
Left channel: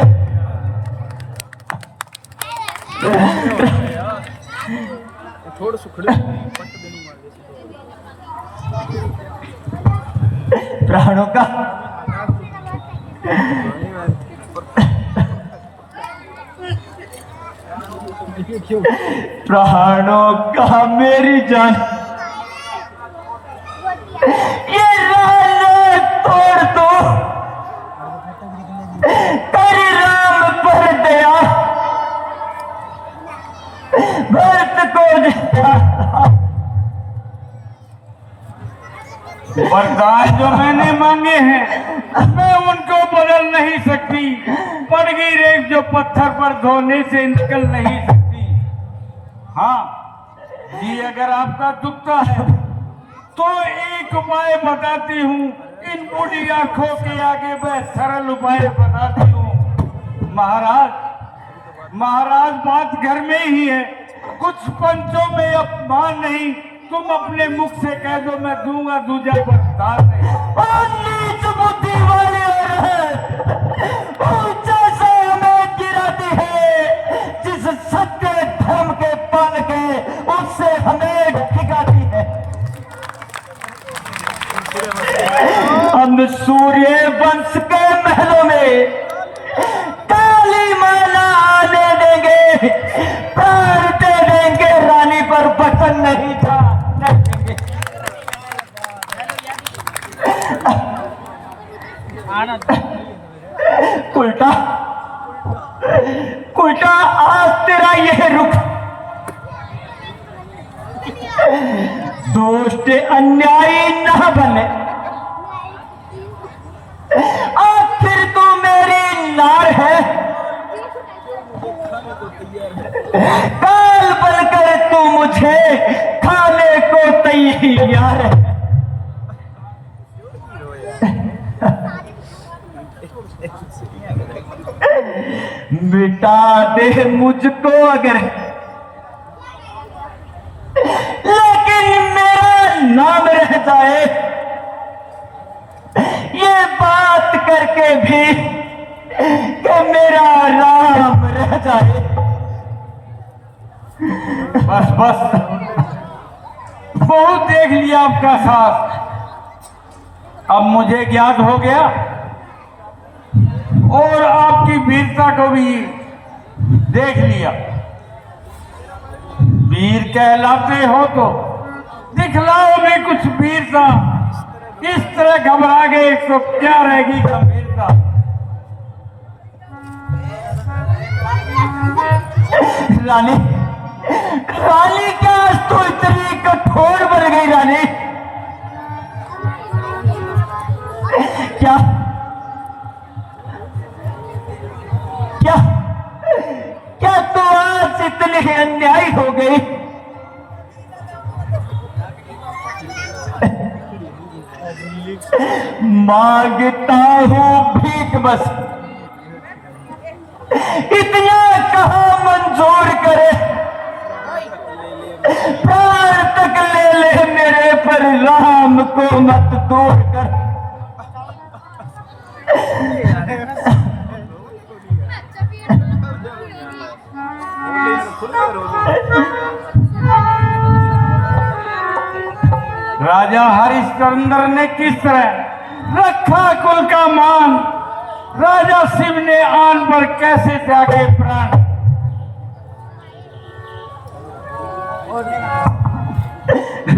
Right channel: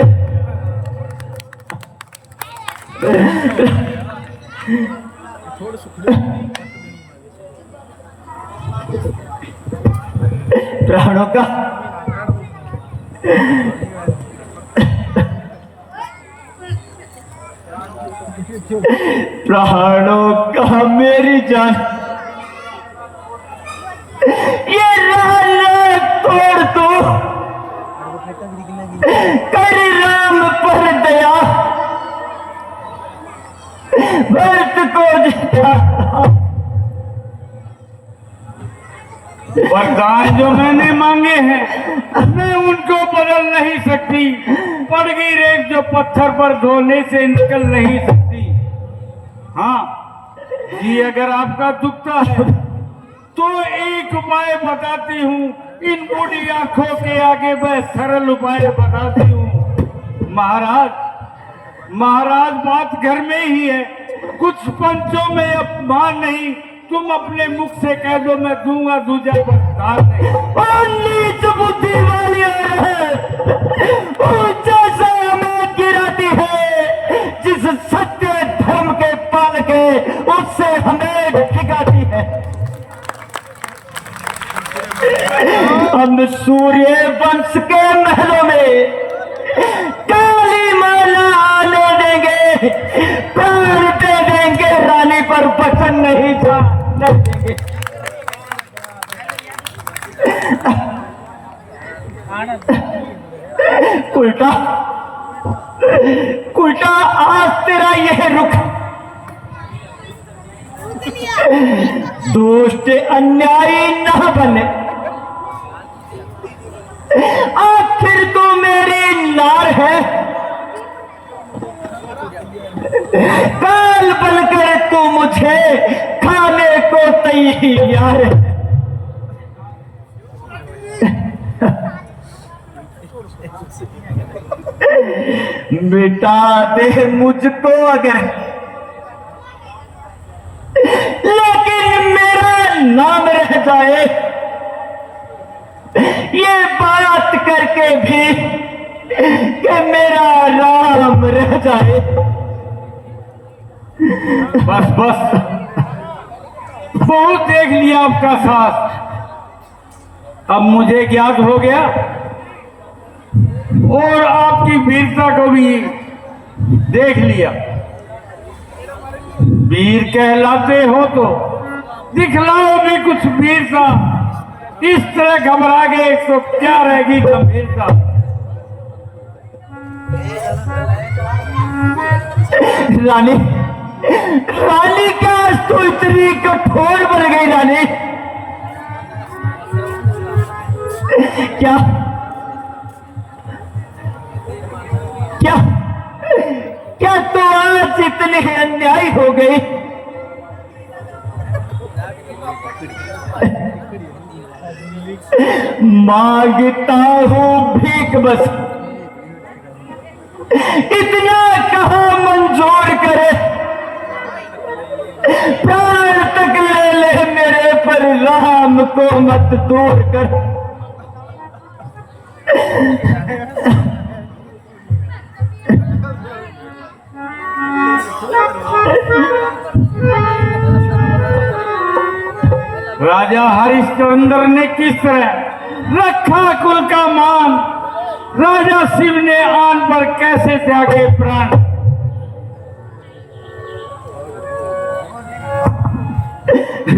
थोड़ा सुखड़े प्राणों का प्राणों का मेरी जान, ये लाल तोड़ दो, कर राम पर दया, भरत को वरदान जो मैंने मांगे हैं मैं उनको बदल नहीं सकती, पड़ गई रेत जो पत्थर पर धोने से निकल नहीं सकती। हाँ जी, अगर आपका दुखता है तो एक उपाय बताती हूँ, इन बूढ़ी आंखों के आगे मैं सरल उपाय बताती हूँ। महाराज बात घर में ही है, कुछ पंचों में अपमान नहीं, तुम अपने मुख से कह दो, मैं दूंगा दूजा बरदार नहीं। नीच बुद्धि वाली जैसा हमें गिराती है, जिस सत्य धर्म के पाल के उससे हमें ठिकाती है। हम सूर्य वंश के महलों में काली माला आने देंगे, प्राण दे देंगे रानी पर वचन नहीं था देंगे। उल्टा उल्टा आज तेरा यह रुख दुष्ट अन्यायी न बने, आखिर तो मेरी नार है, काल बनकर तू मुझे खाने को तैयार है। मिटा दे मुझको अगर, लेकिन मेरा नाम रह जाए, ये बात करके भी कि मेरा राम रह जाए। बस बस, बहुत देख लिया आपका साथ, अब मुझे ज्ञात हो गया और आपकी वीरता को भी देख लिया। वीर कहलाते हो तो दिखलाओ भी कुछ वीरता, इस तरह घबरा गए तो क्या रहेगी गंभीरता। रानी रानी क्या तो इतनी कठोर बन गई रानी? क्या क्या क्या तो आज इतनी अन्याय हो गई? मांगता हूँ भीख बस, इतना कहाँ मंजूर करे, प्राण तक ले ले मेरे पर, राम को मत दूर कर। राजा हरिश्चंद्र ने किस तरह रखा कुल का मान, राजा शिव ने आन पर कैसे त्यागे प्राण।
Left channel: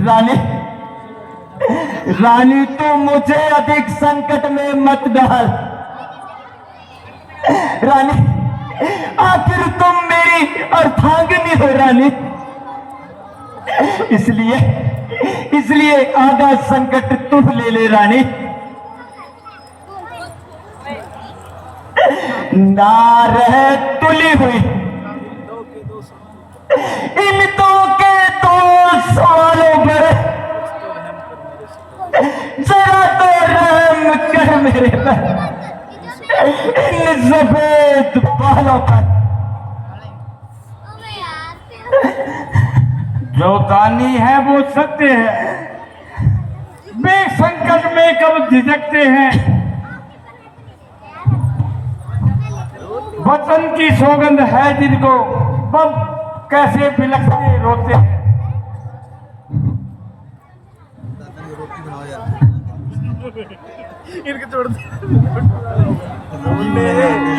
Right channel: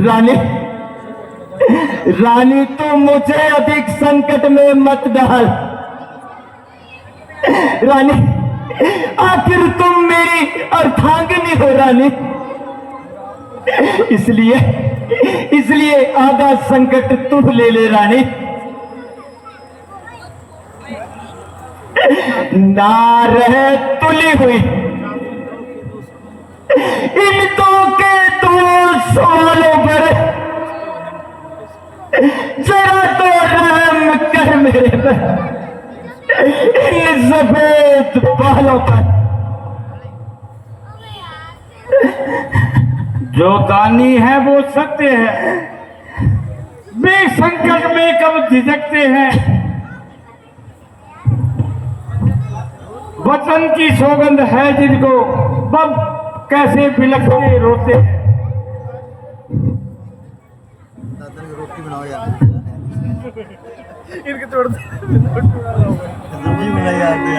रानी रानी तू मुझे अधिक संकट में मत डाल। रानी आखिर तुम मेरी अर्धांगिनी हो रानी, इसलिए आधा संकट तू ले ले रानी। ना रह तुली हुई इन दो के दो सवालों पर, जरा तो रहम कर मेरे पर, इन सफेद बालों पर। जो दानी है वो सत्य है, वे संकट में कब झिझकते हैं। वचन की सौगंध है जिनको, बब कैसे बिलखते रोते हैं। रोटी बनाओ यार, इनके तोड़ रोटी बनाई जाती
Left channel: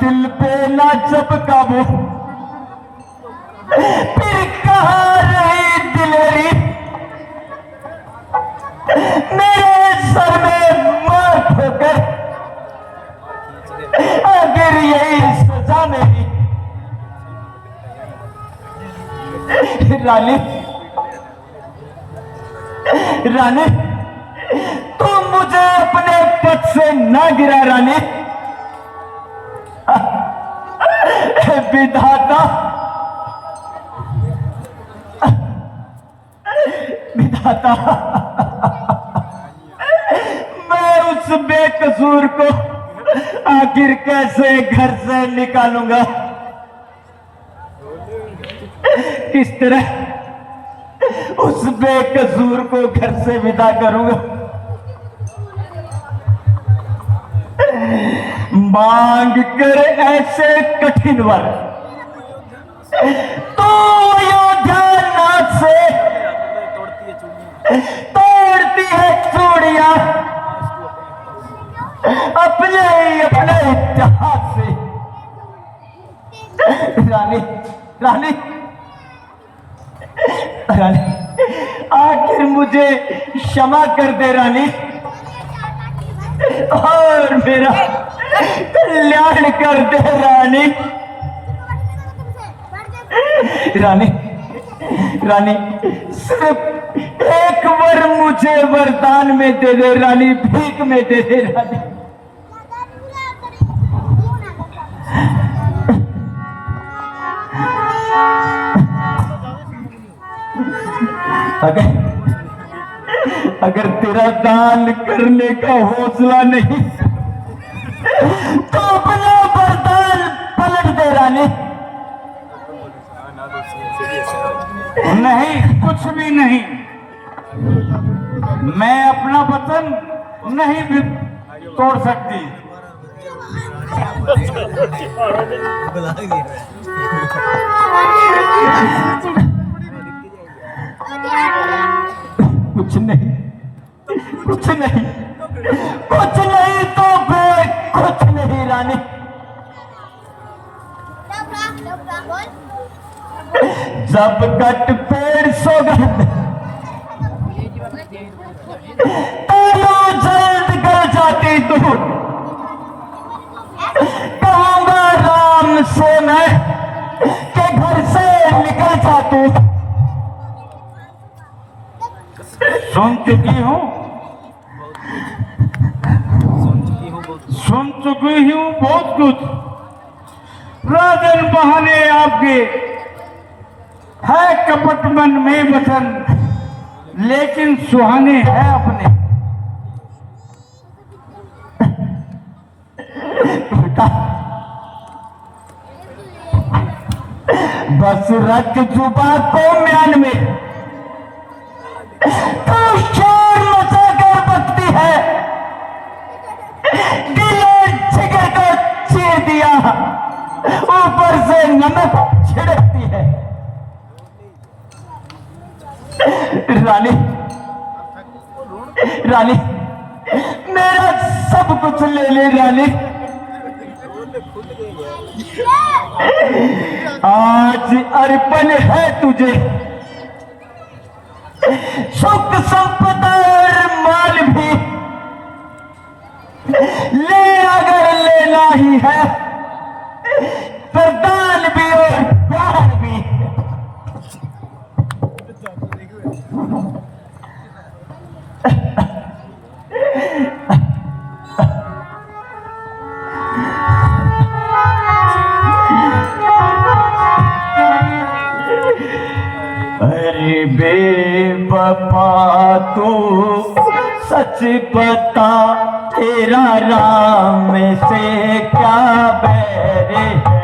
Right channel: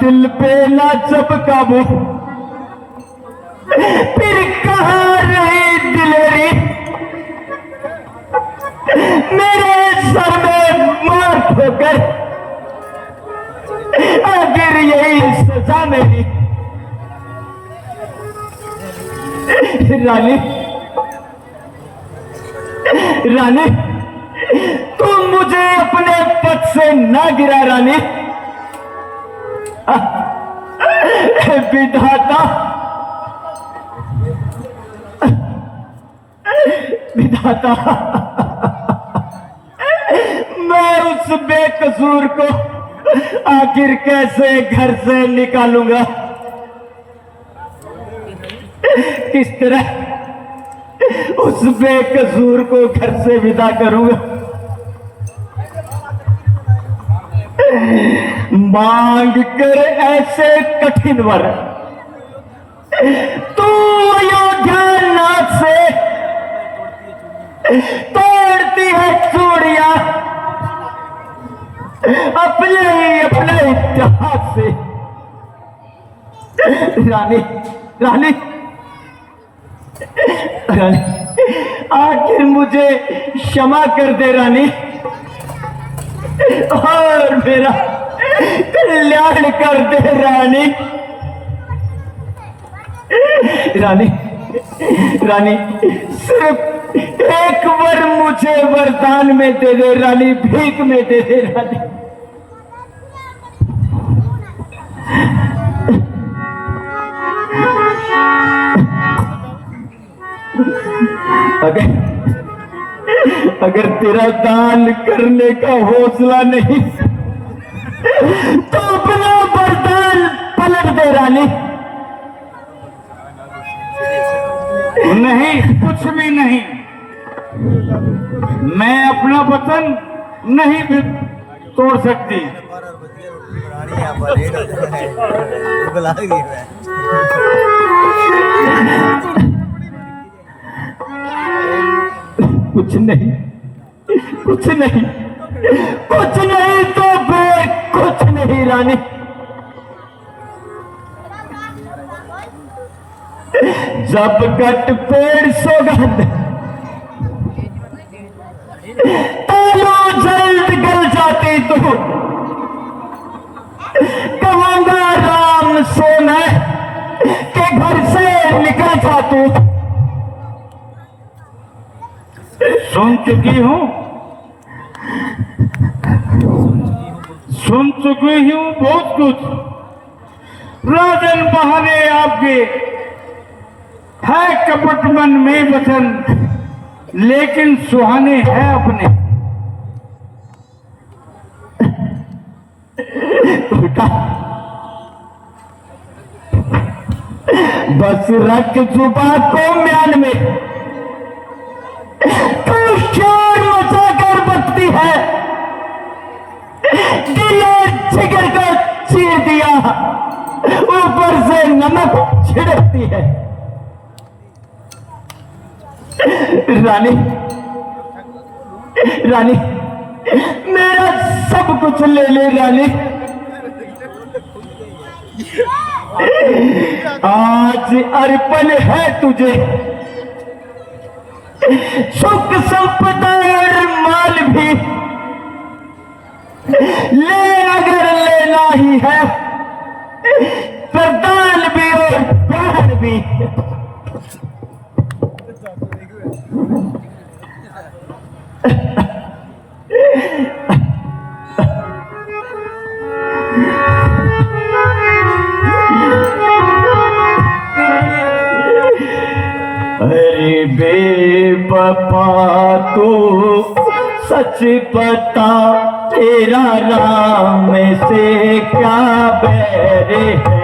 दिल पे ना चपका वो, फिर कहाँ रही दिलवरी, मेरे सर में मार ठोकर, आखिर यही सजा मेरी। रानी, रानी, तुम मुझे अपने पद से ना गिरा रानी। विधाता, विधाता, मैं उस बेकसूर को आखिर कैसे घर से निकालूंगा? किस तरह उस बेकसूर को घर से विदा करूंगा? मांग कर ऐसे कठिन वर तो अयोध्या नाथ से तोड़ती है चूड़ियां अपने अपने इतिहास से। रानी, रानी, रानी, आखिर मुझे क्षमा कर दे रानी, और मेरा कल्याण कर दे रानी। रानी, रानी, सिर्फ एक बार मुझे वरदान में दे दे रानी, भीख में दे दे रानी। अगर तेरा दान करने का हौसला नहीं तो अपना वरदान पलट दे रानी। नहीं, कुछ भी नहीं। मैं अपना वचन नहीं भी तोड़ सकती। कुछ नहीं, कुछ नहीं, कुछ नहीं तो फिर कुछ नहीं रानी। जब कट पेड़ सौगंध तालो जल्द गल जाती तो कहूंगा राम से मैं के घर से निकल जाती। सुन चुकी हूँ, सुन चुकी हूँ बहुत कुछ। राजन बहाने आपके है कपट मन में वचन, लेकिन सुहाने है अपने। बेटा, बस रख जुबा को म्यान में तो शोर मचा कर बकती है, दिल जिगर को चीर दिया, ऊपर से नमक छिड़कती है। रानी, रानी, मेरा सब कुछ ले ले रानी। आज अर्पण है तुझे सुख संपदा और माल भी, ले अगर लेना ही है प्रदान भी और दान भी। अरे बेवफा तू सच बता, तेरा राम से क्या बैर है?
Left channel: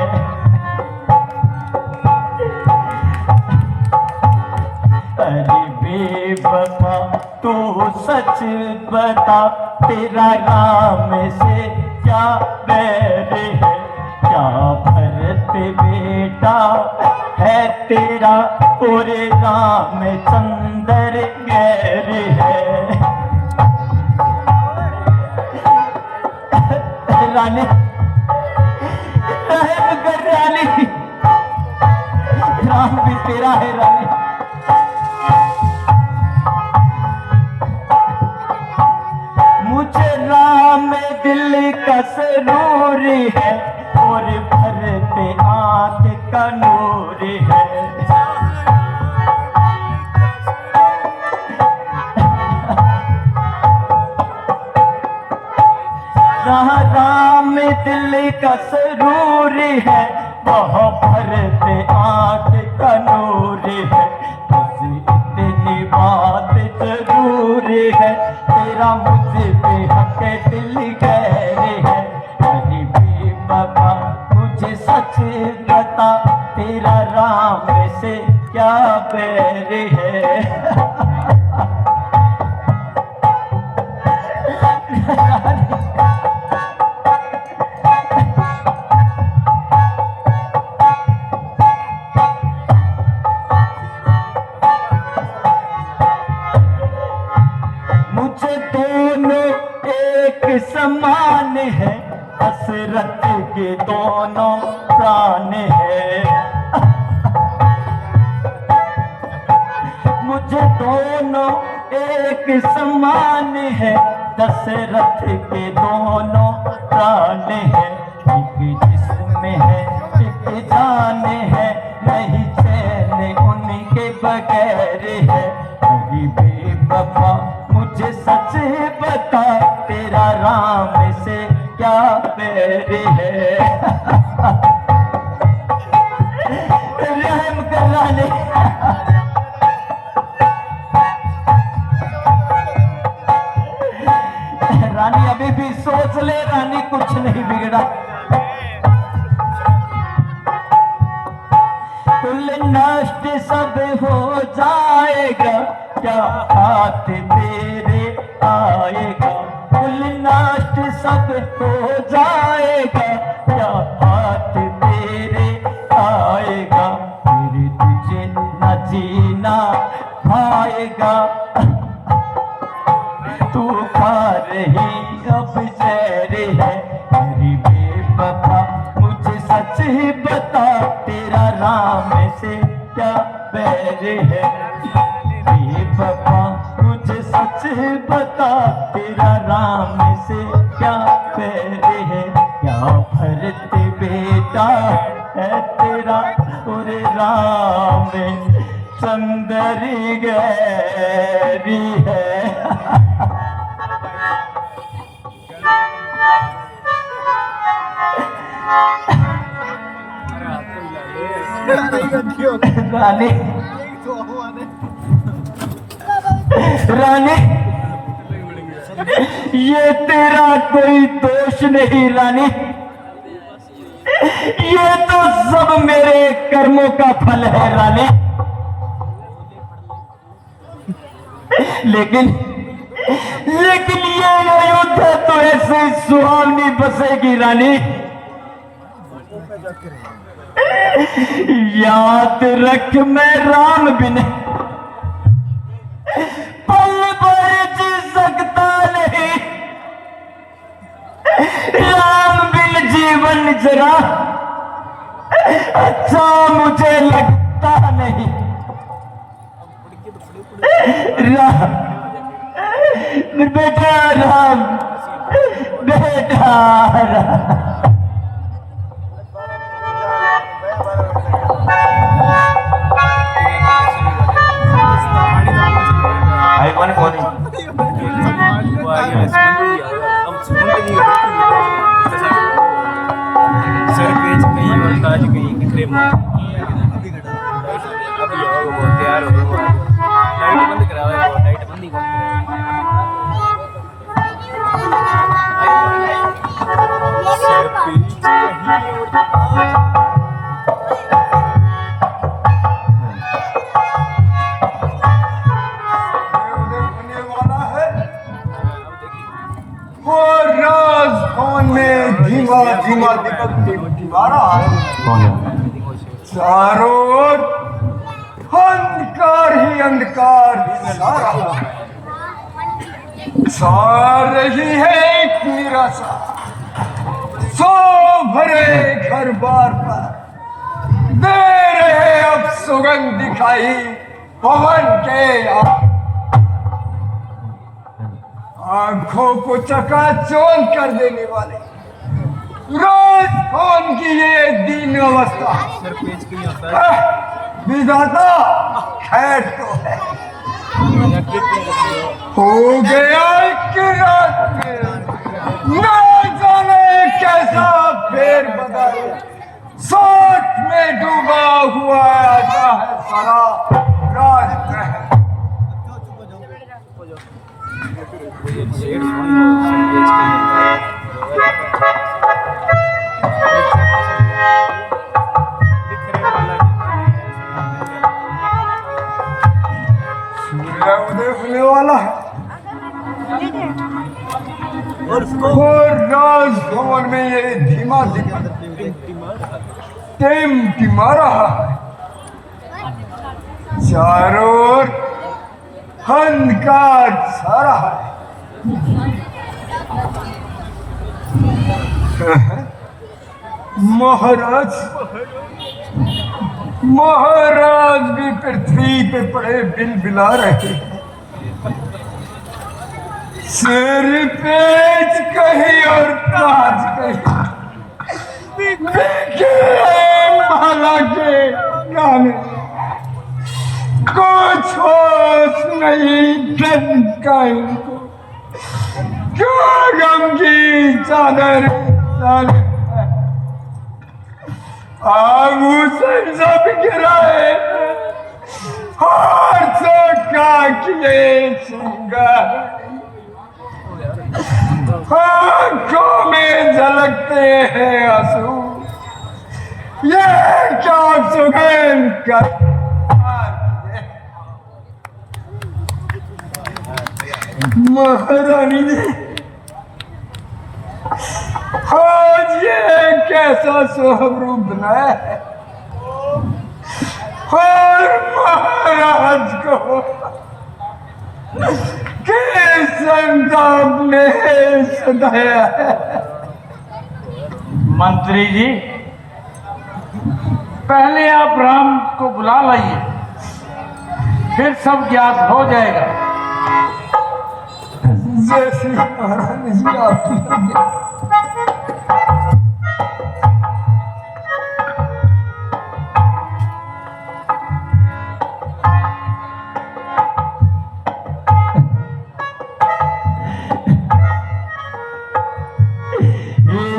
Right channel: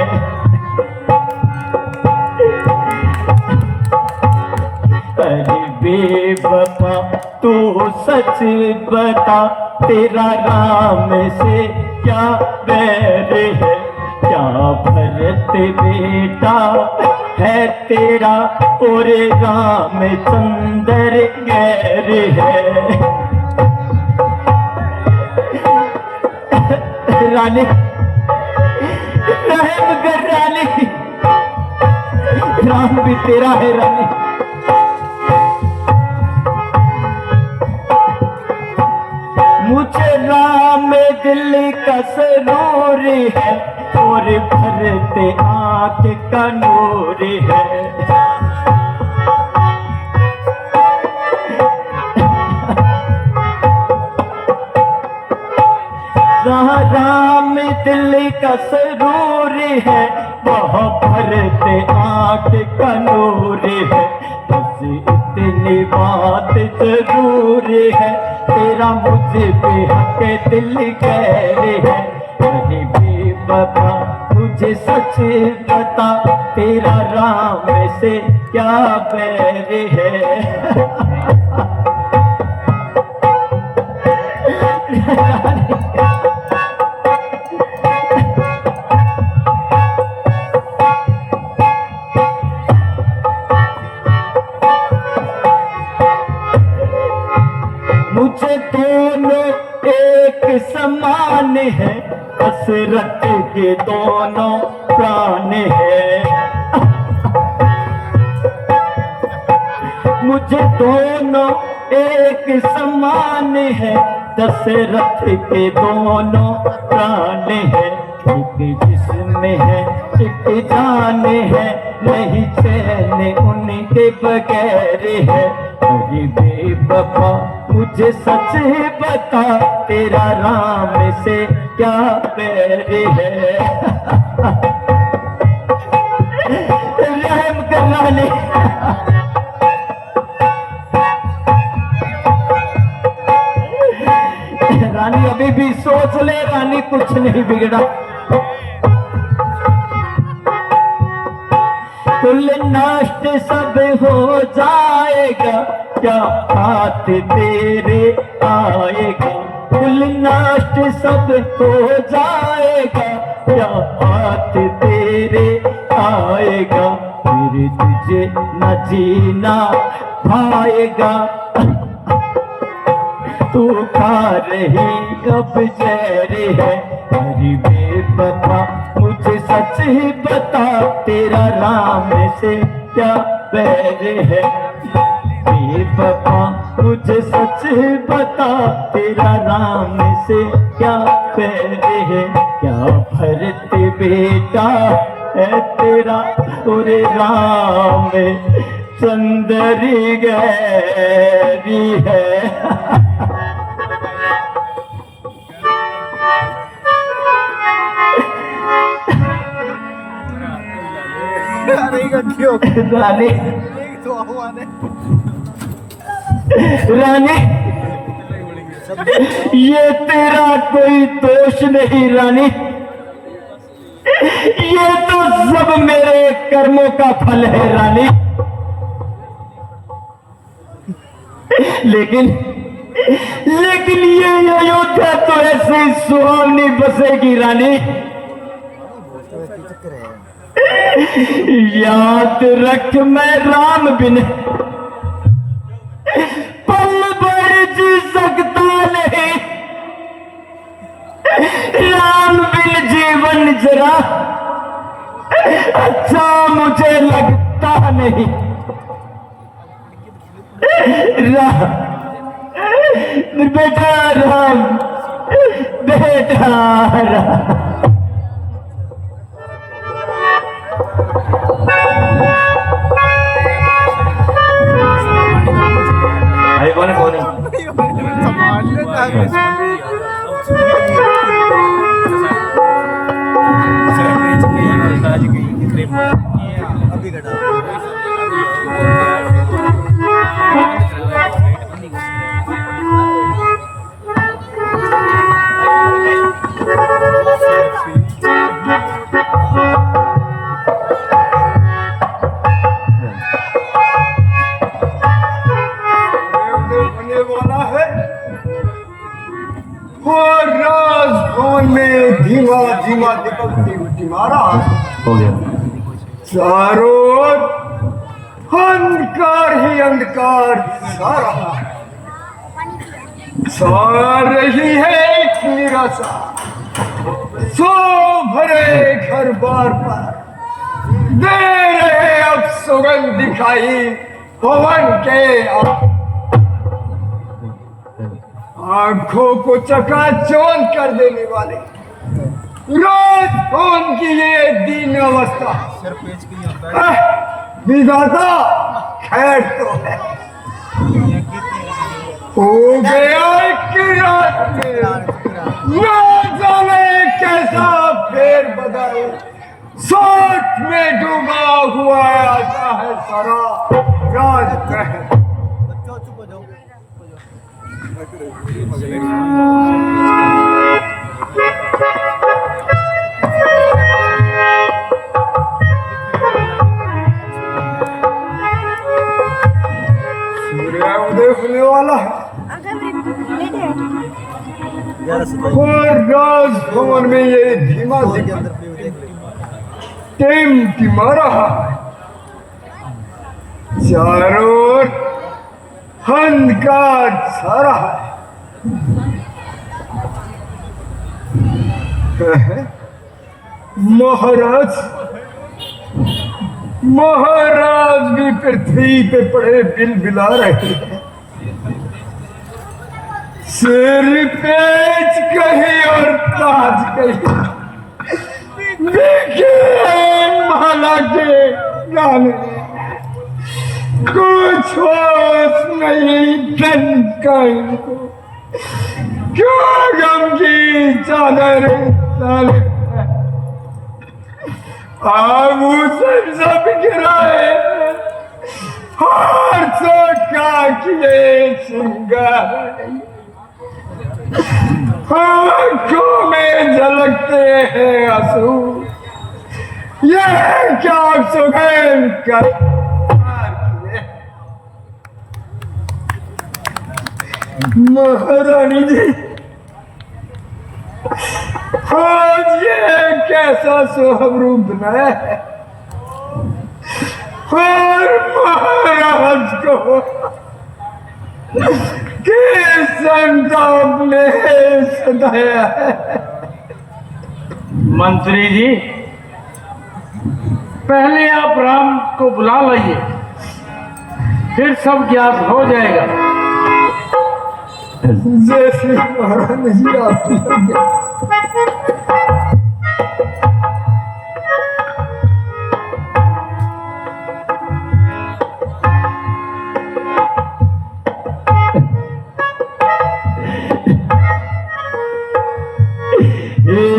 अरे बेवफा तू सच बता, तेरा राम से क्या बैर है? क्या भरत बेटा है तेरा और रामचंद्र गैर है? रानी, रहम कर रानी, राम भी तेरा है रानी। मुझे राम दिल का सरूर है और भरते आंख का नूर है। राम से क्या बैर है। मुझे दोनों एक समान है, दशरथ के दोनों प्राण है। मुझे दोनों एक समान है, दशरथ के दोनों प्राण है। एक जिस्म है एक जान है, नहीं चैन उनके बगैर है। मेरी बेवफा मुझे सच बता, तेरा राम से क्या बैर है। रहम कर रानी। रानी अभी भी सोच ले रानी, कुछ नहीं बिगड़ा। कुल नष्ट सब हो जाएगा, क्या हाथ तेरे आएगा। कुल नष्ट सब हो जाएगा, क्या हाथ तेरे आएगा। फिर तुझे न जीना पाएगा, तू खा रही अब जहर है। मेरी बेवफा मुझे सच ही बता, तेरा राम से क्या बैर है। बेवफा मुझे सच ही बता, तेरा राम से क्या बैर है। क्या भरत बेटा है तेरा, तेरे राम चंदरी गैरी है। रानी रानी, ये तेरा कोई दोष नहीं रानी, ये तो सब मेरे कर्मों का फल है रानी। लेकिन ये अयोध्या तो ऐसी सुहावनी बसेगी रानी। याद रख मैं राम बिन पल भर जी सकता नहीं, राम बिन जीवन जरा अच्छा मुझे लगता नहीं। बेटा राम, बेटा राम। चारों ओर अंधकार ही अंधकार छा रही है एक निराशा। सो भरे घर बार पर दे रहे अब सुगंध दिखाई पवन के। आंखों को चकाचौंध कर देने वाले रोज फोन की ये दीन अवस्था। सर पेज के लिए होता है। विधाता खैर तो है, हो गया एक रात में न जाने कैसा फेर बदल। सोच में डूबा हुआ आता है सारा राज महल। और राजभवन में ये धीमा धीमा टिमटिमा रहा है। चारों ओर अंधकार छा रहा है। महाराज भी पृथ्वी पे पड़े बिलबिला रहे हैं। सिर पेच कहीं और ताज कहीं, देखे माला के गाने कुछ होश नहीं धन का इनको। क्यों गम की चादर डाले आभूषण सब गिराए और का किए श्रृंगार। आंखों में झलकते हैं आंसू, ये क्या सुगंध का महारानी जी। आज ये कैसा स्वरूप बनाया है और महाराज को किस संताप ने सताया है। मंत्री जी, पहले आप राम को बुला लाइए, फिर सब ज्ञात हो जाएगा। जैसे महारानी जी आप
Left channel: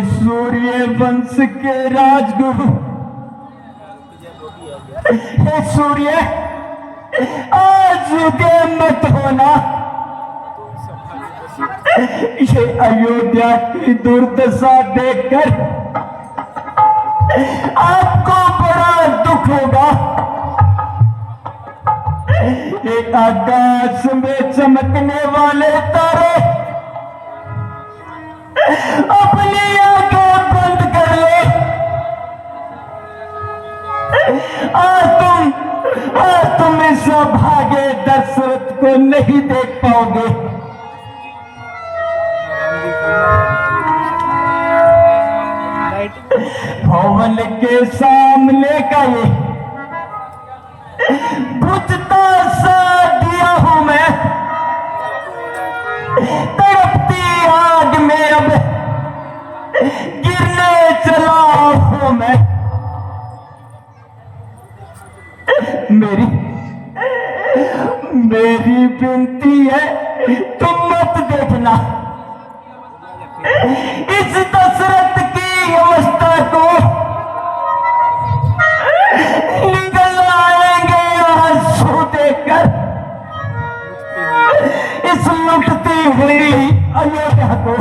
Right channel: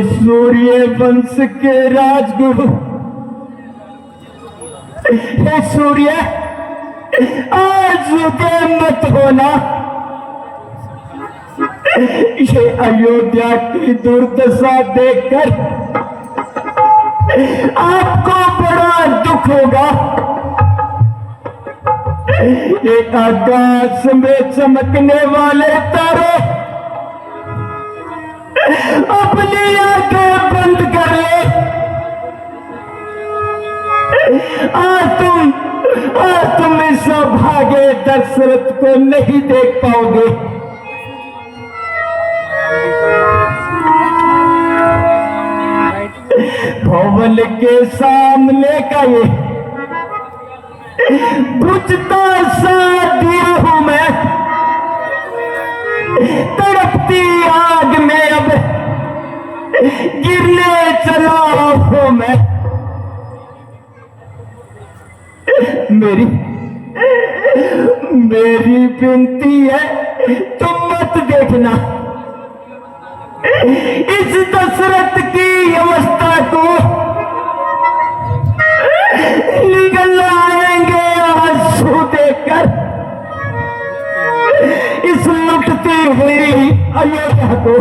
सूर्य वंश के राजगुरु, हे सूर्य आज के मत होना। ये अयोध्या की दुर्दशा देखकर आपको बड़ा दुख होगा। एक आकाश में चमकने वाले तारे अपनी आंखें बंद करो। आज तुम इस भागे दशरथ को नहीं देख पाओगे। भवन के सामने का ये बुझता सा दिया हूं मैं, तड़पती आग में अब गिरने चला हूं मैं। मेरी विनती है तुम मत देखना इस दशरथ की अवस्था को। निकल आएंगे आंसू देकर इस लुटती हुई अयोध्या को।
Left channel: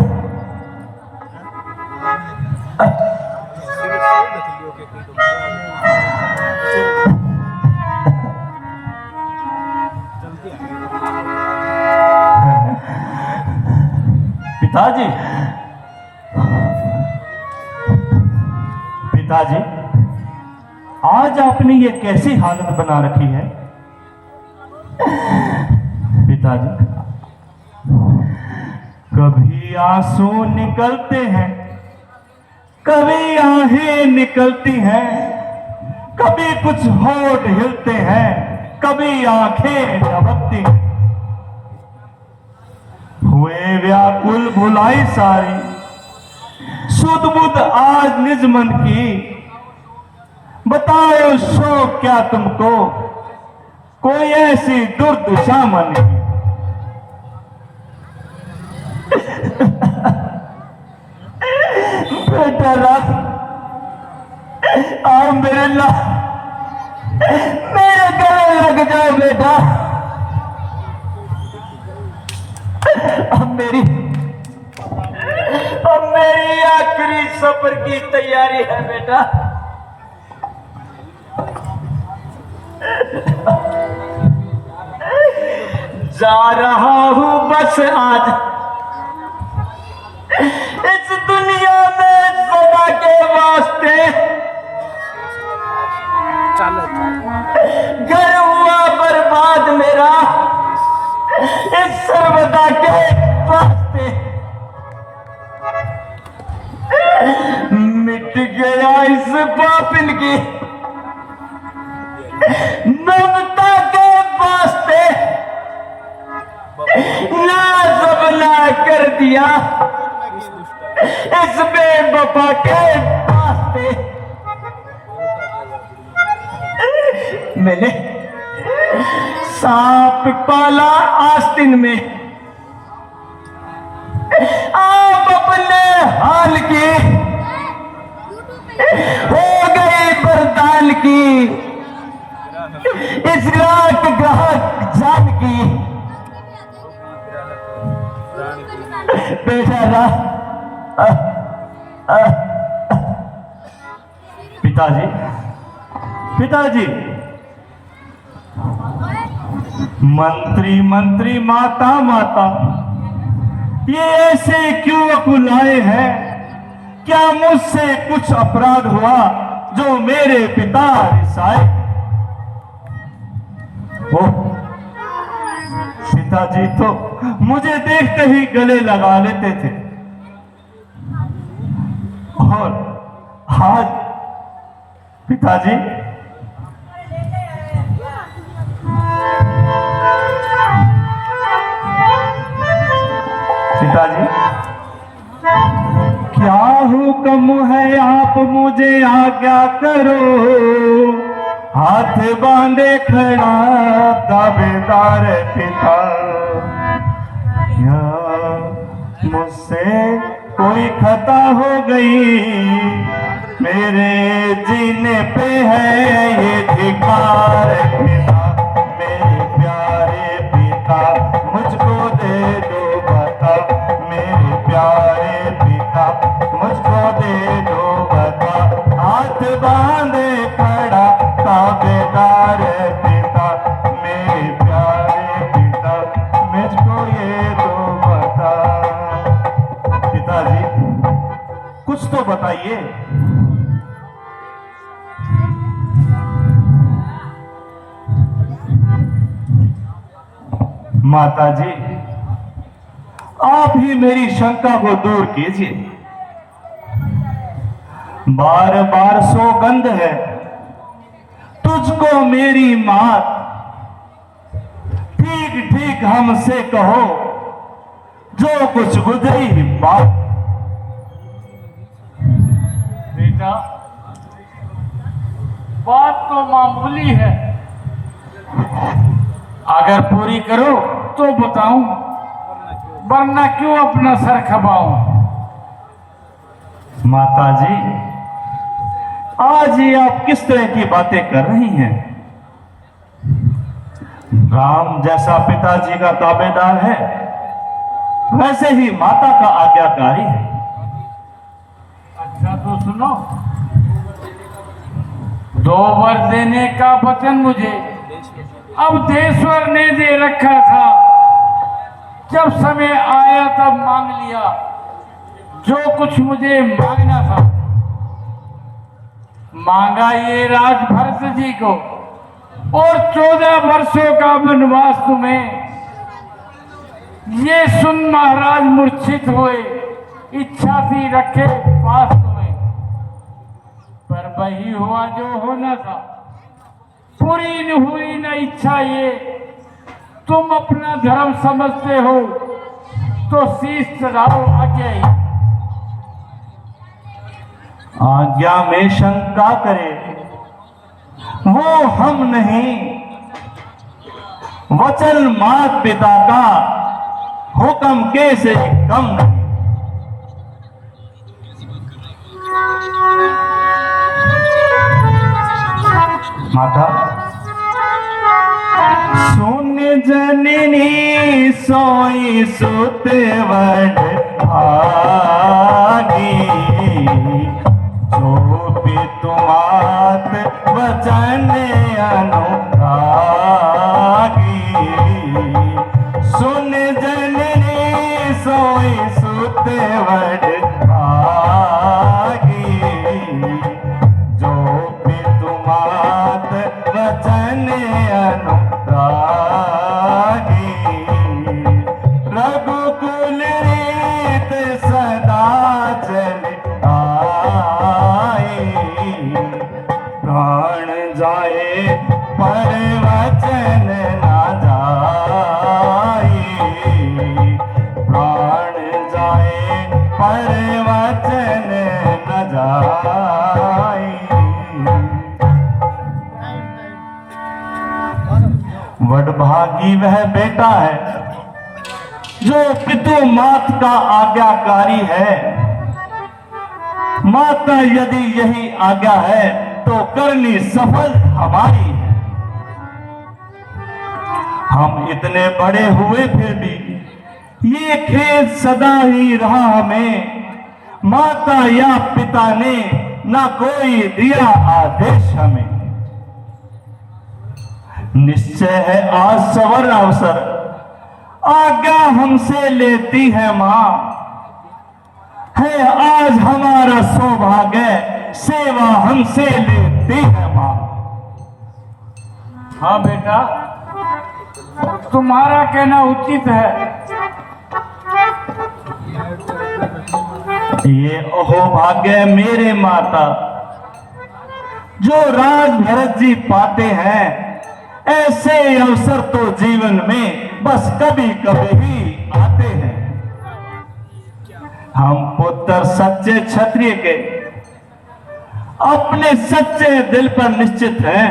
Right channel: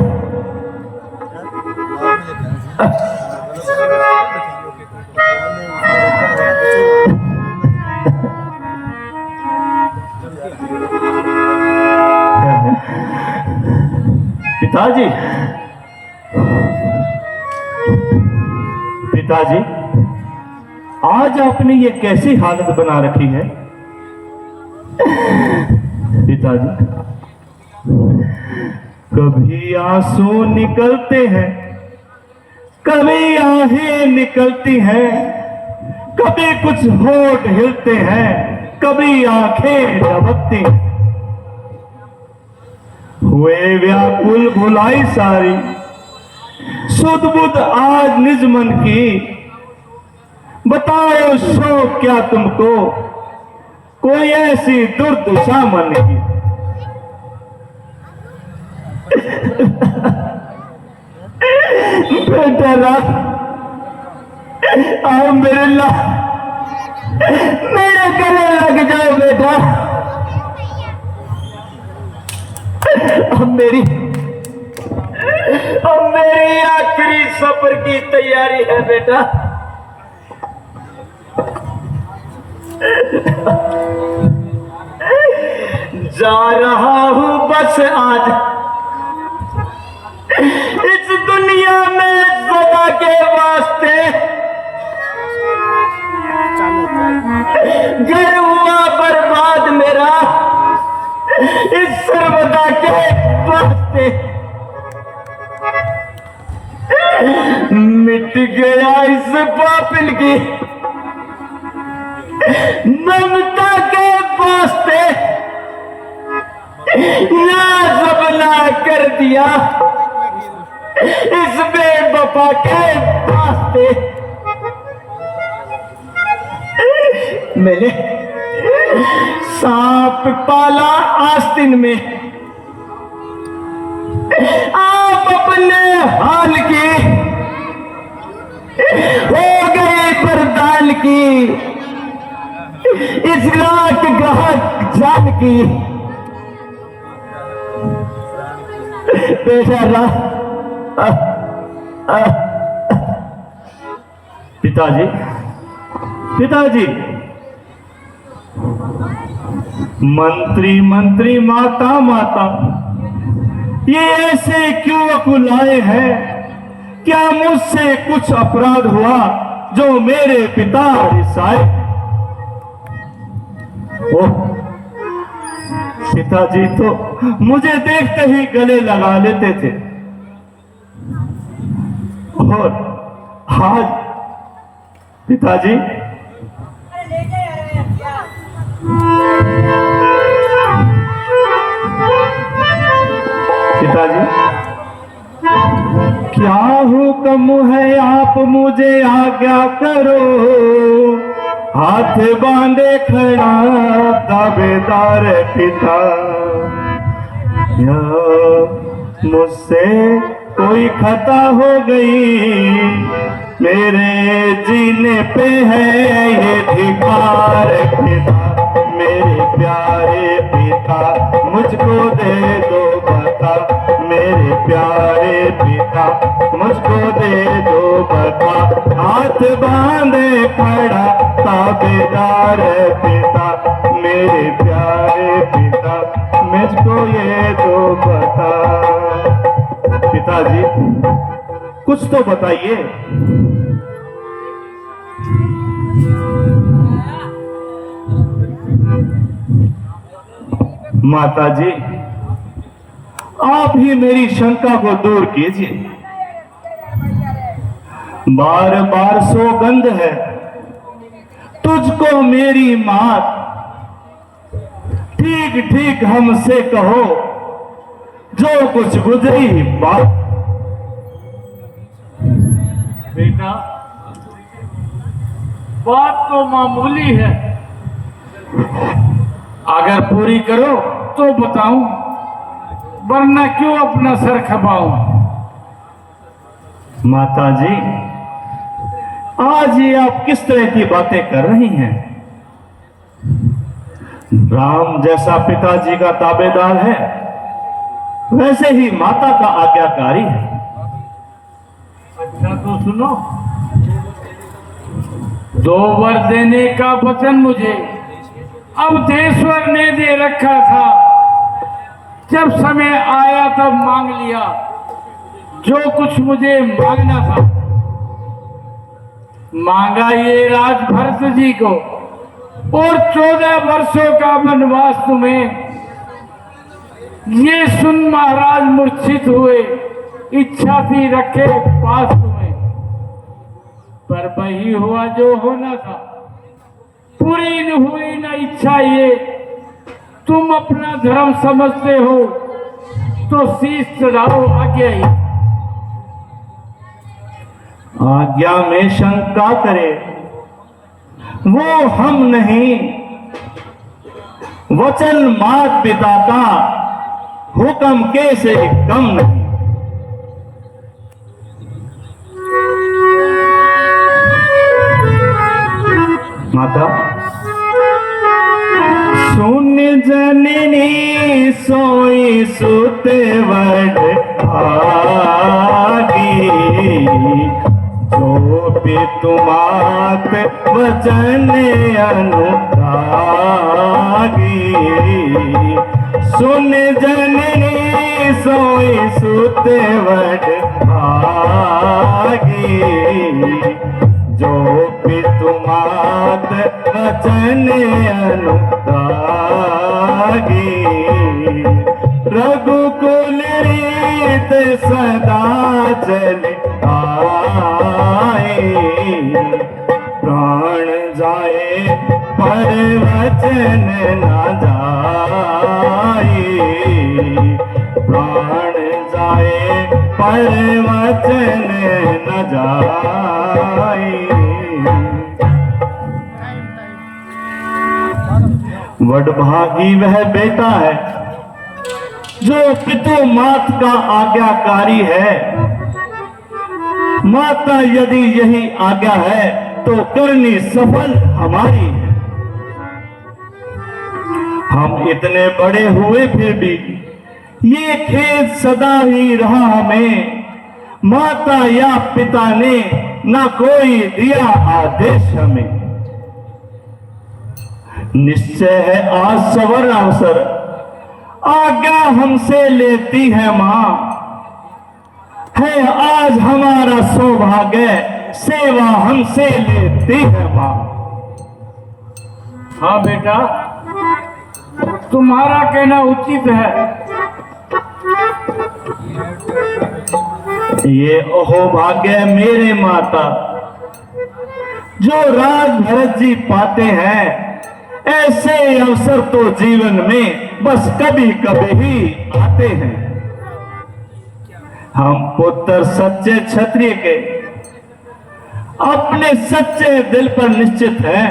पिताजी, पिताजी, आज आपने ये कैसी हालत बना रखी है? पिताजी, कभी आंसू निकलते हैं, कभी आहें निकलती हैं, कभी कुछ होठ हिलते हैं, कभी आंखें झपकती। हुए व्याकुल भुलाई सारी, सुध बुध आज निज मन की। बताओ सो क्या तुमको कोई ऐसी दुर्दशा मन की। बेटा राम, और मेरे गले लग जाए बेटा। अब मेरी आखिरी सफर की तैयारी है बेटा। जा रहा हूं बस आज के वास्ते घर हुआ बर्बाद मेरा इस सर्वदा के वास्ते। मिट गया इस कापिल की ममता के वास्ते। ना सबला कर दिया इस बेवफा के वास्ते। मैंने सांप पाला आस्तीन में आप अपने हाल की हो गए बरदान की इस रात ग्राहक जान की बेचारा। पिताजी पिताजी मंत्री मंत्री माता माता ये ऐसे क्यों कुलाए हैं? क्या मुझसे कुछ अपराध हुआ जो मेरे पिता रिसाए? ओ पिताजी तो मुझे देखते ही गले लगा लेते थे और आज पिताजी पिताजी क्या हुक्म है आप मुझे आज्ञा करो। हाथ बांधे खड़ा दावेदार पिता। या मुझसे कोई खता हो गई मेरे जीने पे है ये धिकार पिता। मेरे प्यारे पिता मुझको दे दो बता। मेरे प्यारे पिता मुझको दे दो बता। हाथ बांधे खड़ा ताबेदार पिता। मेरे प्यारे पिता मुझको ये दो बता। पिताजी कुछ तो बताइए। माता जी आप ही मेरी शंका को दूर कीजिए। बार बार सौगंध है तुझको मेरी मात। ठीक ठीक हमसे कहो जो कुछ गुजरी बात। बेटा बात तो मामूली है, अगर पूरी करो तो बताऊं, वरना क्यों अपना सर खपाऊं। माता जी आज ये आप किस तरह की बातें कर रही हैं? राम जैसा पिताजी का ताबेदार है वैसे ही माता का आज्ञाकारी है। अच्छा तो सुनो, 2 वर देने का वचन मुझे अब देश्वर ने दे रखा था। जब समय आया तब मांग लिया जो कुछ मुझे मांगना था। मांगा ये राज भरत जी को और 14 वर्षों का वनवास तुम्हें। ये सुन महाराज मूर्छित हुए, इच्छा थी रखे पास तुम्हें, पर वही हुआ जो होना था। पूरी न हुई न इच्छा ये, तुम अपना धर्म समझते हो तो शीश चढ़ाओ आज्ञा ही। आज्ञा में शंका करे वो हम नहीं, वचन मात पिता का हुक्म कैसे कम नहीं। माता सुन जननी सोई सुत वड भागी। जो भी तुमात वचन अनुरागी। सुन जननी सोई सुत वड भागी। जन अनुरागी, रघुकुल रीत सदा चल आए, प्राण जाए पर वचन न जाए, प्राण जाए पर वचन न जाए। वडभागी वह बेटा है जो पितृ मात का आज्ञाकारी है। माता यदि यही आज्ञा है तो करनी सफल हमारी है। हम इतने बड़े हुए फिर भी ये खेद सदा ही रहा हमें, माता या पिता ने न कोई दिया आदेश हमें। निश्चय है आज सवर्ण अवसर आज्ञा हमसे लेती है मां, है आज हमारा सौभाग्य सेवा हमसे लेती है मां। हाँ बेटा, तुम्हारा कहना उचित है। ये ओहो भाग्य मेरे माता जो राज भरत जी पाते हैं, ऐसे अवसर तो जीवन में बस कभी कभी ही आते हैं। हम पुत्र सच्चे क्षत्रिय के अपने सच्चे दिल पर निश्चित है,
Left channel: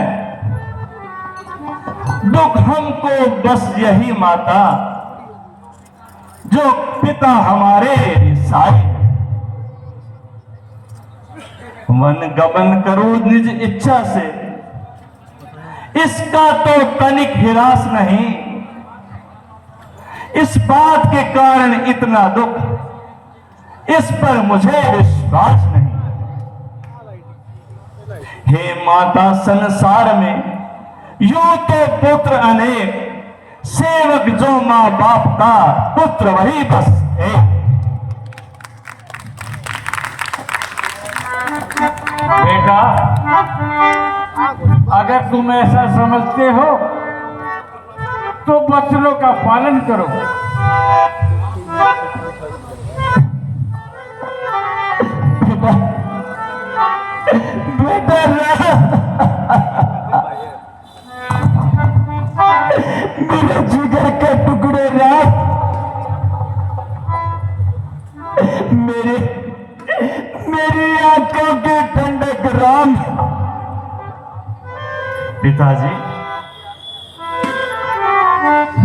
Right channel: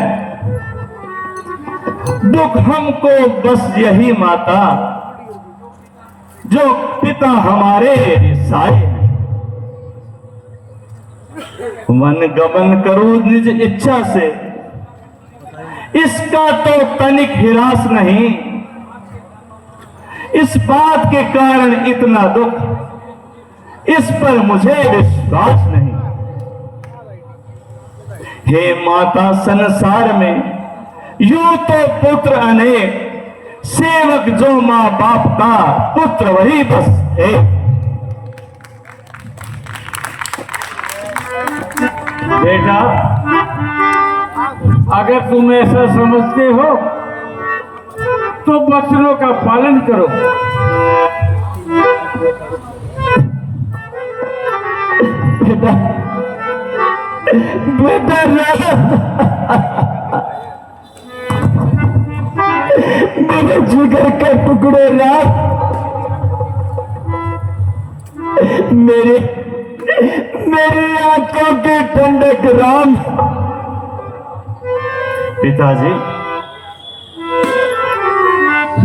दुख हमको बस यही माता जो पिता हमारे साए। वन गमन करूं निज इच्छा से, इसका तो तनिक हिरास नहीं, इस बात के कारण इतना दुख, इस पर मुझे विश्वास नहीं। हे माता, संसार में यूं तो पुत्र अनेक, सेवक जो मां बाप का, पुत्र वही बस एक। बेटा, अगर तुम ऐसा समझते हो तो वचनों का पालन करो। बेटा, बेटा मेरे जिगर के टुकड़े रात, मेरी आंखों की ठंडक राम। पिताजी,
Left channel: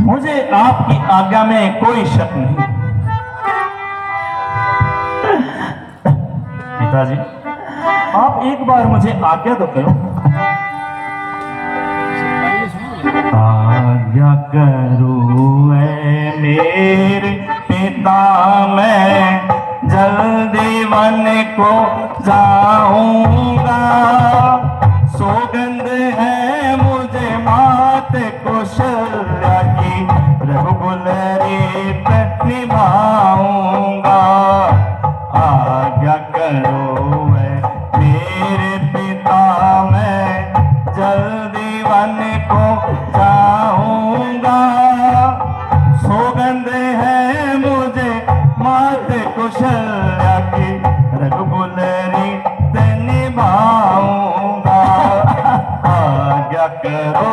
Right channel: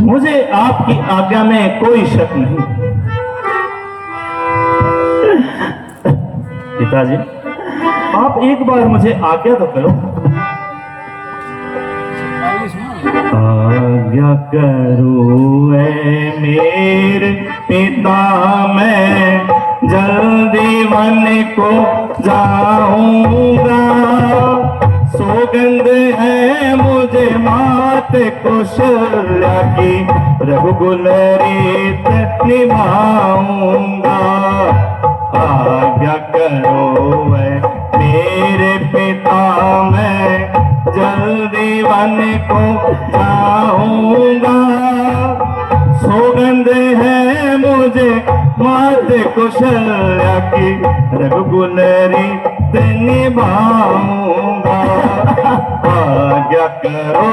मुझे आपकी आज्ञा में कोई शक नहीं। पिताजी, आप एक बार मुझे आज्ञा तो करो। आज्ञा करो ऐ मेरे पिता, मैं जल्दी वन को जाऊंगा। सौगंध है मुझे मात कौशल्या की, रघुकुल रीत निभाऊंगा। आज्ञा करो ऐ मेरे पिता, मैं जल्दी वन को जाऊंगा। सौगंध है मुझे मात कौशल्या की, रघुकुल रीत निभाऊंगा। आज्ञा करो,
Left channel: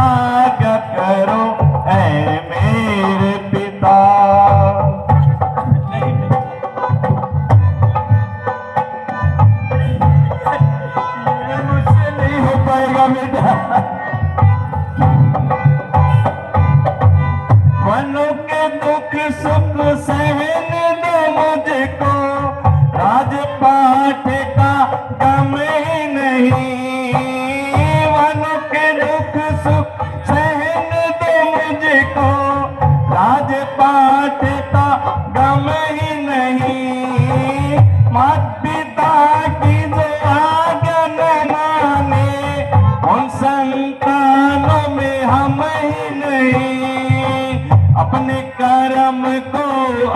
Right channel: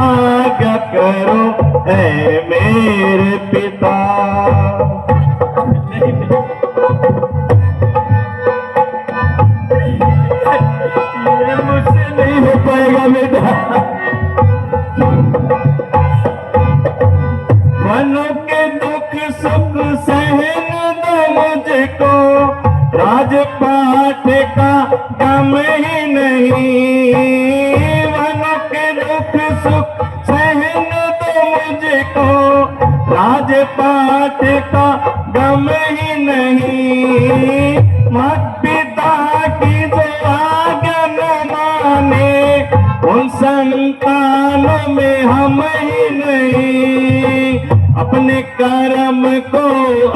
आज्ञा करो ऐ मेरे पिता। ये मुझसे नहीं हो पाएगा बेटा। मनो के दुख सुख सहन दो मुझको, राजपाट का गम ही नहीं। मनो के दुख सुख सहन दो मुझको, राजपाट का गम ही नहीं। मत पिता की आज्ञा न माने, उन संतानों में हम ही नहीं। अपने कर्म को,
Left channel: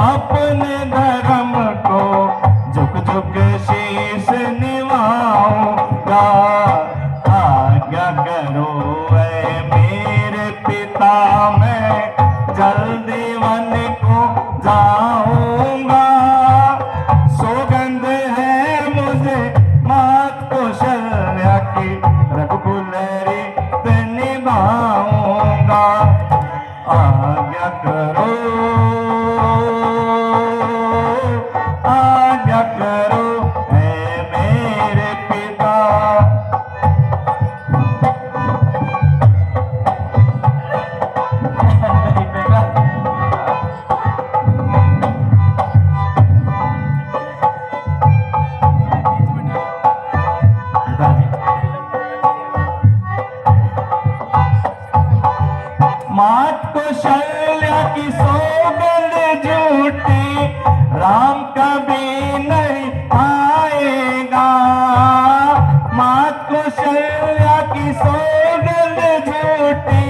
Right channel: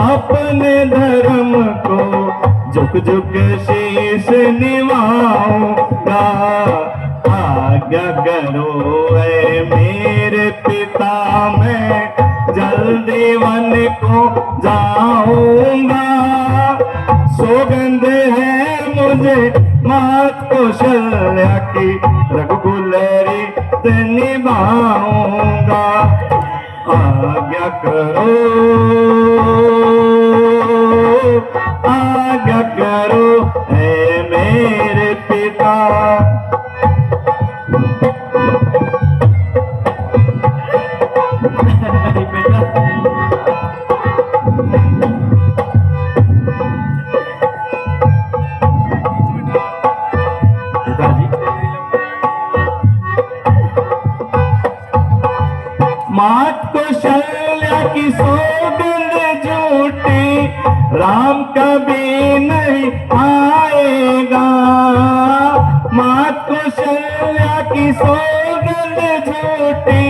अपने धर्म को, झुक झुक शीश निभाऊंगा। कौशल्या की रघुकुलरी निभाऊंगा। आज्ञा करो, आज्ञा करो हे मेरे पिता। मात कौशल्या की सौगंध झूठी राम कभी नहीं आएगा। मात कौशल्या की सौगंध झूठी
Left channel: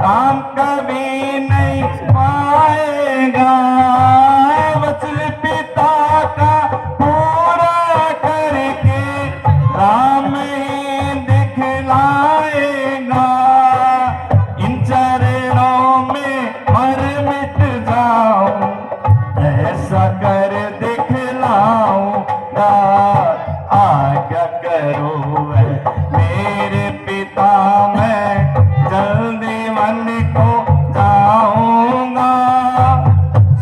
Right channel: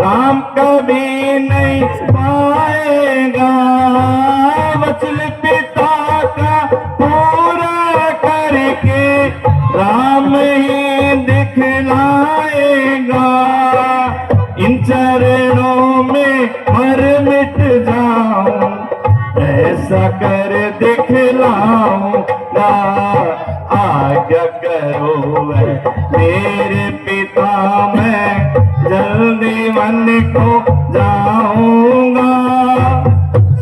राम कभी नहीं पाएगा। वचन पिता का पूरा करके राम ही दिखलाएगा। इन चरणों में मर मिट जाऊं, ऐसा कर दिखलाऊंगा। आज्ञा करो है मेरे पिता, मैं जल्दी वन को जाऊंगा।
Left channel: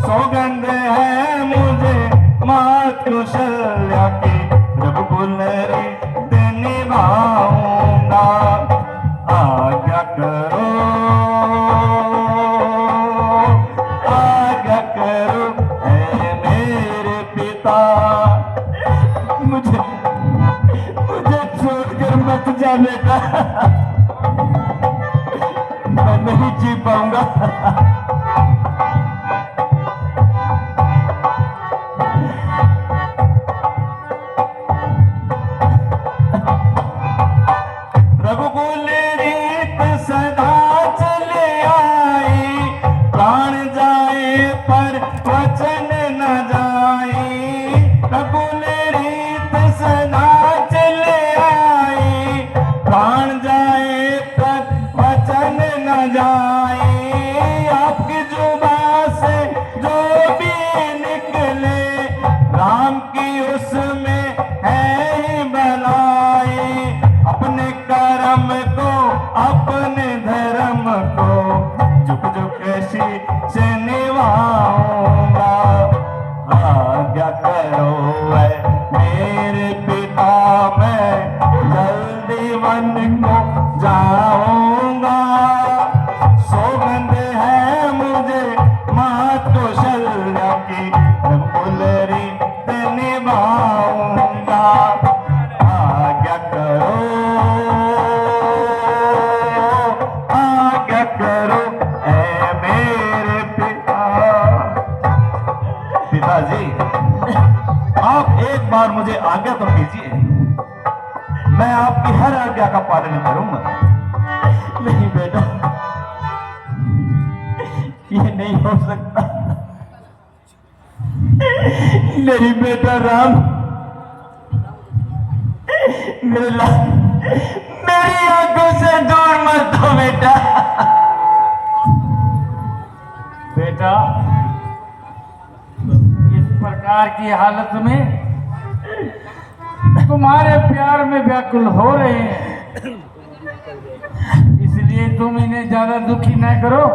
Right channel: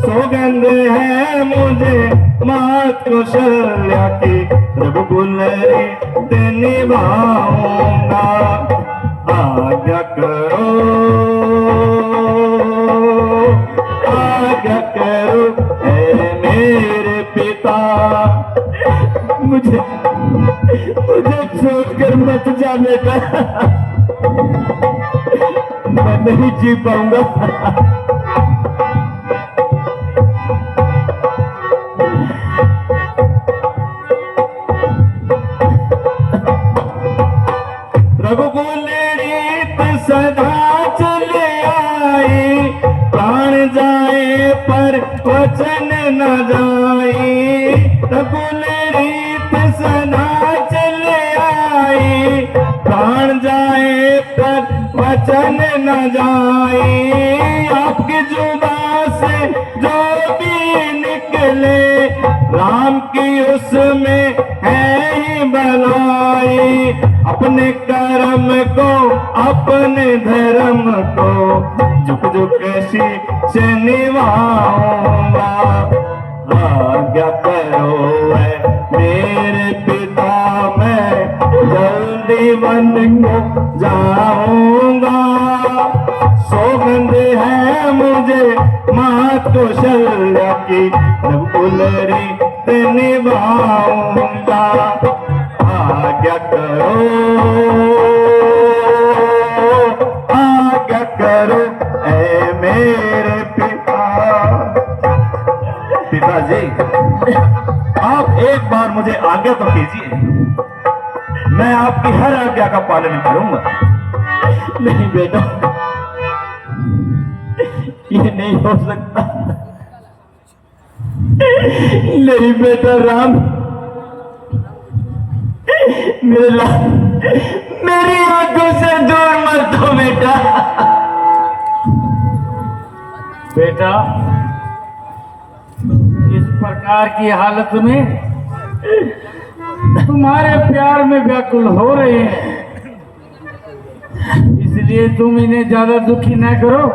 सौगंध है मुझे मात कौशल्या की रघुकुलरी निभाऊंगा। आज्ञा करो, आज्ञा करो ऐ मेरे पिता। मुझे छोड़कर मत जा बेटा, मैं नहीं जी पाऊंगा। रघुकुल रीत सदा चले आई, प्राण जाए पर वचन न जाए। रघुकुल रीत सदा चले आई, प्राण जाए पर वचन न जाए। आपकी जुबान से जो भी निकले राम की उसमें है ही भलाई। अपने कर्म को अपने धर्म को झुक झुक से निभाऊंगा। आज्ञा करो है मेरे पिता, मैं जल्दी वन को जाऊंगा। सौगंध है मुझे मात कौशल्या की रघुकुलरी निभाऊंगा। आज्ञा करो, आज्ञा करो ऐ मेरे पिता। पिताजी, आप एक बार मुझे आज्ञा तो कीजिए, मैं आपकी हर आज्ञा का पालन करूंगा। नहीं बेटा, ये नहीं हो सकता। नहीं बेटा राम, मेरी आंखों से दूर मत हो बेटा। बेटा, इस प्रकार की हालत में तुम्हारे प्यार में व्याकुल हो रहे हैं, इसलिए तुम इन्हें ज्यादा दुखी न करो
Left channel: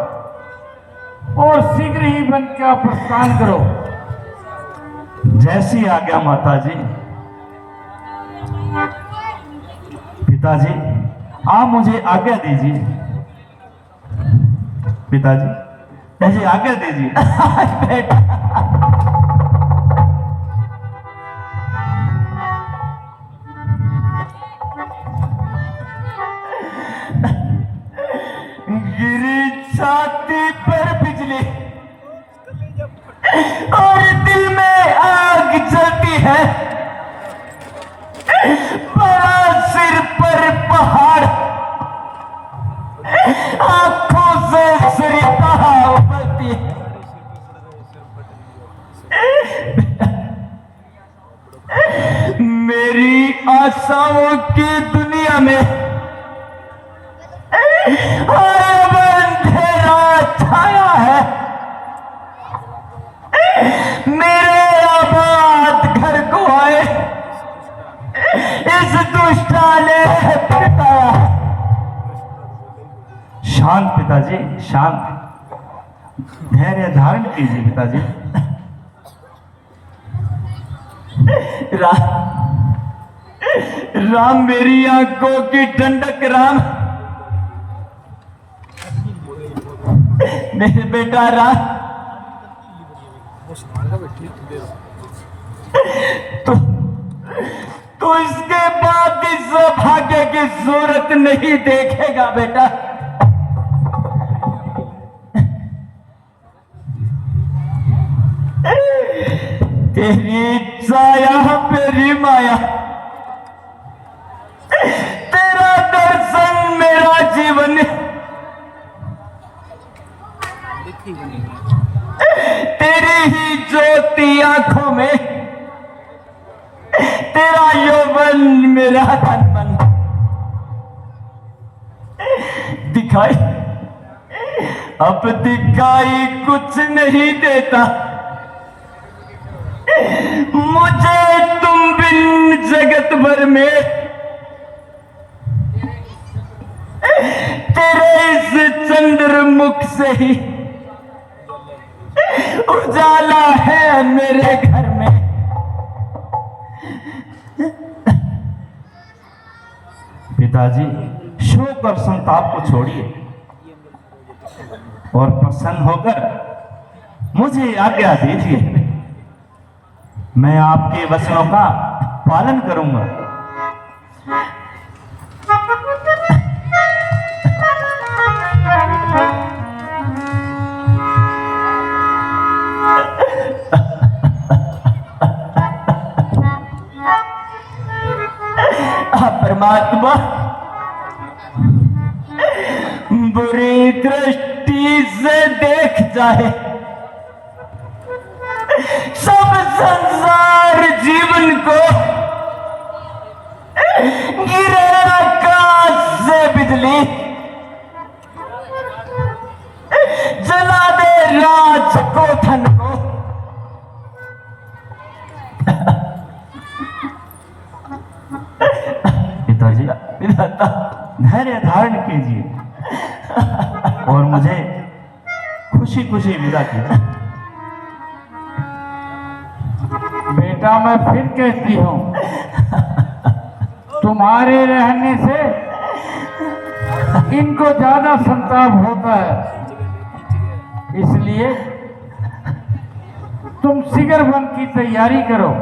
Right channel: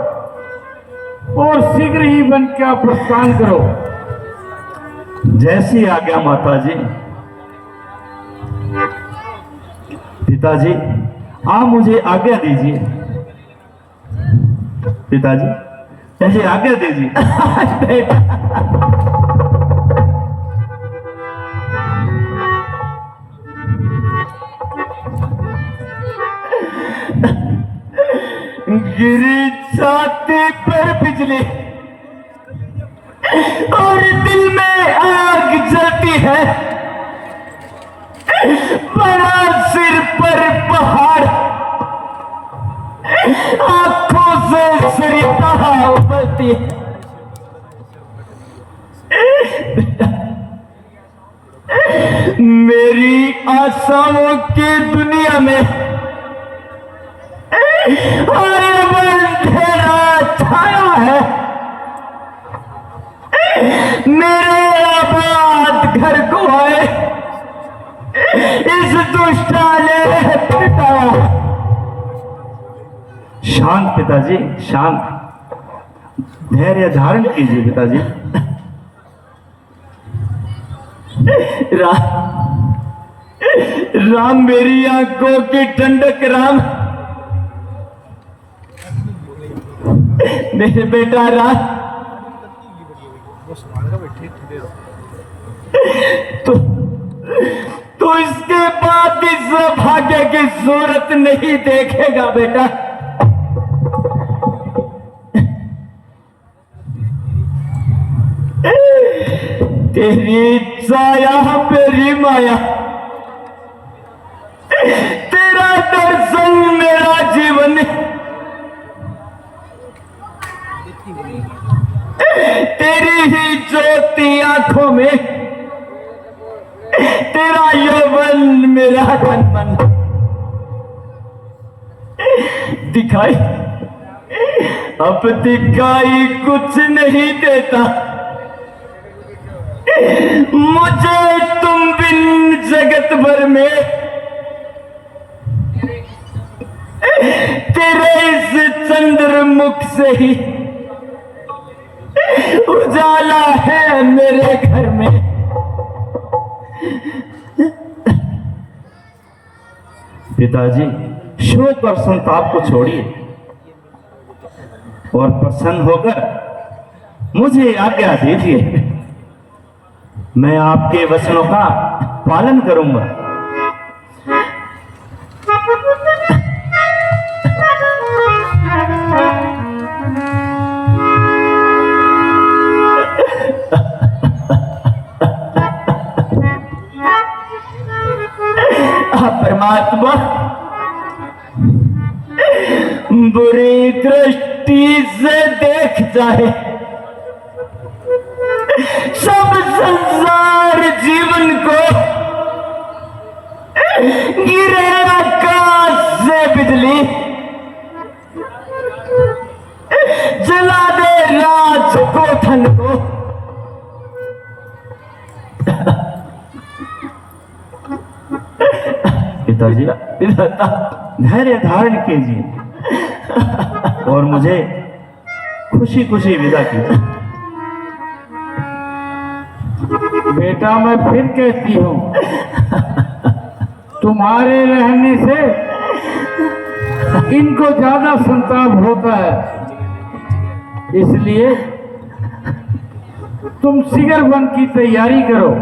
और शीघ्र ही वन का प्रस्थान करो। जैसी आज्ञा माता जी। पिताजी, आप मुझे आज्ञा दीजिए। पिताजी, मुझे आज्ञा दीजिए। गिरी छाती पर बिजली और दिल में आग जलती है। बड़ा सिर पर पहाड़, आंखों से सिरता उबलती है। मेरी आशाओं की दुनिया में अंधेरा छाया है। मेरे आबाद घर को आए इस दुष्टाने शांत पिताजी, शांत। धैर्य धारण कीजिए पिताजी। राम मेरी आंखों की ठंडक, राम मेरे बेटा राम। तो इसके बाद इस सौभाग्य की सूरत नहीं देखेगा बेटा। तेरी छाया मेरी माया, तेरा दर्शन मेरा जीवन, तेरी ही ज्योति आंखों में, तेरा यौवन मेरा तन मन। दिखाई अब दिखाई कुछ नहीं देता मुझे तुम बिन जगत भर में। तेरे इस चंद्रमुख से ही उजाला है मेरे घर में। पिताजी, शोक और संताप को छोड़िए और प्रसन्न होकर मुझे आज्ञा दीजिए। मैं आपके वचनों का पालन करूंगा। परमात्मा बुरी दृष्टि से देख जाए, सब संसार जीवन को गिरे आकाश से बिजली, जला दे राज कोठन को। पिताजी, धैर्य धारण कीजिए और मुझे खुशी खुशी विदा कीजिए। बेटा, मैं फिर कहती हूँ, तुम्हारे रहने से इनको ज्यादा संताप होता है, इसलिए तुम शिखर वन की तैयारी करो।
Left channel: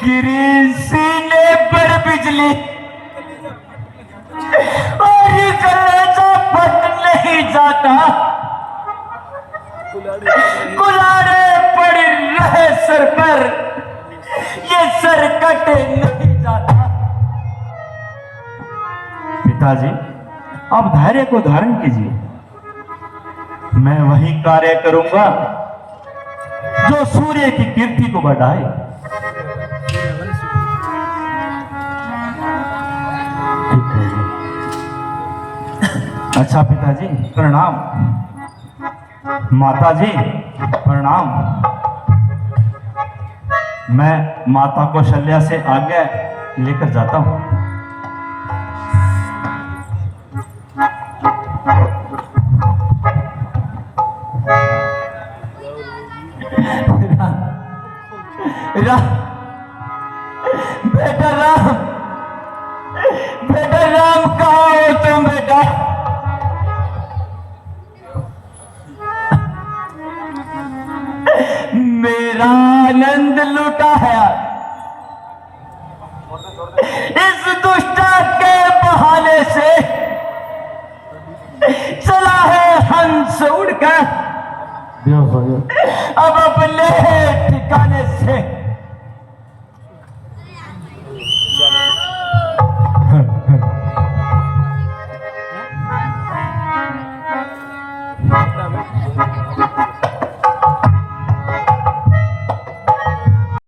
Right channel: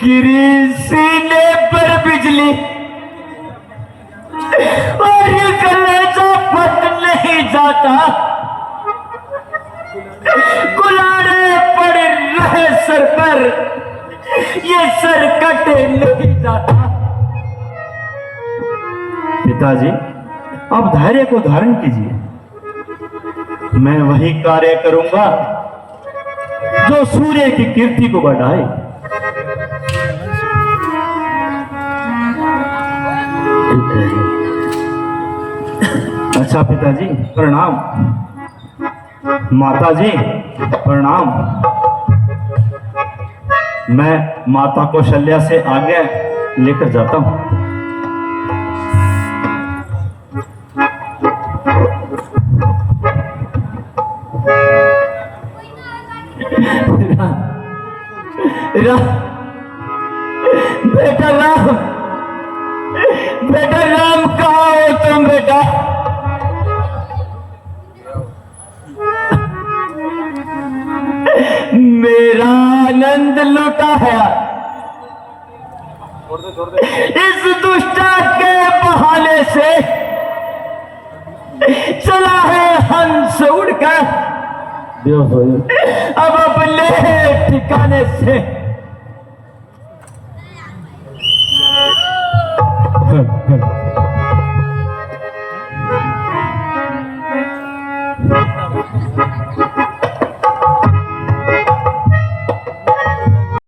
गिरी सीने पर बिजली और ये कलेजा फट नहीं जाता, कुलाड़े पड़ रहे सर पर, ये सर कट नहीं जाता। पिताजी, अब धैर्य को धारण कीजिए। मैं वही कार्य करूंगा जो सूर्य की कीर्ति को बढ़ाए। अच्छा पिताजी, प्रणाम। माताजी, प्रणाम। मैं माता कौशल्या से आगे लेकर जाता हूं। बेटा राम, बेटा राम, कहाँ है तुम बेटा? मेरा आनंद लुटा है इस दुष्टा के बहाने से, चला है हंस उड़कर अब अपने ठिकाने से।